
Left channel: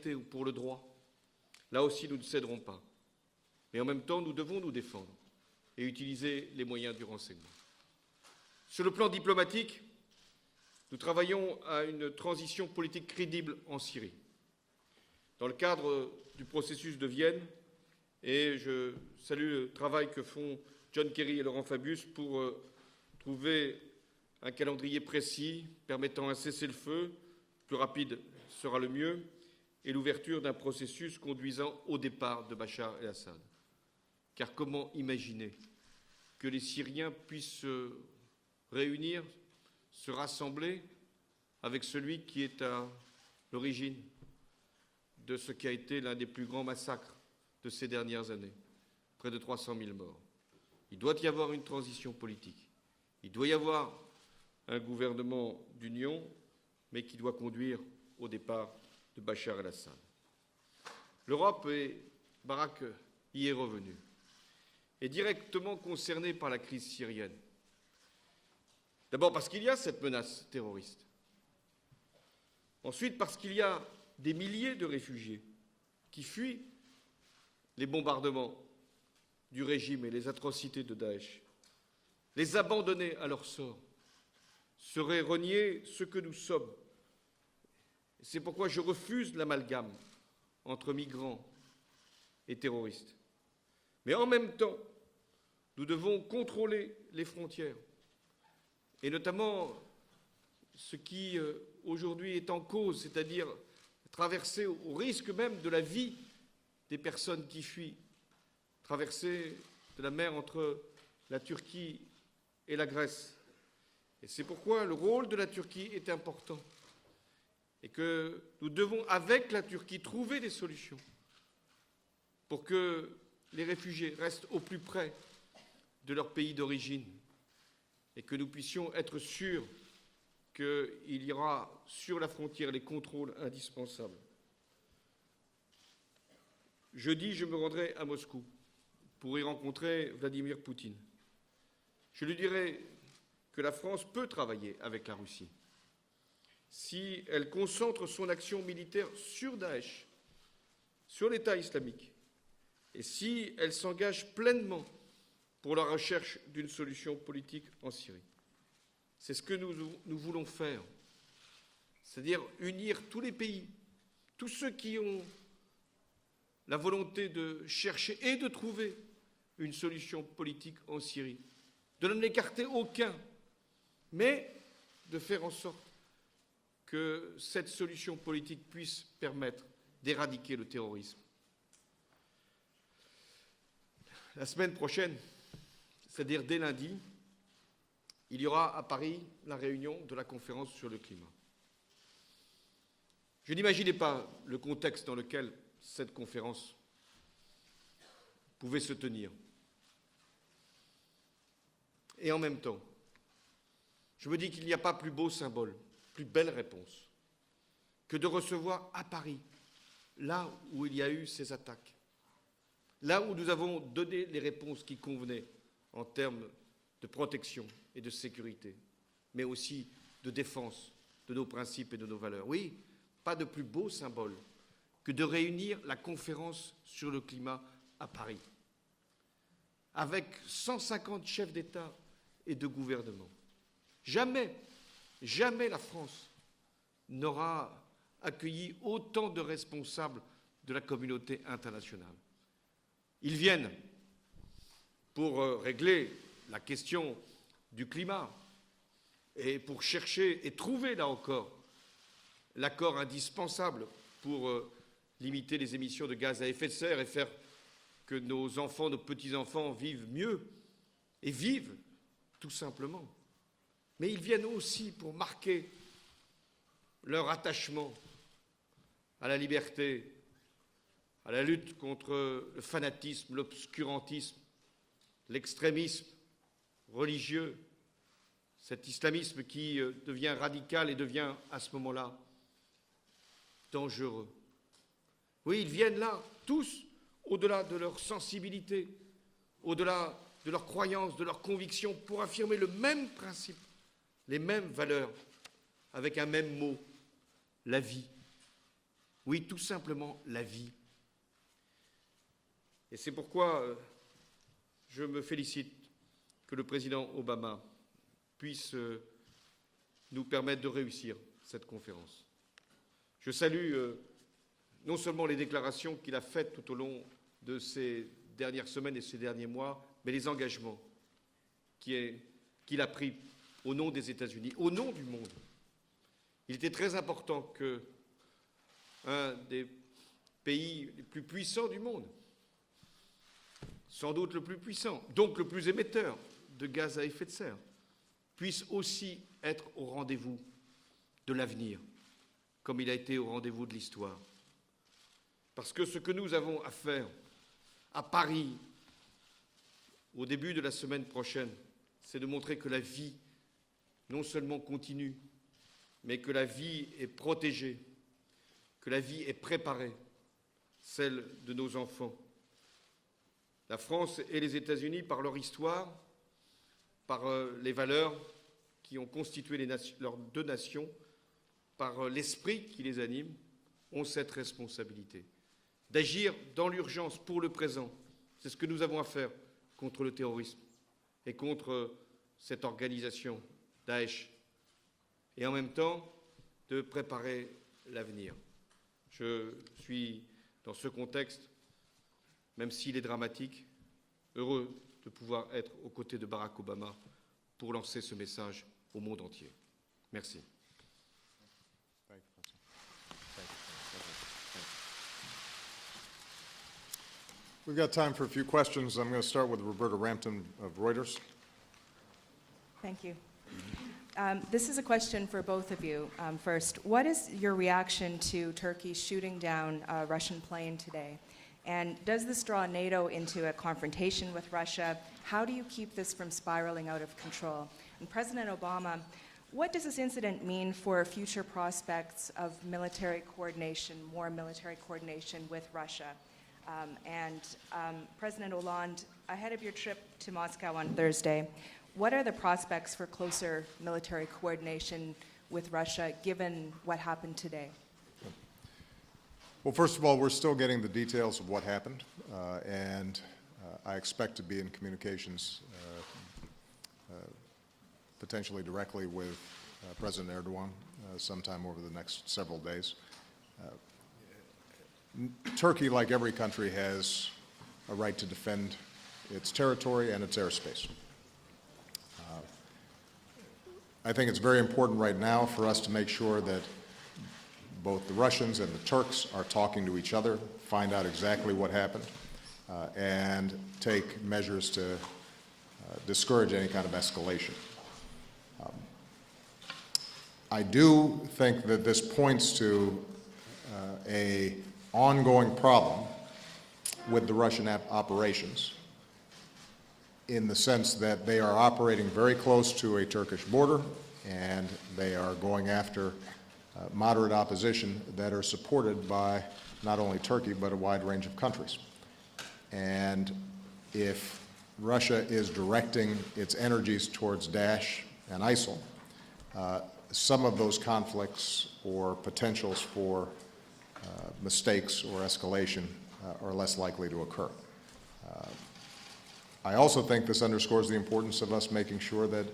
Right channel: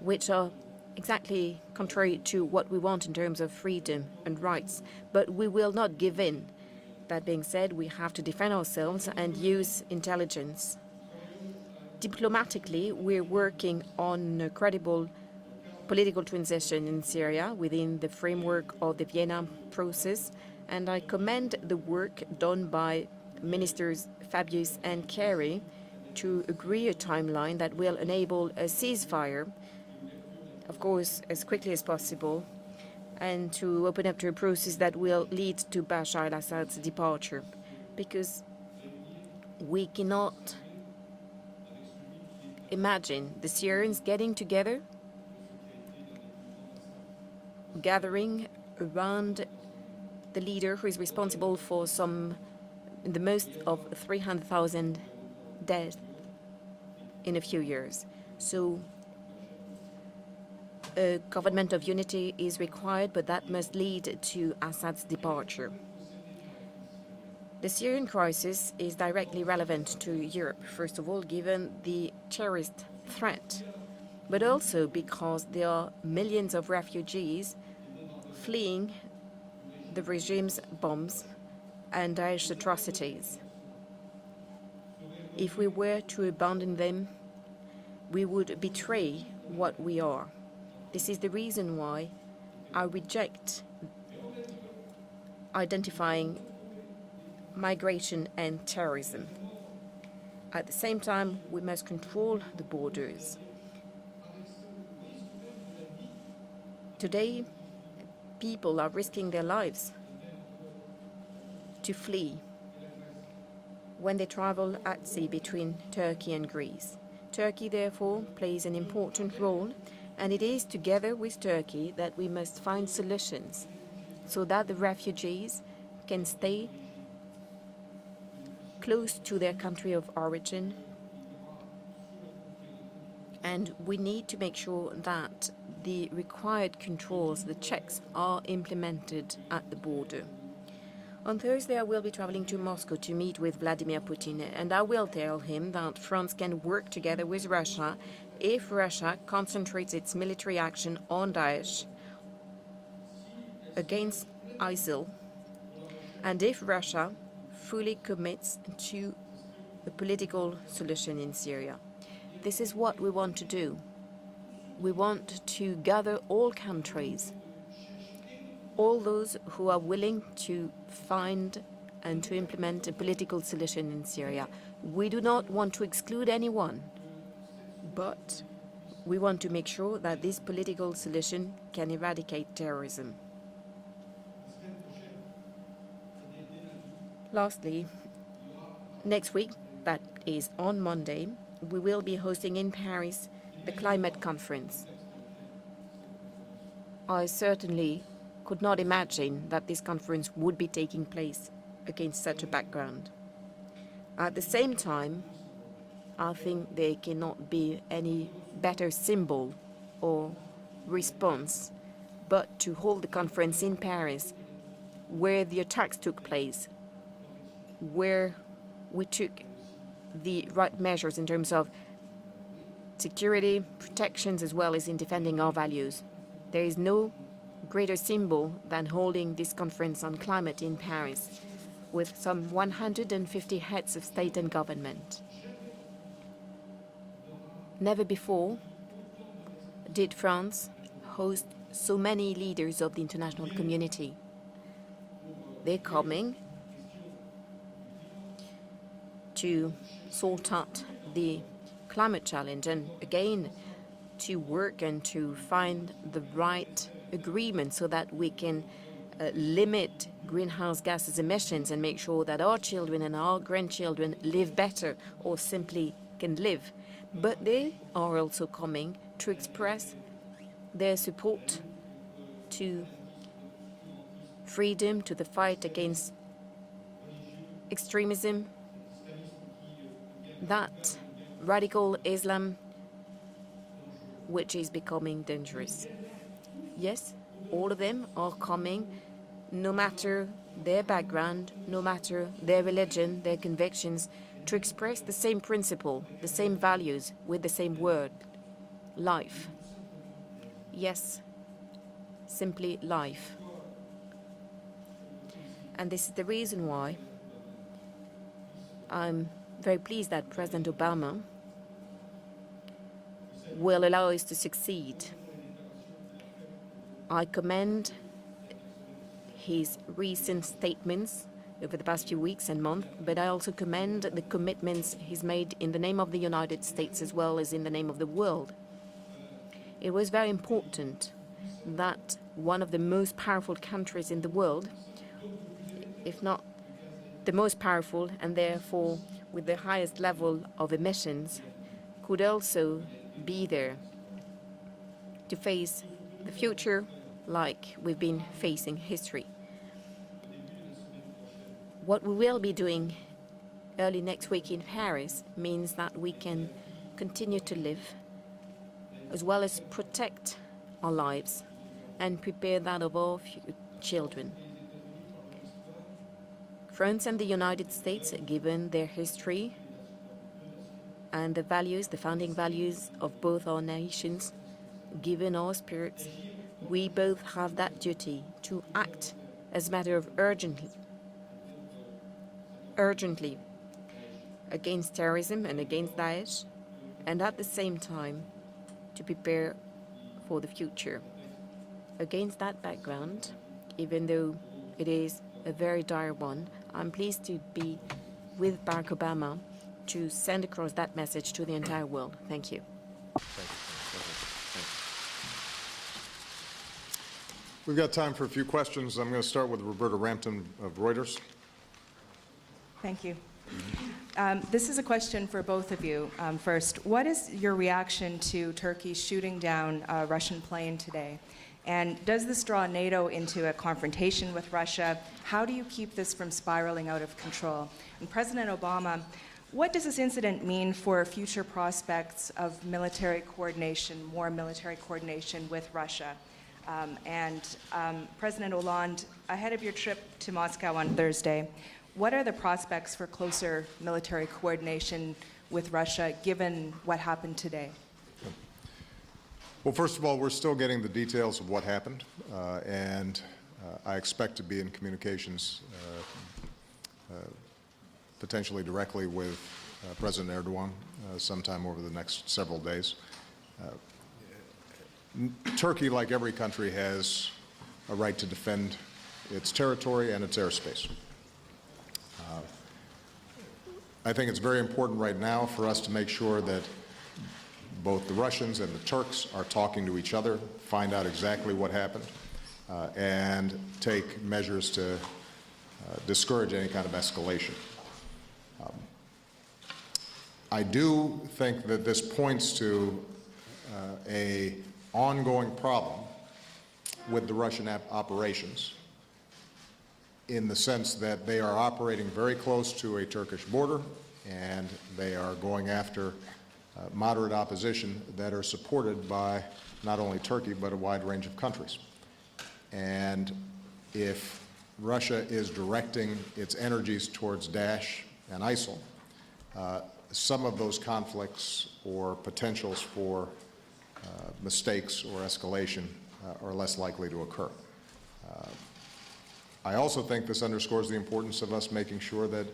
which are exactly contrary to what we want in terms of freedom and rights. But we will not give in. That being said, we have to defend ourselves and use intelligence. Diplomatically, we're working on a credible political transition in Syria within the framework of the Vienna process, and I commend the work done by Ministers Fabius and Kerry to agree a timeline that will enable a ceasefire, of course, as quickly as possible, and to open up to a process that will lead to Bashar al-Assad's departure. Because we cannot imagine the Syrians getting together, gathering around the leader who is responsible for the most of 300,000 dead in a few years. So a government of unity is required, but that must lead to Assad's departure. The Syrian crisis is directly relevant to Europe, first of all, given the terrorist threat, but also because there are millions of refugees fleeing the regime's bombs and Daesh's atrocities. If we were to abandon them, we would betray what we are. This is the reason why I reject identifying migration and terrorism. At the same time, we must control the borders. Today, people are risking their lives to flee when they travel at sea between Turkey and Greece. Turkey, therefore, plays an important role, and it is together with Turkey that we must find solutions so that the refugees can stay close to their country of origin, and we need to make sure that the required controls, the checks, are implemented at the border. On Thursday, I will be traveling to Moscow to meet with Vladimir Putin, and I will tell him that France can work together with Russia if Russia concentrates its military action on Daesh against ISIL, and if Russia fully commits to a political solution in Syria. This is what we want to do. We want to gather all countries, all those who are willing to find and to implement a political solution in Syria. We do not want to exclude anyone, but we want to make sure that this political solution can eradicate terrorism. Lastly, next week, that is on Monday, we will be hosting in Paris a climate conference. I certainly could not imagine that this conference would be taking place against such a background. At the same time, I think there cannot be any better symbol or response but to hold the conference in Paris, where the attacks took place, where we took the right measures in terms of security, protections, as well as in defending our values. There is no greater symbol than holding this conference on climate in Paris, with some 150 heads of state and government. Never before did France de la communauté host internationale. so many leaders of the international viennent community. Pour They're régler coming la question du climat et to pour chercher et sort out trouver là the encore climate challenge and l'accord again indispensable to pour work and to limiter les find émissions de the gaz à effet de right serre et faire agreement so that que we nos can enfants, nos petits-enfants limit vivent mieux greenhouse gases et emissions vivent and make sure that our children and our grandchildren Mais ils viennent live better aussi pour or marquer simply can live. leur But they attachement are also coming to à la express liberté, their à support la lutte contre le to fanatisme, l'obscurantisme, freedom, to the fight against religieux, extremism, cet islamisme qui devient that radical et devient à ce radical moment-là Islam dangereux. which is becoming Oui, ils dangerous. viennent là, tous, Yes, au-delà all de of leur them are sensibilité, coming, no au-delà matter de leur their croyance, de leur background, no conviction, matter pour affirmer their le même religion, their principe, convictions, les to mêmes express valeurs, the same principle, avec un the même same mot. values, with the same La vie. word, life. Oui, tout simplement la vie. Yes, simply C'est life. pourquoi je me félicite And this is the que reason le why président Obama puisse I'm very pleased nous that permettre President de réussir Obama cette conférence. Je salue will allow us to succeed. non seulement les déclarations qu'il a faites tout au long I de commend ces dernières semaines et ces derniers his mois, mais les recent engagements statements over the past qu'il few weeks and a months, pris but I also au nom commend des the États-Unis, commitments au nom du he's monde. made in the name of the United Il était très States as well important as in the que name of the world. un des It was very pays les important plus puissants du monde, that one of the most powerful countries sans in the doute le plus world, puissant, donc le plus émetteur if not de gaz à effet the de most serre, powerful and puisse therefore aussi with the être au highest rendez-vous level of emissions, de l'avenir, could also comme il a été au be rendez-vous there de l'histoire. to Parce face que ce que nous the avons à future faire like we've à been Paris, facing history. au début de la semaine prochaine, What we c'est de will montrer be que la doing vie early non next week in seulement continue, Paris means that we mais que la can vie est continue to protégée, live que la vie as est well as préparée, protect our celle lives de nos enfants. and prepare that of our La France children. et les États-Unis, par leur histoire, France and the par United les States, valeurs given their qui ont history constitué leurs deux nations, and the values, par the founding l'esprit values qui les of anime, both our ont nations, cette responsabilité given our spirit, d'agir dans we l'urgence both pour le have that présent. duty C'est ce to que nous avons à act faire as a matter contre le of terrorisme urgently et contre cette urgently organisation, Daesh, against terrorism et en and même against temps Daesh, de and at préparer the same time l'avenir. to prepare Je suis for the dans ce future. contexte, Against that même s'il est background, dramatique, even though heureux it is de pouvoir a être very aux côtés dire de one, Barack Obama I'm pleased to be pour lancer ce message with Barack au monde Obama entier. to Merci. send across that message to the entire world. Thank you. We've got time for a few questions. I'm going to start with Roberta Rampton of Reuters. Thank you. This is a question for both of you. First, what is your reaction to Turkey shooting down a Russian plane today? And does this draw NATO into a confrontation with Russia? How do you keep this from spiraling out of control? And President Obama, what does this incident mean for future prospects of military coordination, more military coordination with Russia? President Hollande, ahead of your trip to Moscow on Thursday, what are the prospects for closer military coordination with Russia, given what happened today? Well, first of all, we're still getting the details of what happened, and I expect to be in communications potentially directly with President Erdogan sometime over the next several days. Turkey, like every country, has a right to defend its territory and its airspace. I think it's very important right now for us to make sure that both the Russians and the Turks are talking to each other, find out exactly what happened, and take measures to discourage any kind of escalation. I do think that this points to an ongoing problem with the Russian operations, in the sense that they are operating very close to a Turkish border, and they are going after moderate opposition that are supported by not only Turkey, but a wide range of countries. And if Russia is directing its energies towards Daesh and ISIL, some of those conflicts or potentials for mistakes or escalation are less likely to occur. I also think this underscores the importance of us making sure that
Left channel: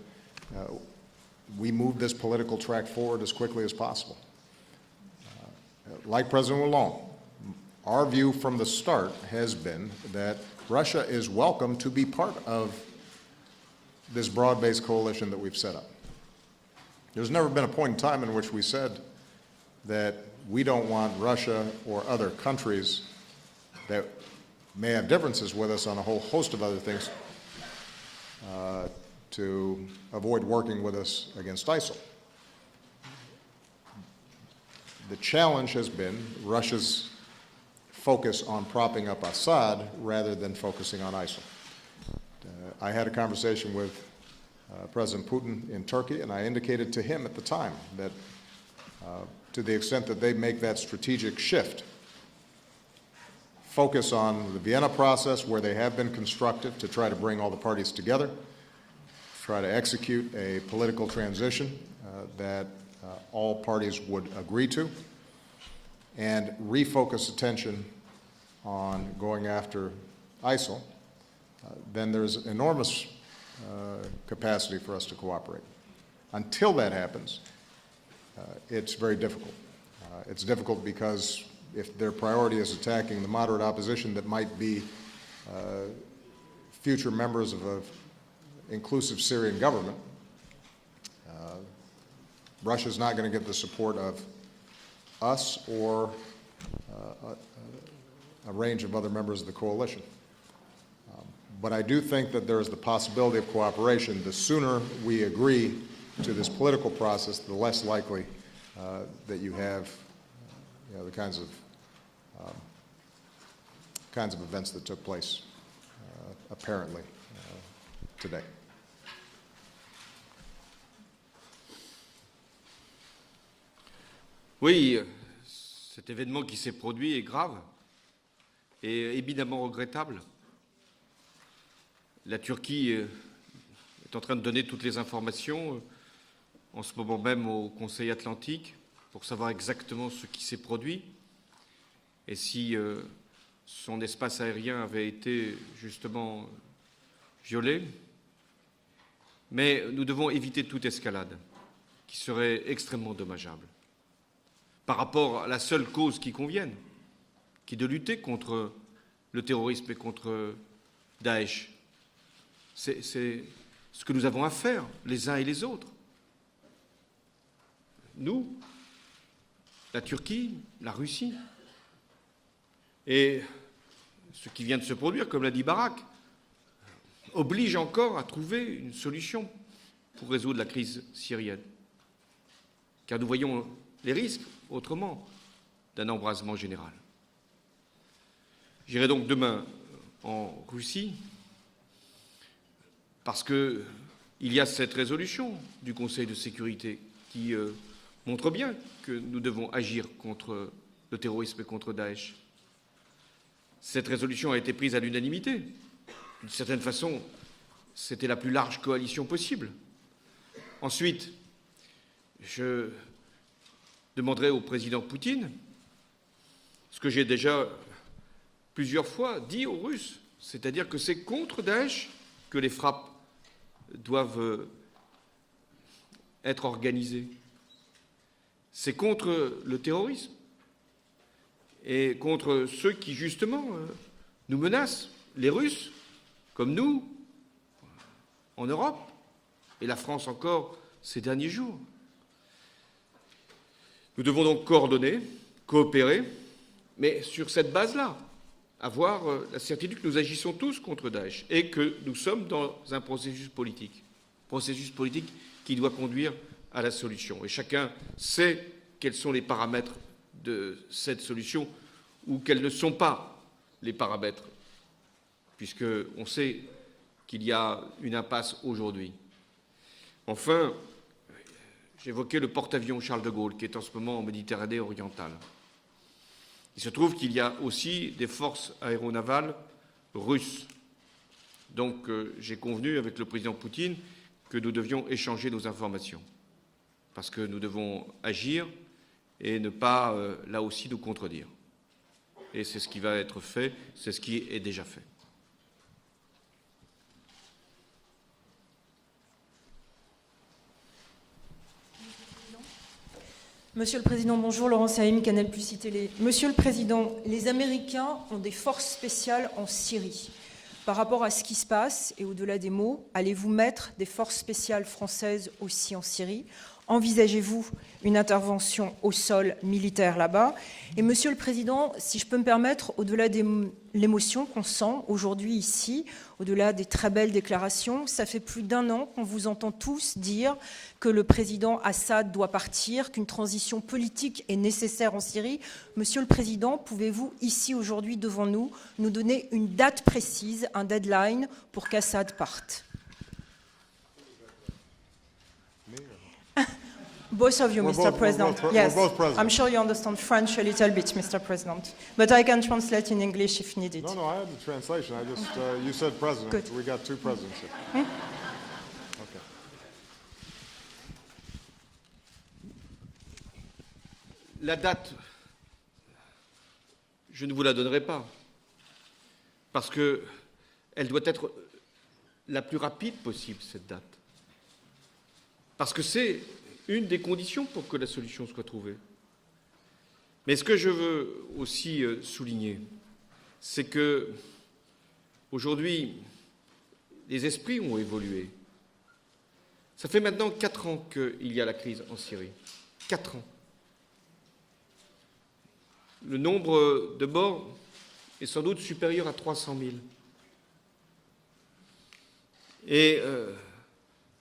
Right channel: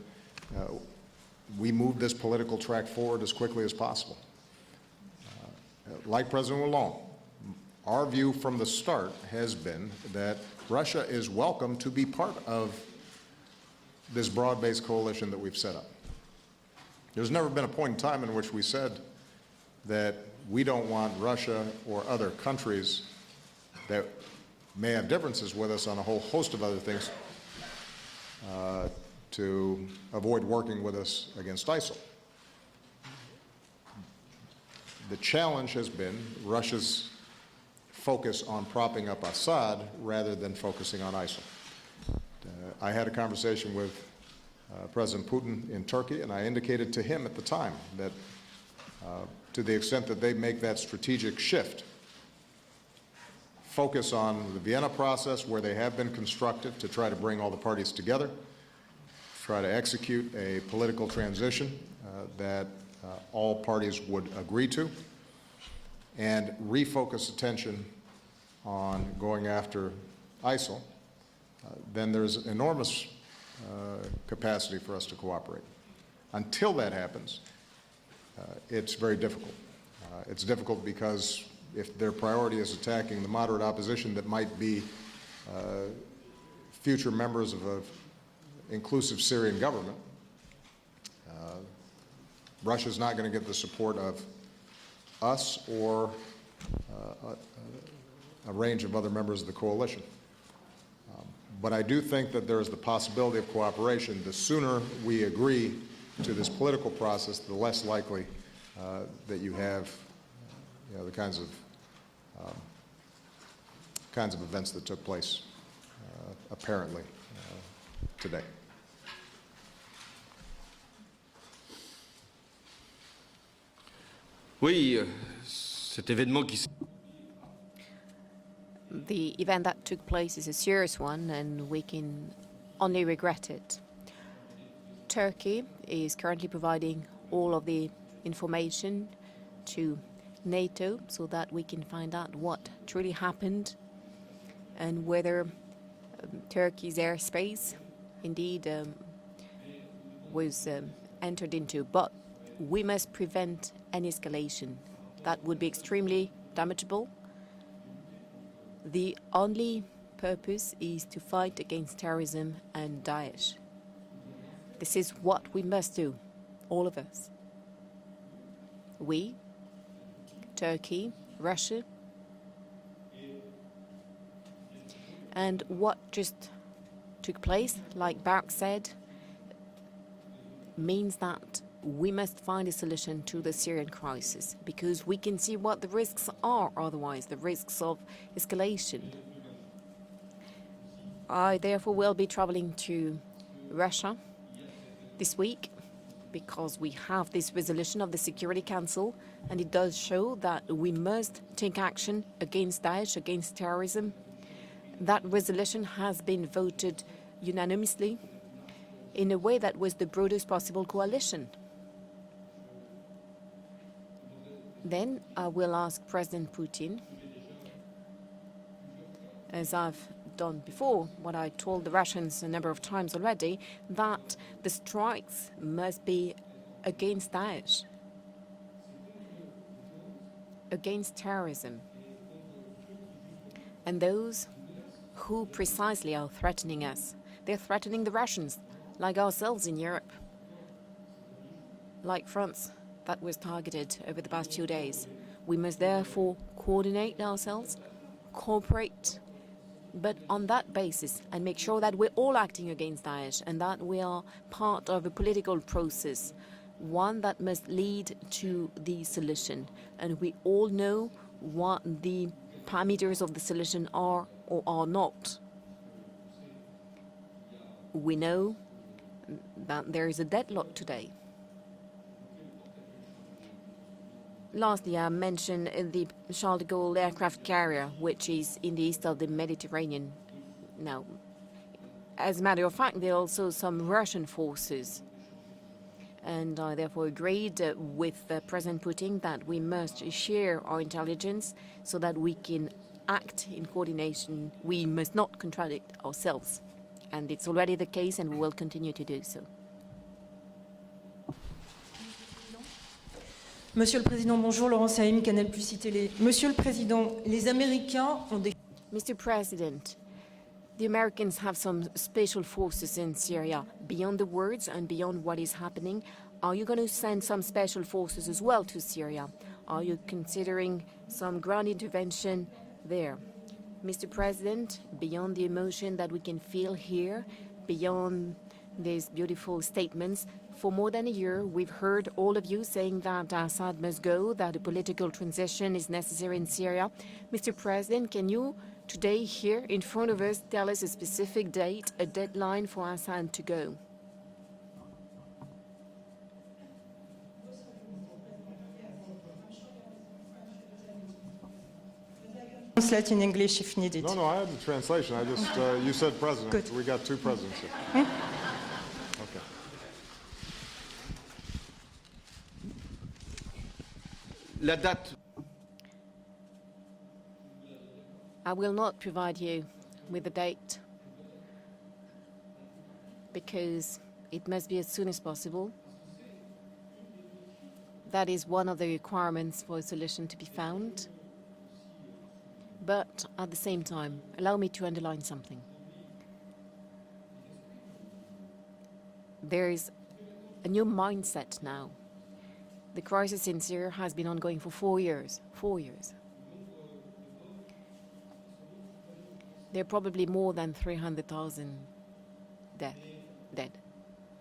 we move this political track forward as quickly as possible. like President Hollande, our view from the start has been that Russia is welcome to be part of this broad-based coalition that we've set up. There's never been a point in time in which we said that we don't want Russia or other countries that may have differences with us on a whole host of other things to avoid working with us against ISIL. The challenge has been Russia's focus on propping up Assad rather than focusing on ISIL. I had a conversation with President Putin in Turkey, and I indicated to him at the time that to the extent that they make that strategic shift, focus on the Vienna process where they have been constructive to try to bring all the parties together, try to execute a political transition that all parties would agree to, and refocus attention on going after ISIL, then there's enormous capacity for us to cooperate. Until that happens, it's very difficult. It's difficult because if their priority is attacking the moderate opposition that might be future members of an inclusive Syrian government, Russia's not going to get the support of us or a range of other members of the coalition. But I do think that there is the possibility of cooperation. The sooner we agree to this political process, the less likely that you have the kinds of events that took place apparently today. Oui, cet événement qui s'est produit est grave et The évidemment event that took regrettable. place is a serious one, and we can La Turquie only regret it. est en train de donner toutes les Turkey informations is currently en ce providing moment même all au of the Conseil Atlantique information pour savoir exactement ce qui to s'est NATO produit so that we can find out et what si truly happened son espace aérien and avait whether été justement Turkey's airspace violé. indeed Mais nous devons éviter was toute escalade entered into, but qui serait we must extrêmement prevent dommageable an escalation. par rapport That à would la be seule cause extremely qui convient, damageable. qui est de lutter contre The le only terrorisme et contre purpose is to Daesh. fight against terrorism and C'est Daesh. ce que nous avons à faire, This is les uns what et les we autres. must do, all of us. Nous, We, la Turquie, la Turkey, Russie. Russia, Et ce qui vient de se produire, comme l'a dit and Barak, what just took oblige place, encore like à Barak trouver said, une solution pour résoudre la crise means syrienne. that we must find a solution Car nous to the voyons Syrian les crisis risques because autrement we can see what the d'un risks embrasement are général. otherwise, the risks of escalation. J'irai donc demain en Russie I therefore will be traveling to parce que Russia il y a cette résolution week du Conseil de because sécurité we have this qui resolution of the montre Security bien Council, que nous and devons it does agir show contre that we le must terrorisme et take contre action Daesh. against Daesh, against terrorism. Cette résolution a été prise à That l'unanimité. resolution has been D'une certaine voted façon, unanimously c'était la plus large coalition in a way possible. that was the broadest possible Ensuite, coalition. Je demanderai au président Then Poutine, I will ask President Putin, ce que j'ai déjà plusieurs fois dit as aux I've Russes, done c'est-à-dire que before, c'est what I contre told the Daesh Russians a que number les of frappes times already, that doivent the strikes must be être organisées. against Daesh, C'est contre le terrorisme against terrorism, et contre ceux qui justement and those nous menacent, who les Russes precisely are comme threatening nous us. They're threatening the Russians, en Europe like ourselves in et la Europe, France encore ces derniers jours. like France, that was targeted over Nous the devons past donc 2 days. coordonner, We must coopérer, therefore coordinate mais sur ourselves, cette base-là, cooperate, avoir la certitude que but nous on agissons that tous basis, contre Daesh and make et sure que that we're nous all sommes acting dans against un Daesh, processus and that politique. we are Processus part of a politique political qui doit process, conduire à la one solution. that Et must chacun lead sait to the quels sont les solution. paramètres And we all de know cette solution what the ou quels ne sont parameters pas of the solution les are paramètres, or are not. puisqu'on sait qu'il y a We une know impasse aujourd'hui. that there is a Enfin, deadlock today. j'évoquais le porte-avions Charles de Gaulle qui est en ce moment en Méditerranée Lastly, I orientale. mentioned the Charles de Il se Gaulle trouve qu'il aircraft y a carrier, aussi which des is forces in the east of the aéronavales Mediterranean. russes. Now, Donc, as a j'ai matter of fact, convenu there avec are le also président some Poutine Russian que forces, nous devions échanger nos informations. and I therefore Parce que nous agreed devons with agir President Putin that et we ne must pas, share là our aussi, nous intelligence so that we can Et c'est ce qui va être act fait, in c'est ce qui est coordination. déjà We fait. must not contradict ourselves, and it's already the case, and we will continue to do so. Monsieur le Président, bonjour, Laurent Saïm, Canal Plus Télé. Monsieur le Président, les Américains ont des forces spéciales en Syrie. Par rapport à ce qui se passe, et au-delà des mots, allez-vous mettre des forces spéciales françaises aussi en Syrie? Envisagez-vous une intervention au sol militaire là-bas? Et Monsieur le Président, si je peux me permettre, au-delà de l'émotion qu'on sent aujourd'hui ici, au-delà des très belles déclarations, ça fait plus d'1 an qu'on vous entend tous dire que le président Assad doit partir, qu'une transition politique est nécessaire en Syrie. Monsieur le Président, pouvez-vous, ici aujourd'hui devant nous donner une date précise, un deadline pour qu'Assad parte? Both of you, Mr. President. Yes, I'm sure you understand French a little bit, Mr. President, but I can translate in English if needed. No, I had the translation. I just, you said president. Good. We got 2 presidents here. Hmm? Okay. La date, je ne vous la donnerai pas. I will not provide you Parce que with a date elle doit être la plus rapide possible, cette because date. it must be as soon as possible. Parce que c'est une des conditions pour que la That is solution soit one of the trouvée. requirements for a solution to be Mais ce que je found. veux aussi souligner, But at the same c'est time, que allow me to underline something. aujourd'hui, les esprits ont évolué. There is Ça fait maintenant a 4 new ans mindset qu'il y a la now. crise en Syrie. The 4 crisis ans. in Syria has been ongoing for 4 years. 4 years. Le nombre de morts est sans doute supérieur à 300 There are 000. probably more than 300,000 dead. Et dead.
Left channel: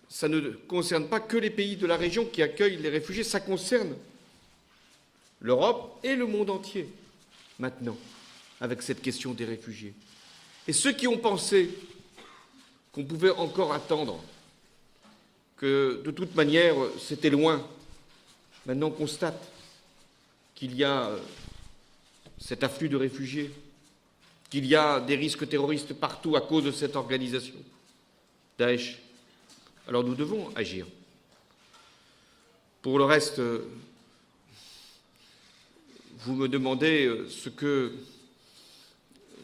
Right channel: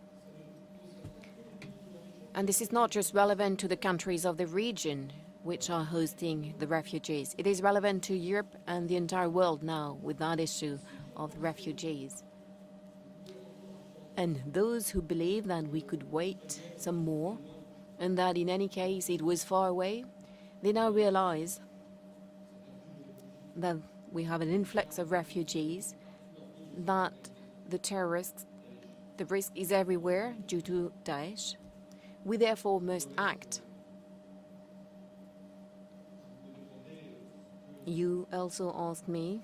ça ne concerne pas que les pays de la région qui And this is accueillent not les just réfugiés, ça relevant to the concerne countries of the region which l'Europe are et le monde hosting the entier. refugees. It is maintenant, relevant to Europe avec and the cette entire question des world réfugiés. now with that issue Et ceux qui ont of pensé refugees. qu'on pouvait encore attendre, And those who believe that que we de could wait toute manière some c'était more, loin, and that in any maintenant on case it constate was far away, qu'il they y now a realize cet afflux de réfugiés, that we have an qu'il y a influx of des risques refugees, terroristes partout à cause de cette that organisation, the terrorists, Daesh. the risk is Alors nous everywhere devons due agir. to Daesh. We therefore Pour le must reste, act. vous me demandez ce que You also asked me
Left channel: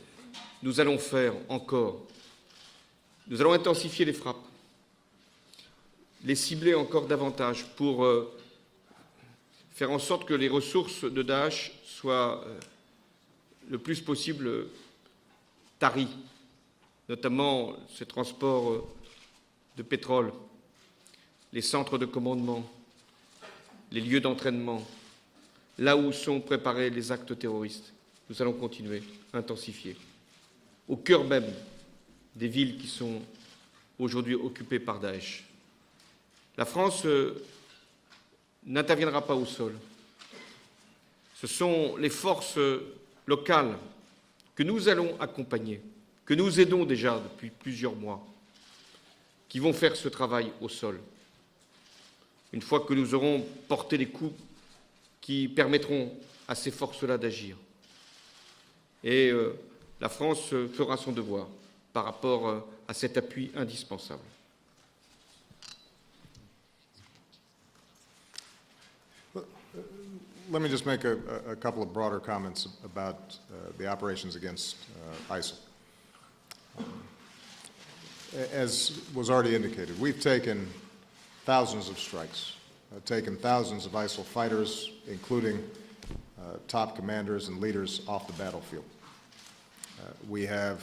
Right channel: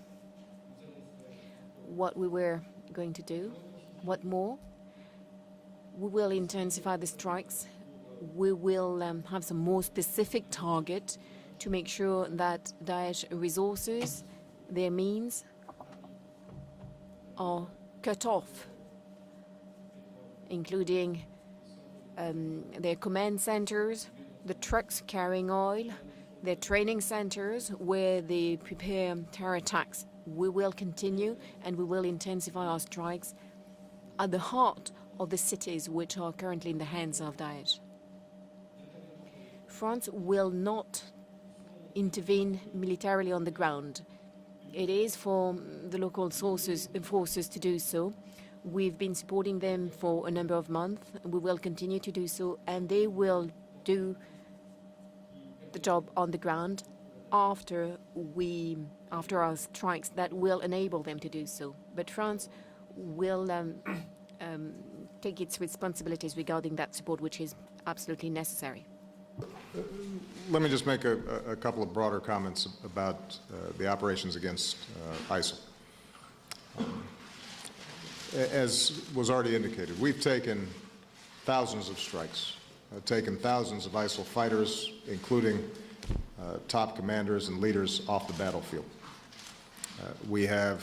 nous allons faire encore. what we were going to do. Nous allons intensifier les What frappes, more? We will les cibler intensify encore the davantage strikes. pour We will have some more faire en sorte que les specific ressources targets de Daesh to make sure soient that Daesh le resources, plus possible their means, taries, notamment are ce cut transport de pétrole, including les centres de commandement, their command centers, les lieux the d'entraînement, trucks carrying oil, là où sont their préparés training les actes centers terroristes. where Nous they allons continuer, prepare terror intensifier. attacks. We will Au cœur continue même and we will des intensify villes our qui sont strikes at aujourd'hui the heart occupées par of the Daesh. cities which are currently La in the France hands of Daesh. n'interviendra pas au sol. France will not Ce sont les intervene forces militarily on the locales ground. que nous It allons is for accompagner, the local que nous sources aidons and déjà forces depuis to do plusieurs so. mois, We've been supporting qui vont them faire ce for a travail number of au sol. months, and we will continue to do so, Une fois and que they nous aurons will porté do les coups qui job permettront on the à ces ground forces-là d'agir. after Et our strikes la that France will enable fera son them to do devoir so. par But rapport France à cet will, appui indispensable. take its responsibilities regarding that support, which is absolutely necessary. Let me just make a couple of broader comments about the operations against ISIL. As was already indicated, we've taken thousands of strikes, taken thousands of ISIL fighters, including top commanders and leaders, off the battlefield. We have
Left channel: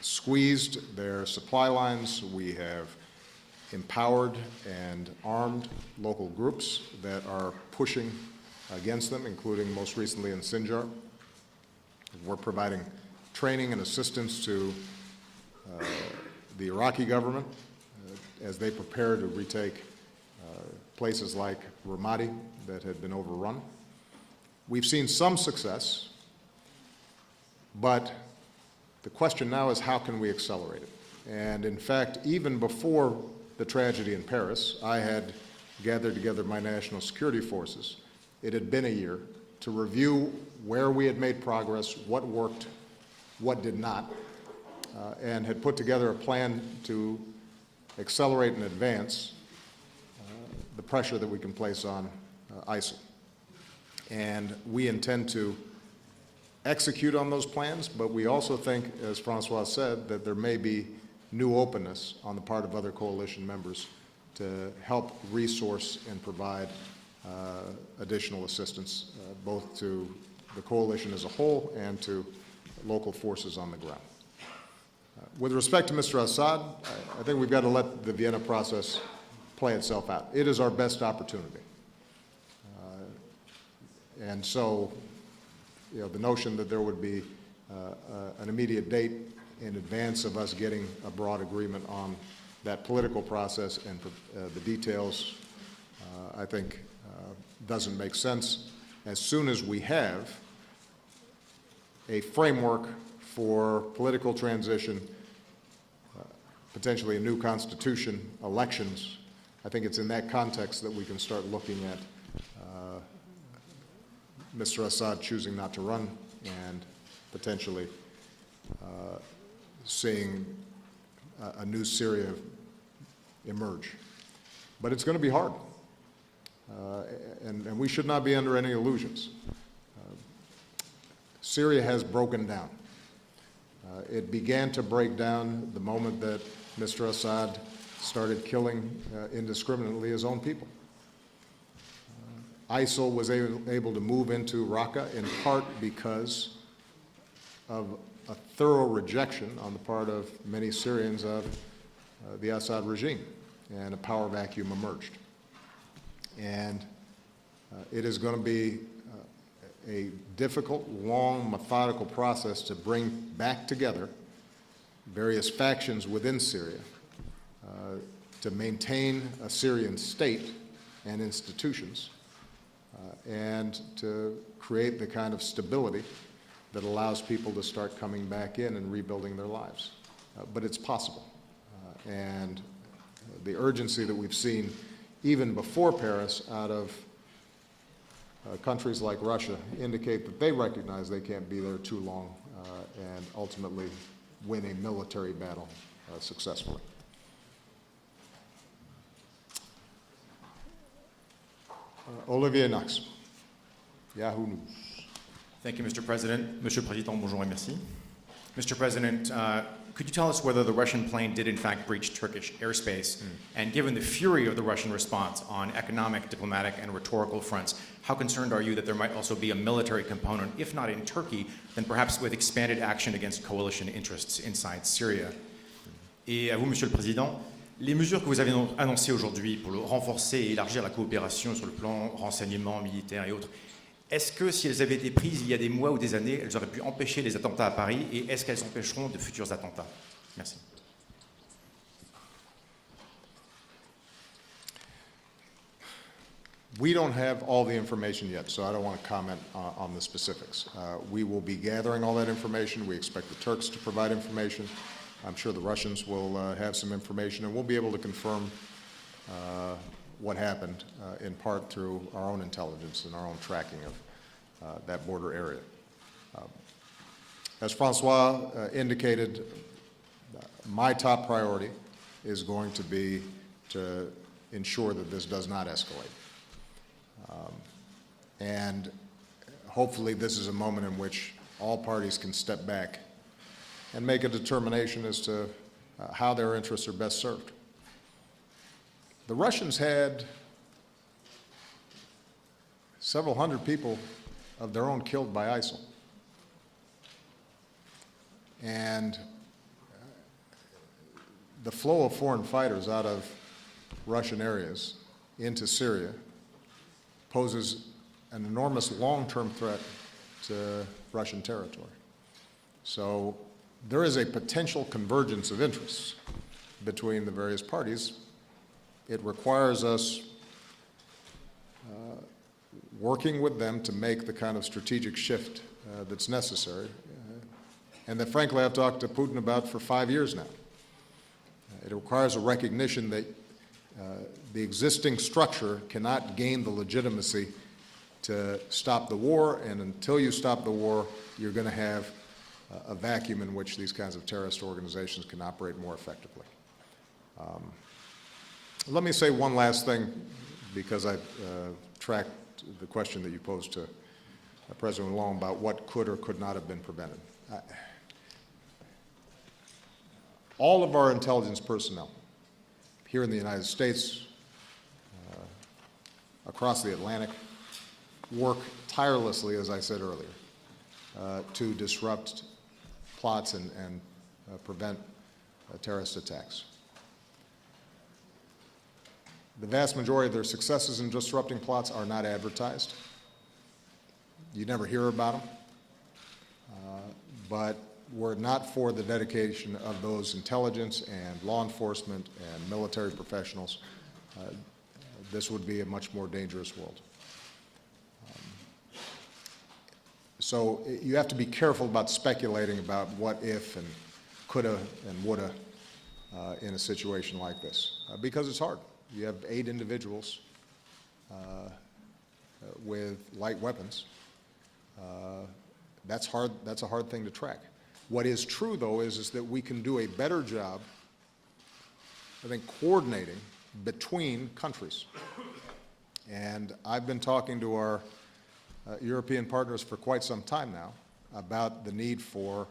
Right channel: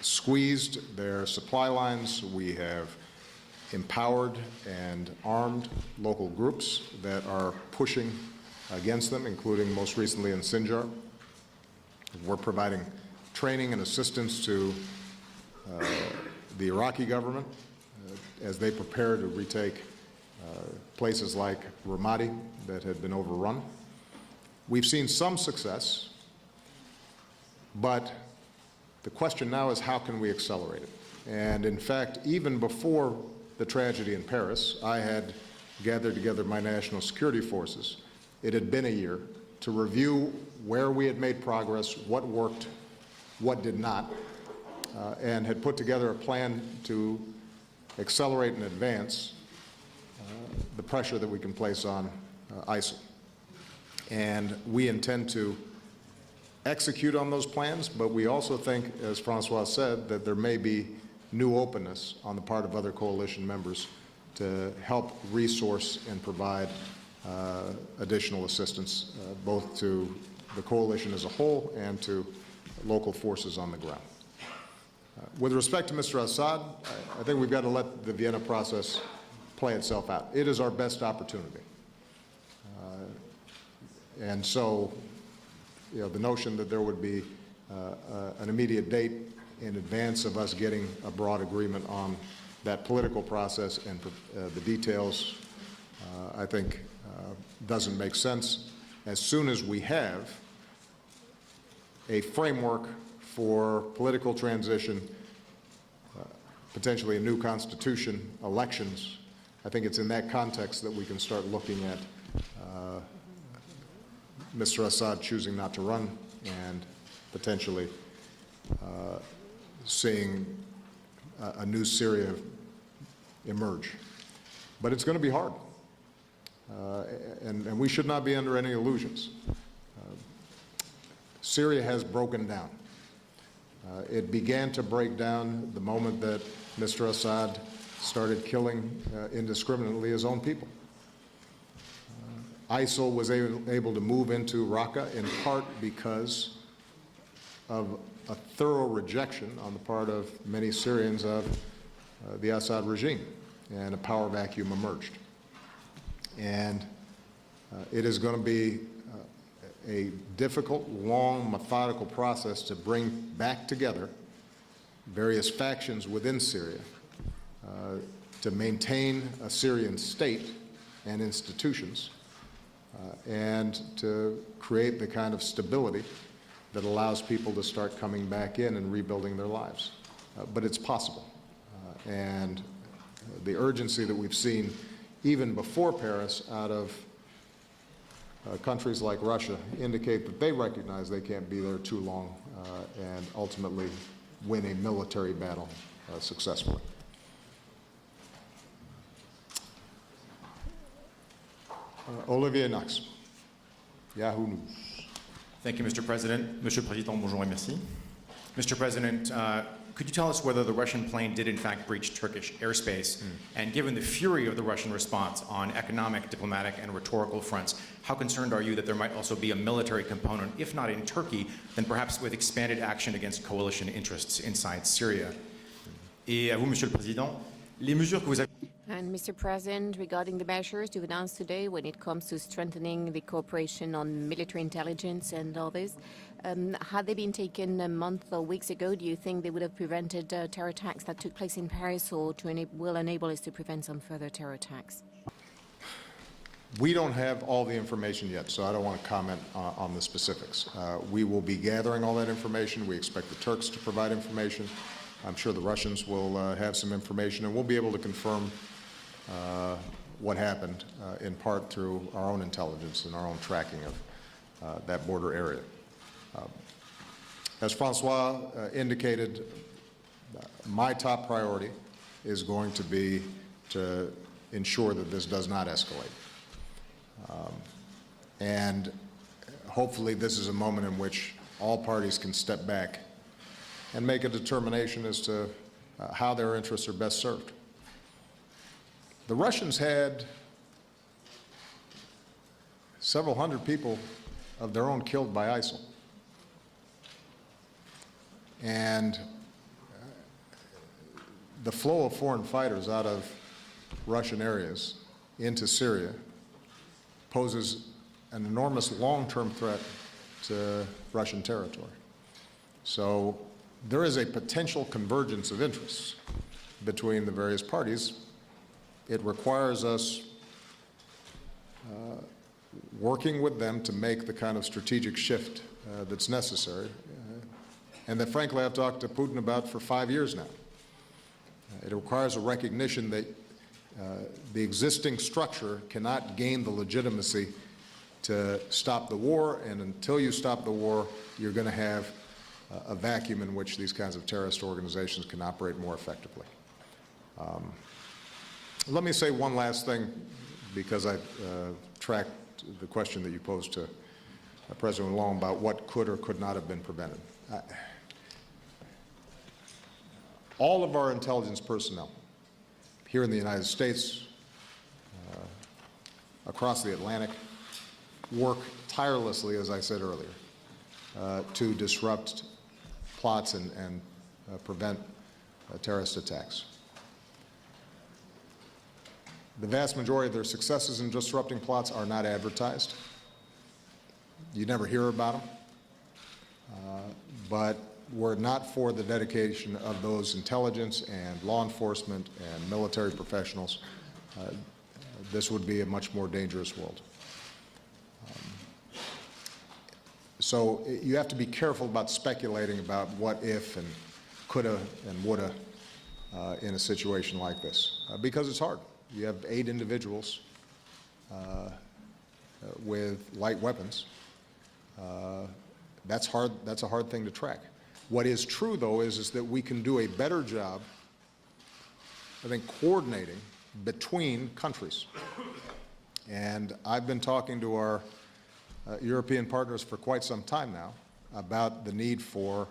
squeezed their supply lines. We have empowered and armed local groups that are pushing against them, including most recently in Sinjar. We're providing training and assistance to the Iraqi government as they prepare to retake places like Ramadi that had been overrun. We've seen some success, but the question now is how can we accelerate it? And in fact, even before the tragedy in Paris, I had gathered together my national security forces. It had been a year to review where we had made progress, what worked, what did not, and had put together a plan to accelerate and advance the pressure that we can place on ISIL. And we intend to execute on those plans, but we also think, as Francois said, that there may be new openness on the part of other coalition members to help resource and provide additional assistance, both to the coalition as a whole and to local forces on the ground. With respect to Mr. Assad, I think we've got to let the Vienna process play itself out. It is our best opportunity. And so, the notion that there would be an immediate date in advance of us getting a broad agreement on that political process and the details, I think doesn't make sense. As soon as we have a framework for political transition, potentially a new constitution, elections, I think it's in that context that we can start looking at Mr. Assad choosing not to run and potentially seeing a new Syria emerge. But it's going to be hard, and we should not be under any illusions. Syria has broken down. It began to break down the moment that Mr. Assad started killing indiscriminately his own people. ISIL was able to move into Raqqa in part because of a thorough rejection on the part of many Syrians of the Assad regime, and a power vacuum emerged. And it is going to be a difficult, long, methodical process to bring back together various factions within Syria to maintain a Syrian state and institutions and to create the kind of stability that allows people to start coming back in and rebuilding their lives. But it's possible. And the urgency that we've seen even before Paris out of countries like Russia indicate that they recognize they can't be there too long and ultimately win a military battle successfully. Olivier Knox, Yahoo News. Thank you, Mr. President. Monsieur le Président, bonjour et merci. Mr. President, could you tell us whether the Russian plane did in fact breach Turkish airspace? And given the fury of the Russian response on economic, diplomatic, and rhetorical fronts, how concerned are you that there might also be a military component, if not in Turkey, then perhaps with expanded action against coalition interests inside Syria? Et à vous, Monsieur le Président, les mesures que vous avez annoncées aujourd'hui pour renforcer et élargir la coopération sur le plan renseignement militaire et autres, est-ce que si elles avaient été prises il y a des mois ou des années, elles auraient pu empêcher les attentats à Paris et est-ce qu'elles empêcheront de futurs attentats? We don't have all the information yet, so I don't want to comment on the specifics. We will be gathering all that information. We expect the Turks to provide information. I'm sure the Russians will have some information, and we'll be able to confirm what happened in part through our own intelligence and our own tracking of that border area. As Francois indicated, my top priority is going to be to ensure that this does not escalate. And hopefully this is a moment in which all parties can step back and make a determination as to how their interests are best served. The Russians had several hundred people of their own killed by ISIL. And the flow of foreign fighters out of Russian areas into Syria poses an enormous long-term threat to Russian territory. So there is a potential convergence of interests between the various parties. It requires us working with them to make the kind of strategic shift that's necessary, and that frankly I've talked to Putin about for 5 years now. It requires a recognition that the existing structure cannot gain the legitimacy to stop the war, and until you stop the war, you're going to have a vacuum in which these kinds of terrorist organizations can operate more effectively. Let me say one last thing, because I tracked the question that you posed to President Hollande about what could or could not have been prevented. All of our intelligence personnel here in the United States, across the Atlantic work tirelessly, as I said earlier, to disrupt plots and prevent terrorist attacks. The vast majority of their successes in disrupting plots are not advertised. You never hear about them. But were it not for the dedication of those intelligence and law enforcement and military professionals, this would be a much more dangerous world. So you have to be careful about speculating about what if and coulda and woulda in a situation like this, because it's hard. You have 8 individuals with light weapons. That's hard. That's a hard thing to track. What is true, though, is that we can do a better job, I think, coordinating between countries. And I've been talking to our European partners for quite some time now about the need for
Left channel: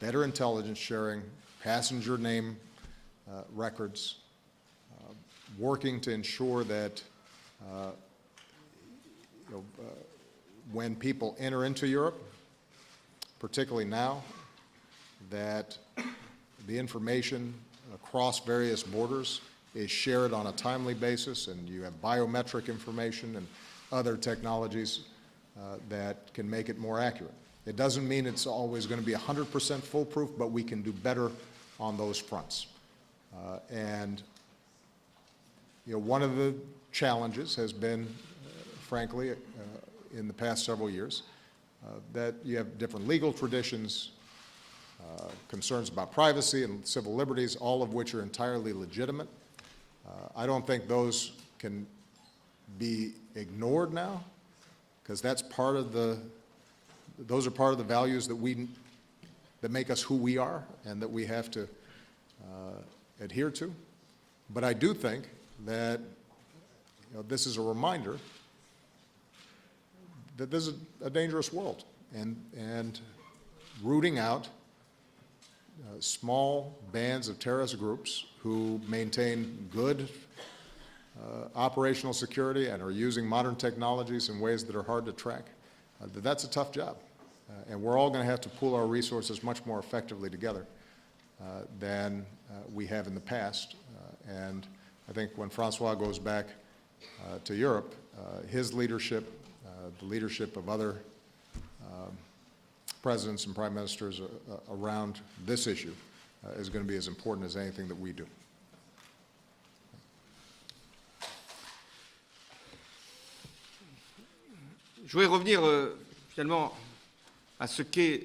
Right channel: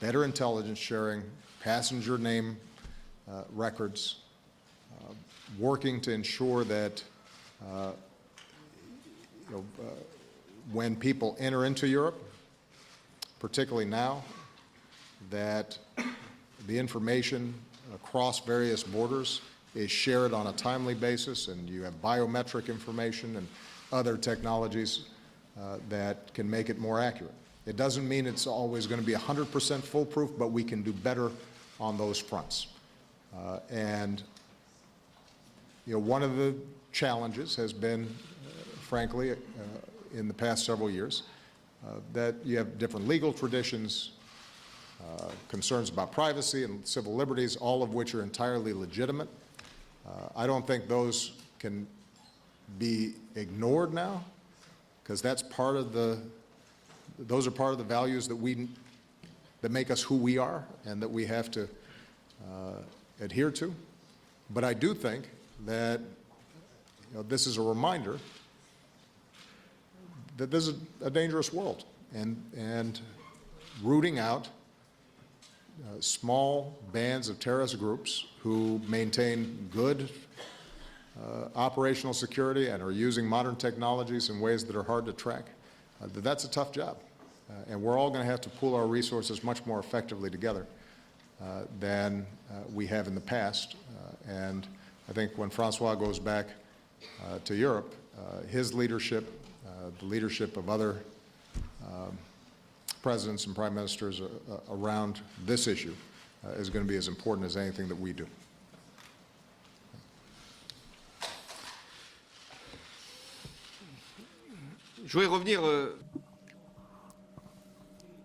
better intelligence sharing, passenger name records, working to ensure that when people enter into Europe, particularly now, that the information across various borders is shared on a timely basis, and you have biometric information and other technologies that can make it more accurate. It doesn't mean it's always going to be 100% foolproof, but we can do better on those fronts. And one of the challenges has been, frankly, in the past several years, that you have different legal traditions, concerns about privacy and civil liberties, all of which are entirely legitimate. I don't think those can be ignored now, because that's part of those are part of the values that make us who we are and that we have to adhere to. But I do think that this is a reminder that this is a dangerous world, and rooting out small bands of terrorist groups who maintain good operational security and are using modern technologies in ways that are hard to track, that's a tough job. And we're all going to have to pool our resources much more effectively together than we have in the past. And I think when Francois goes back to Europe, his leadership, the leadership of other presidents and prime ministers around this issue is going to be as important as anything that we do. Je voudrais revenir finalement à ce qu'est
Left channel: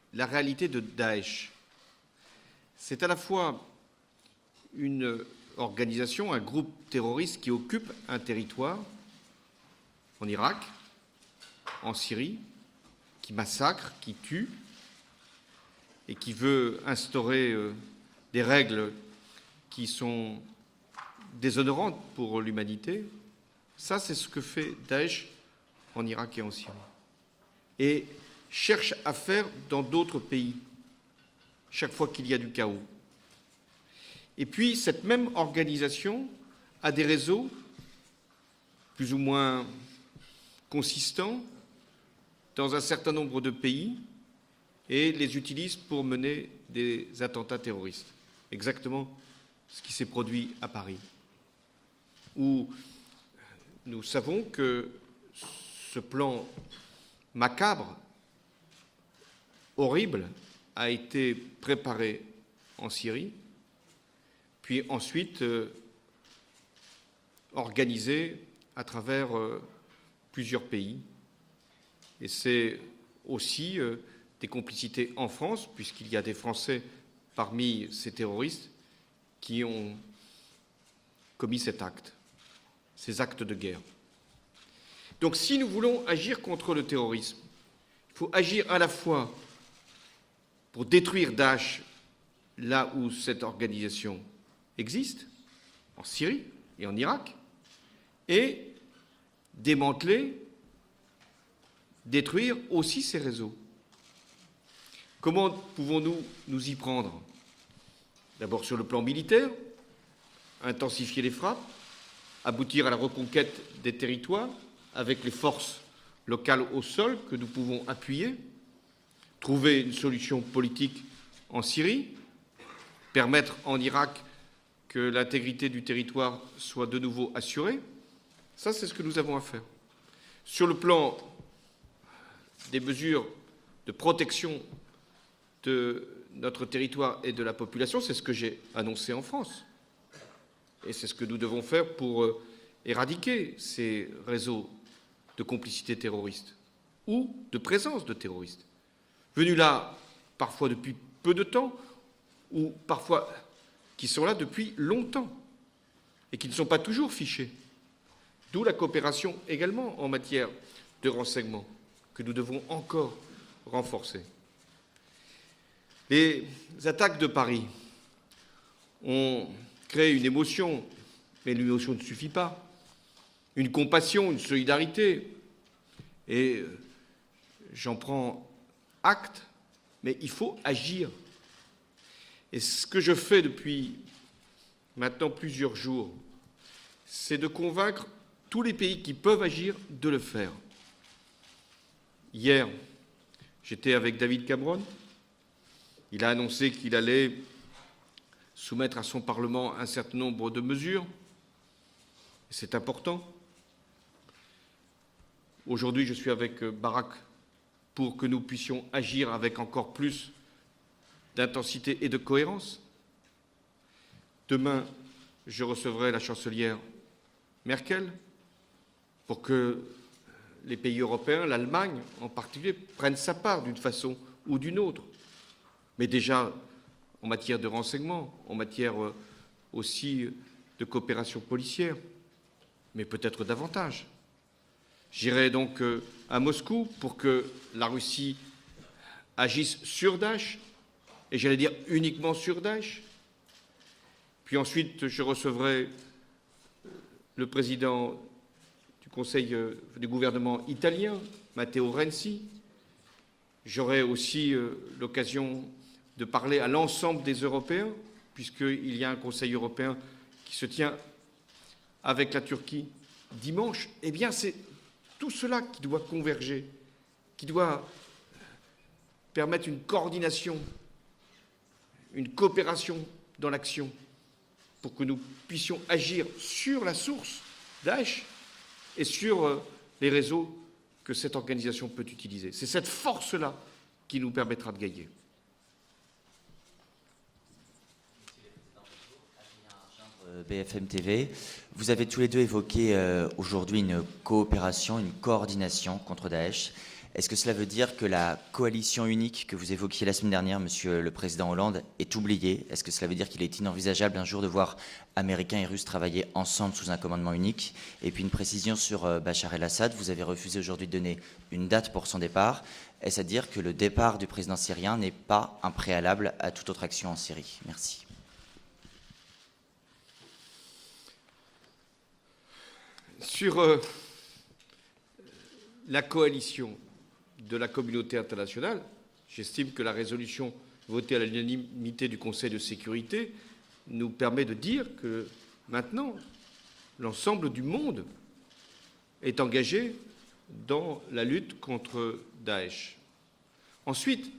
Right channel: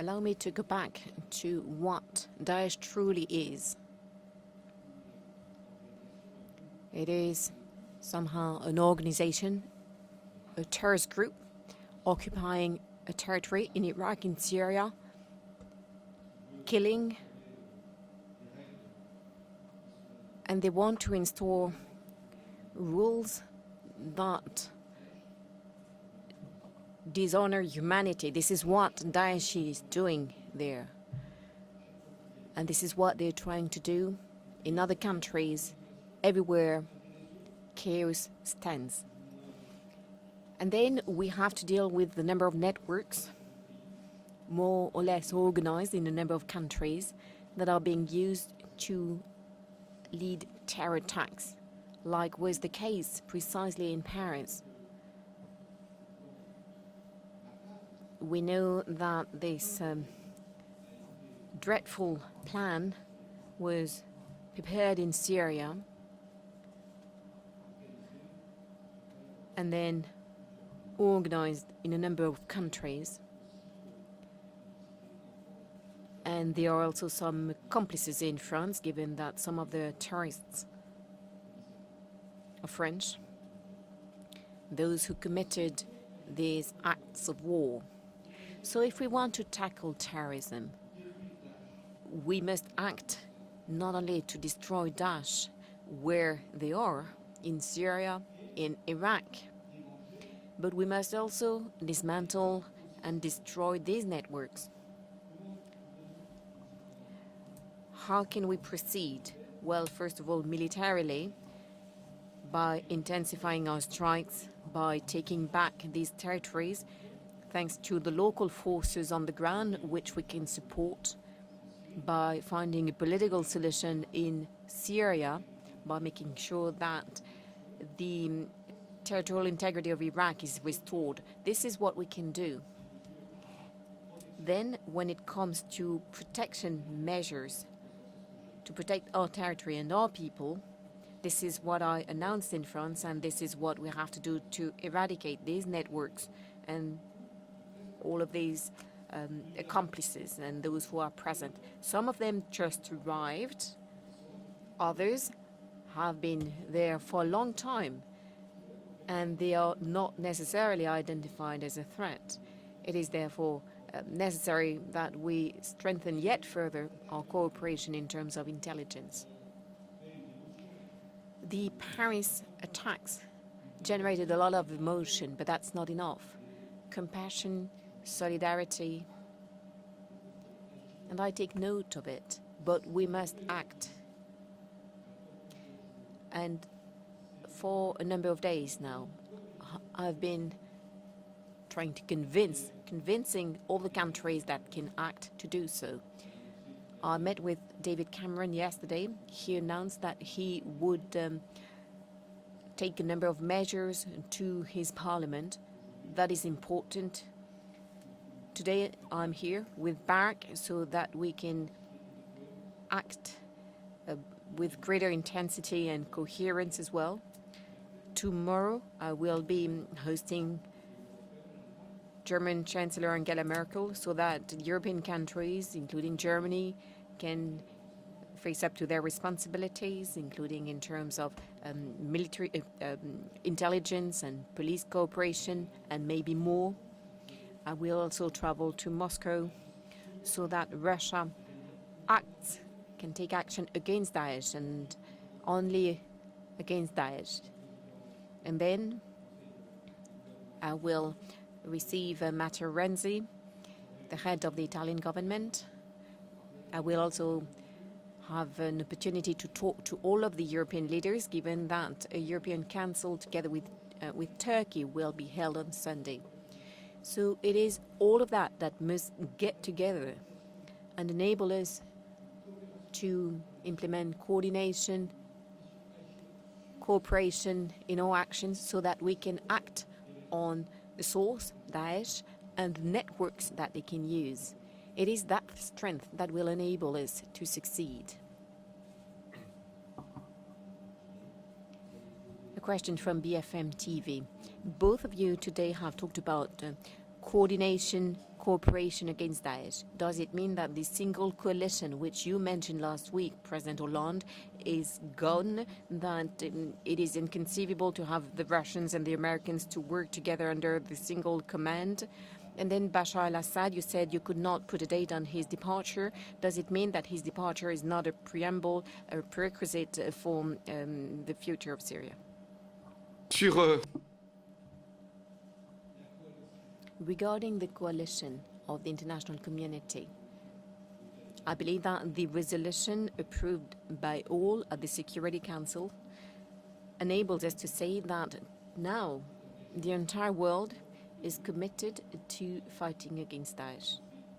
la réalité de Daesh. C'est à la fois une organisation, un groupe terroriste qui occupe un territoire en Irak, en Syrie, qui massacre, qui tue, et qui veut instaurer des règles qui sont déshonorantes pour l'humanité. Ça, c'est ce que fait Daesh en Irak et en Syrie. Et cherche à faire dans d'autres pays, chaque fois qu'il y a du chaos. Et puis, cette même organisation a des réseaux plus ou moins consistants dans un certain nombre de pays et les utilise pour mener des attentats terroristes. Exactement ce qui s'est produit à Paris. Où nous savons que ce plan macabre, horrible, a été préparé en Syrie, puis ensuite organisé à travers plusieurs pays. Et c'est aussi des complicités en France, puisqu'il y a des Français parmi ces terroristes qui ont commis cet acte, ces actes de guerre. Donc si nous voulons agir contre le terrorisme, il faut agir à la fois pour détruire Daesh là où cette organisation existe, en Syrie et en Irak, et démanteler, détruire aussi ces réseaux. Comment pouvons-nous nous y prendre? D'abord sur le plan militaire, intensifier les frappes, aboutir à la reconquête des territoires avec les forces locales au sol que nous pouvons appuyer, trouver une solution politique en Syrie, permettre en Irak que l'intégrité du territoire soit de nouveau assurée. Ça, c'est ce que nous avons à faire. Sur le plan des mesures de protection de notre territoire et de la population, c'est ce que j'ai annoncé en France. Et c'est ce que nous devons faire pour éradiquer ces réseaux de complicité terroriste ou de présence de terroristes, venus là parfois depuis peu de temps, ou parfois qui sont là depuis longtemps et qui ne sont pas toujours fichés. D'où la coopération également en matière de renseignement que nous devons encore renforcer. Les attaques de Paris ont créé une émotion, mais l'émotion ne suffit pas. Une compassion, une solidarité. Et j'en prends acte, mais il faut agir. Et ce que je fais depuis maintenant plusieurs jours, c'est de convaincre tous les pays qui peuvent agir de le faire. Hier, j'étais avec David Cameron. Il a annoncé qu'il allait soumettre à son Parlement un certain nombre de mesures. C'est important. Aujourd'hui, je suis avec Barack pour que nous puissions agir avec encore plus d'intensité et de cohérence. Demain, je recevrai la chancelière Merkel pour que les pays européens, l'Allemagne en particulier, prennent sa part d'une façon ou d'une autre. Mais déjà, en matière de renseignement, en matière aussi de coopération policière, mais peut-être davantage. J'irai donc à Moscou pour que la Russie agisse sur Daesh, et j'allais dire uniquement sur Daesh. Puis ensuite, je recevrai le président du Conseil du gouvernement italien, Matteo Renzi. J'aurai aussi l'occasion de parler à l'ensemble des Européens, puisqu'il y a un Conseil européen qui se tient avec la Turquie dimanche. Eh bien, c'est tout cela qui doit converger, qui doit permettre une coordination, une coopération dans l'action, pour que nous puissions agir sur la source Daesh et sur les réseaux que cette organisation peut utiliser. C'est cette force-là qui nous permettra de gagner. BFM TV, vous avez tous les deux évoqué aujourd'hui une coopération, une coordination contre Daesh. Est-ce que cela veut dire que la coalition unique que vous évoquiez la semaine dernière, Monsieur le Président Hollande, est oubliée? Est-ce que cela veut dire qu'il est inenvisageable un jour de voir Américains et Russes travailler ensemble sous un commandement unique? Et puis une précision sur Bachar el-Assad, vous avez refusé aujourd'hui de donner une date pour son départ. Est-ce à dire que le départ du président syrien n'est pas un préalable à toute autre action en Syrie? Sur la coalition de la communauté internationale, j'estime que la résolution votée à l'unanimité du Conseil de sécurité nous permet de dire que maintenant, l'ensemble du monde est engagé dans la lutte contre Daesh. Ensuite,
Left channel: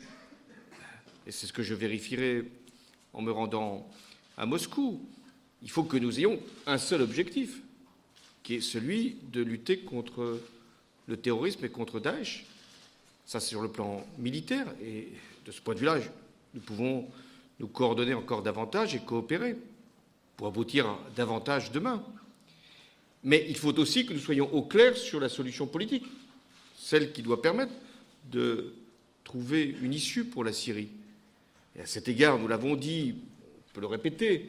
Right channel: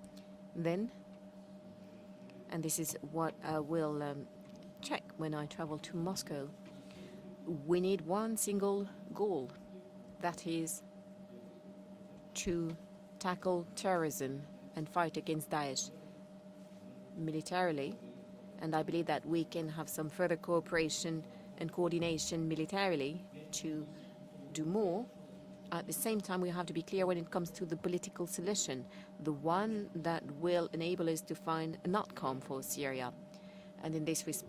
et c'est ce que je vérifierai en me rendant à Moscou, il faut que nous ayons un seul objectif, qui est celui de lutter contre le terrorisme et contre Daesh. Ça, sur le plan militaire. Et de ce point de vue-là, nous pouvons nous coordonner encore davantage et coopérer pour aboutir davantage demain. Mais il faut aussi que nous soyons au clair sur la solution politique, celle qui doit permettre de trouver une issue pour la Syrie. Et à cet égard, nous l'avons dit, on peut le répéter,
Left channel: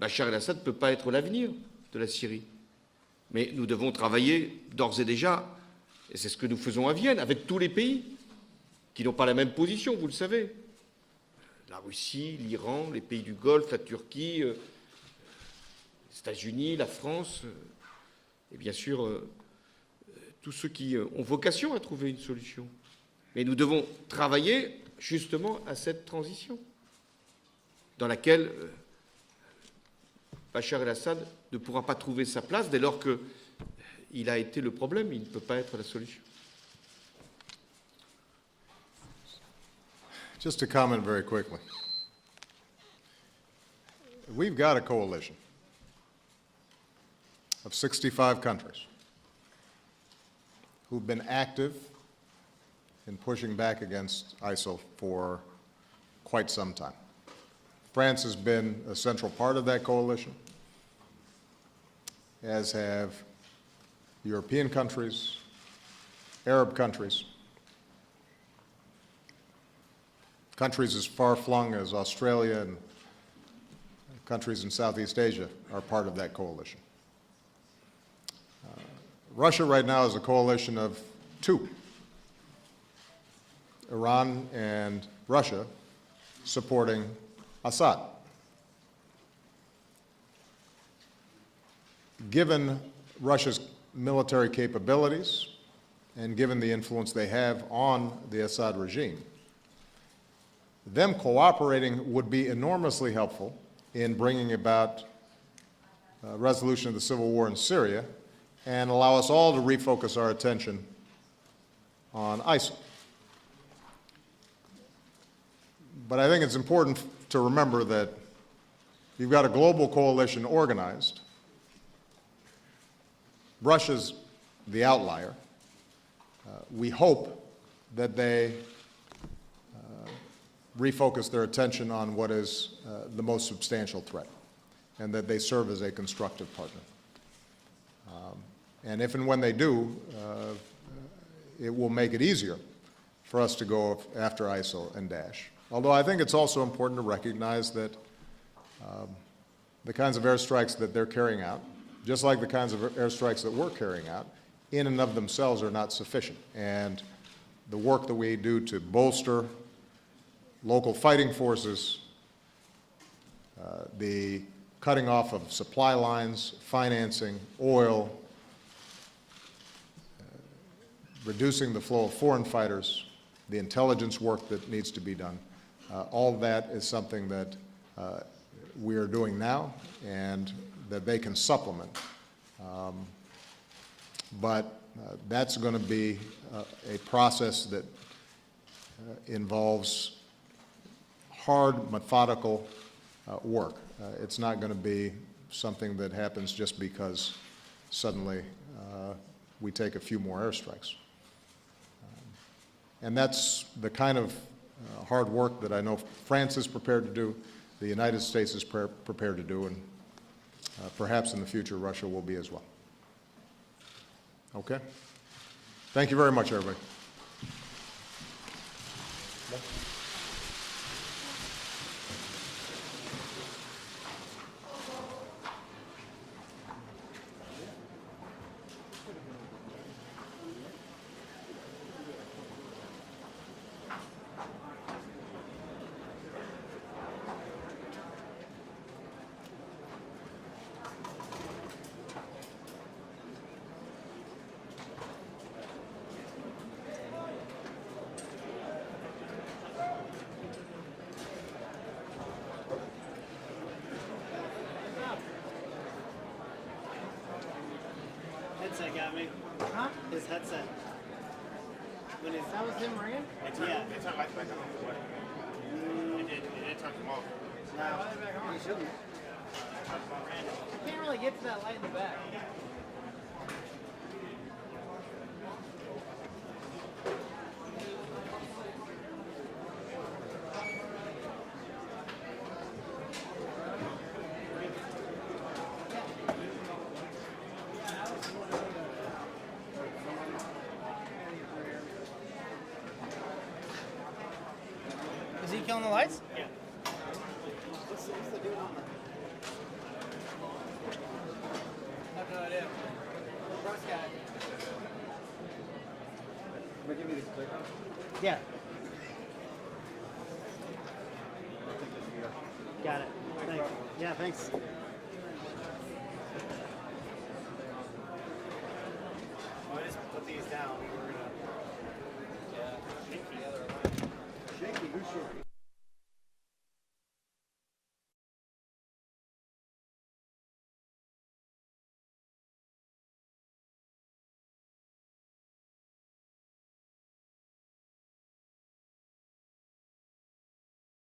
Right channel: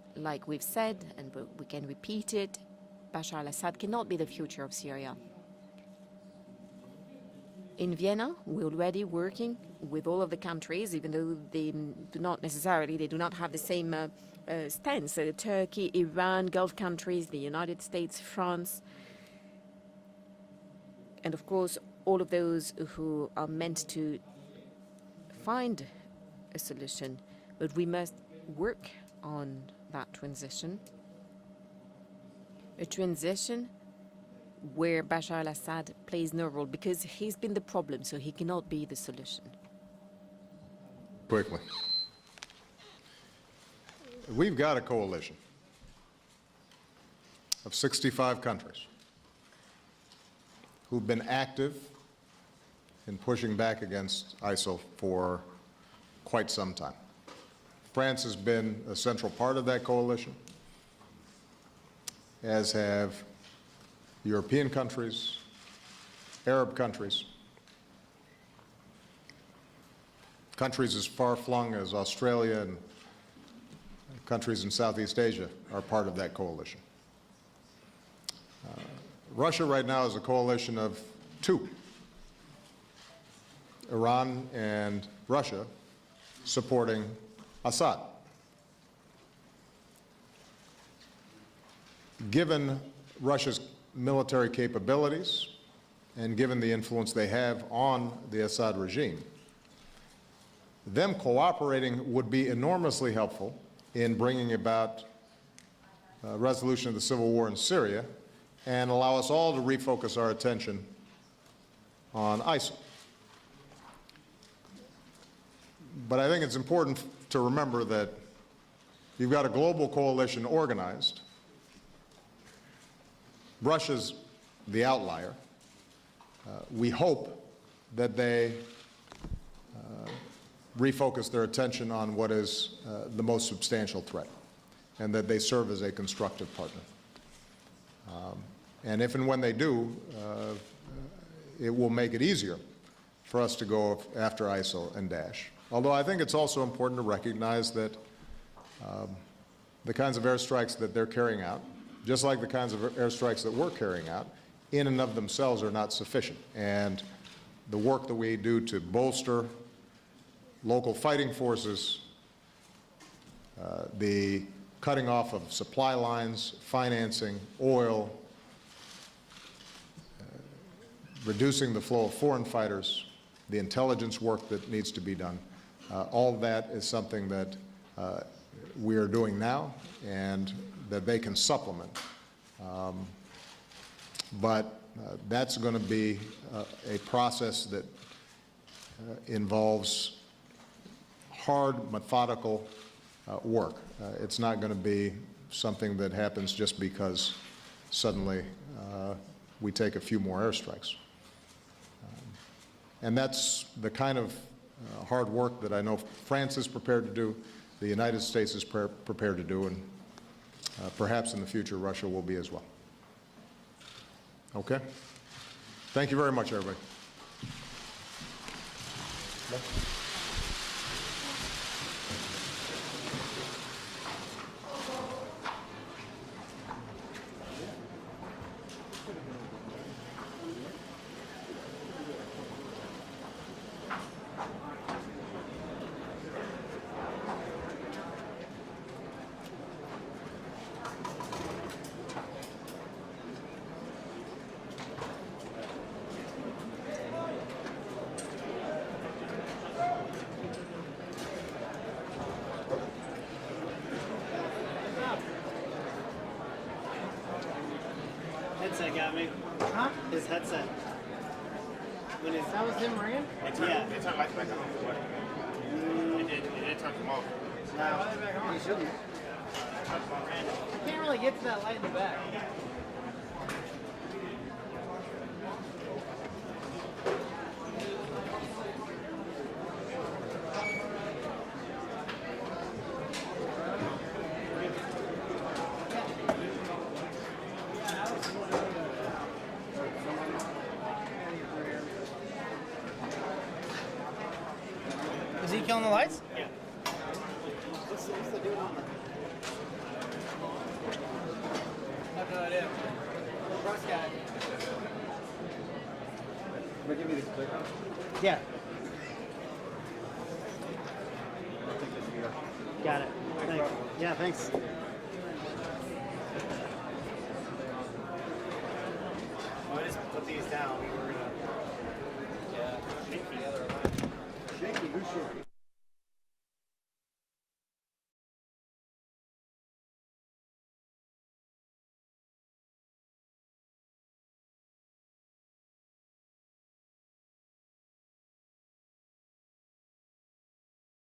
Bachar el-Assad ne peut pas être l'avenir de la Syrie. Mais nous devons travailler d'ores et déjà, et c'est ce que nous faisons à Vienne, avec tous les pays qui n'ont pas la même position, vous le savez. La Russie, l'Iran, les pays du Golfe, la Turquie, les États-Unis, la France, bien sûr, tous ceux qui ont vocation à trouver une solution. Mais nous devons travailler justement à cette transition dans laquelle Bachar el-Assad ne pourra pas trouver sa place dès lors qu'il a été le where problème, il ne Bashar peut pas être la al-Assad solution. plays no role because he's been the problem, so he cannot be the solution. Just to comment very quickly. We've got a coalition of 65 countries who've been active in pushing back against ISIL for quite some time. France has been a central part of that coalition, as have European countries, Arab countries, countries as far-flung as Australia and countries in Southeast Asia are part of that coalition. Russia right now is a coalition of two, Iran and Russia supporting Assad. Given Russia's military capabilities and given the influence they have on the Assad regime, them cooperating would be enormously helpful in bringing about a resolution of the civil war in Syria and allow us all to refocus our attention on ISIL. But I think it's important to remember that you've got a global coalition organized. Russia's the outlier. We hope that they refocus their attention on what is the most substantial threat, and that they serve as a constructive partner. And if and when they do, it will make it easier for us to go after ISIL and Daesh. Although I think it's also important to recognize that the kinds of airstrikes that they're carrying out, just like the kinds of airstrikes that we're carrying out, in and of themselves are not sufficient. And the work that we do to bolster local fighting forces, the cutting off of supply lines, financing, oil, reducing the flow of foreign fighters, the intelligence work that needs to be done, all of that is something that we are doing now and that they can supplement. But that's going to be a process that involves hard, methodical work. It's not going to be something that happens just because suddenly we take a few more airstrikes. And that's the kind of hard work that I know France is prepared to do, the United States is prepared to do, and perhaps in the future Russia will be as well. Okay? Thank you very much, everybody. Headset got me. Huh? His headset. When his, that was him ringing? Yeah. They turned lights back on before. It did turn them off. No, he shouldn't. You can't really get to that light in the back. Is he killing the lights? Yeah. What's the dude on there? I have no idea. First guy. Will you give me this clear? Yeah. Got it. Thanks. Yeah, thanks.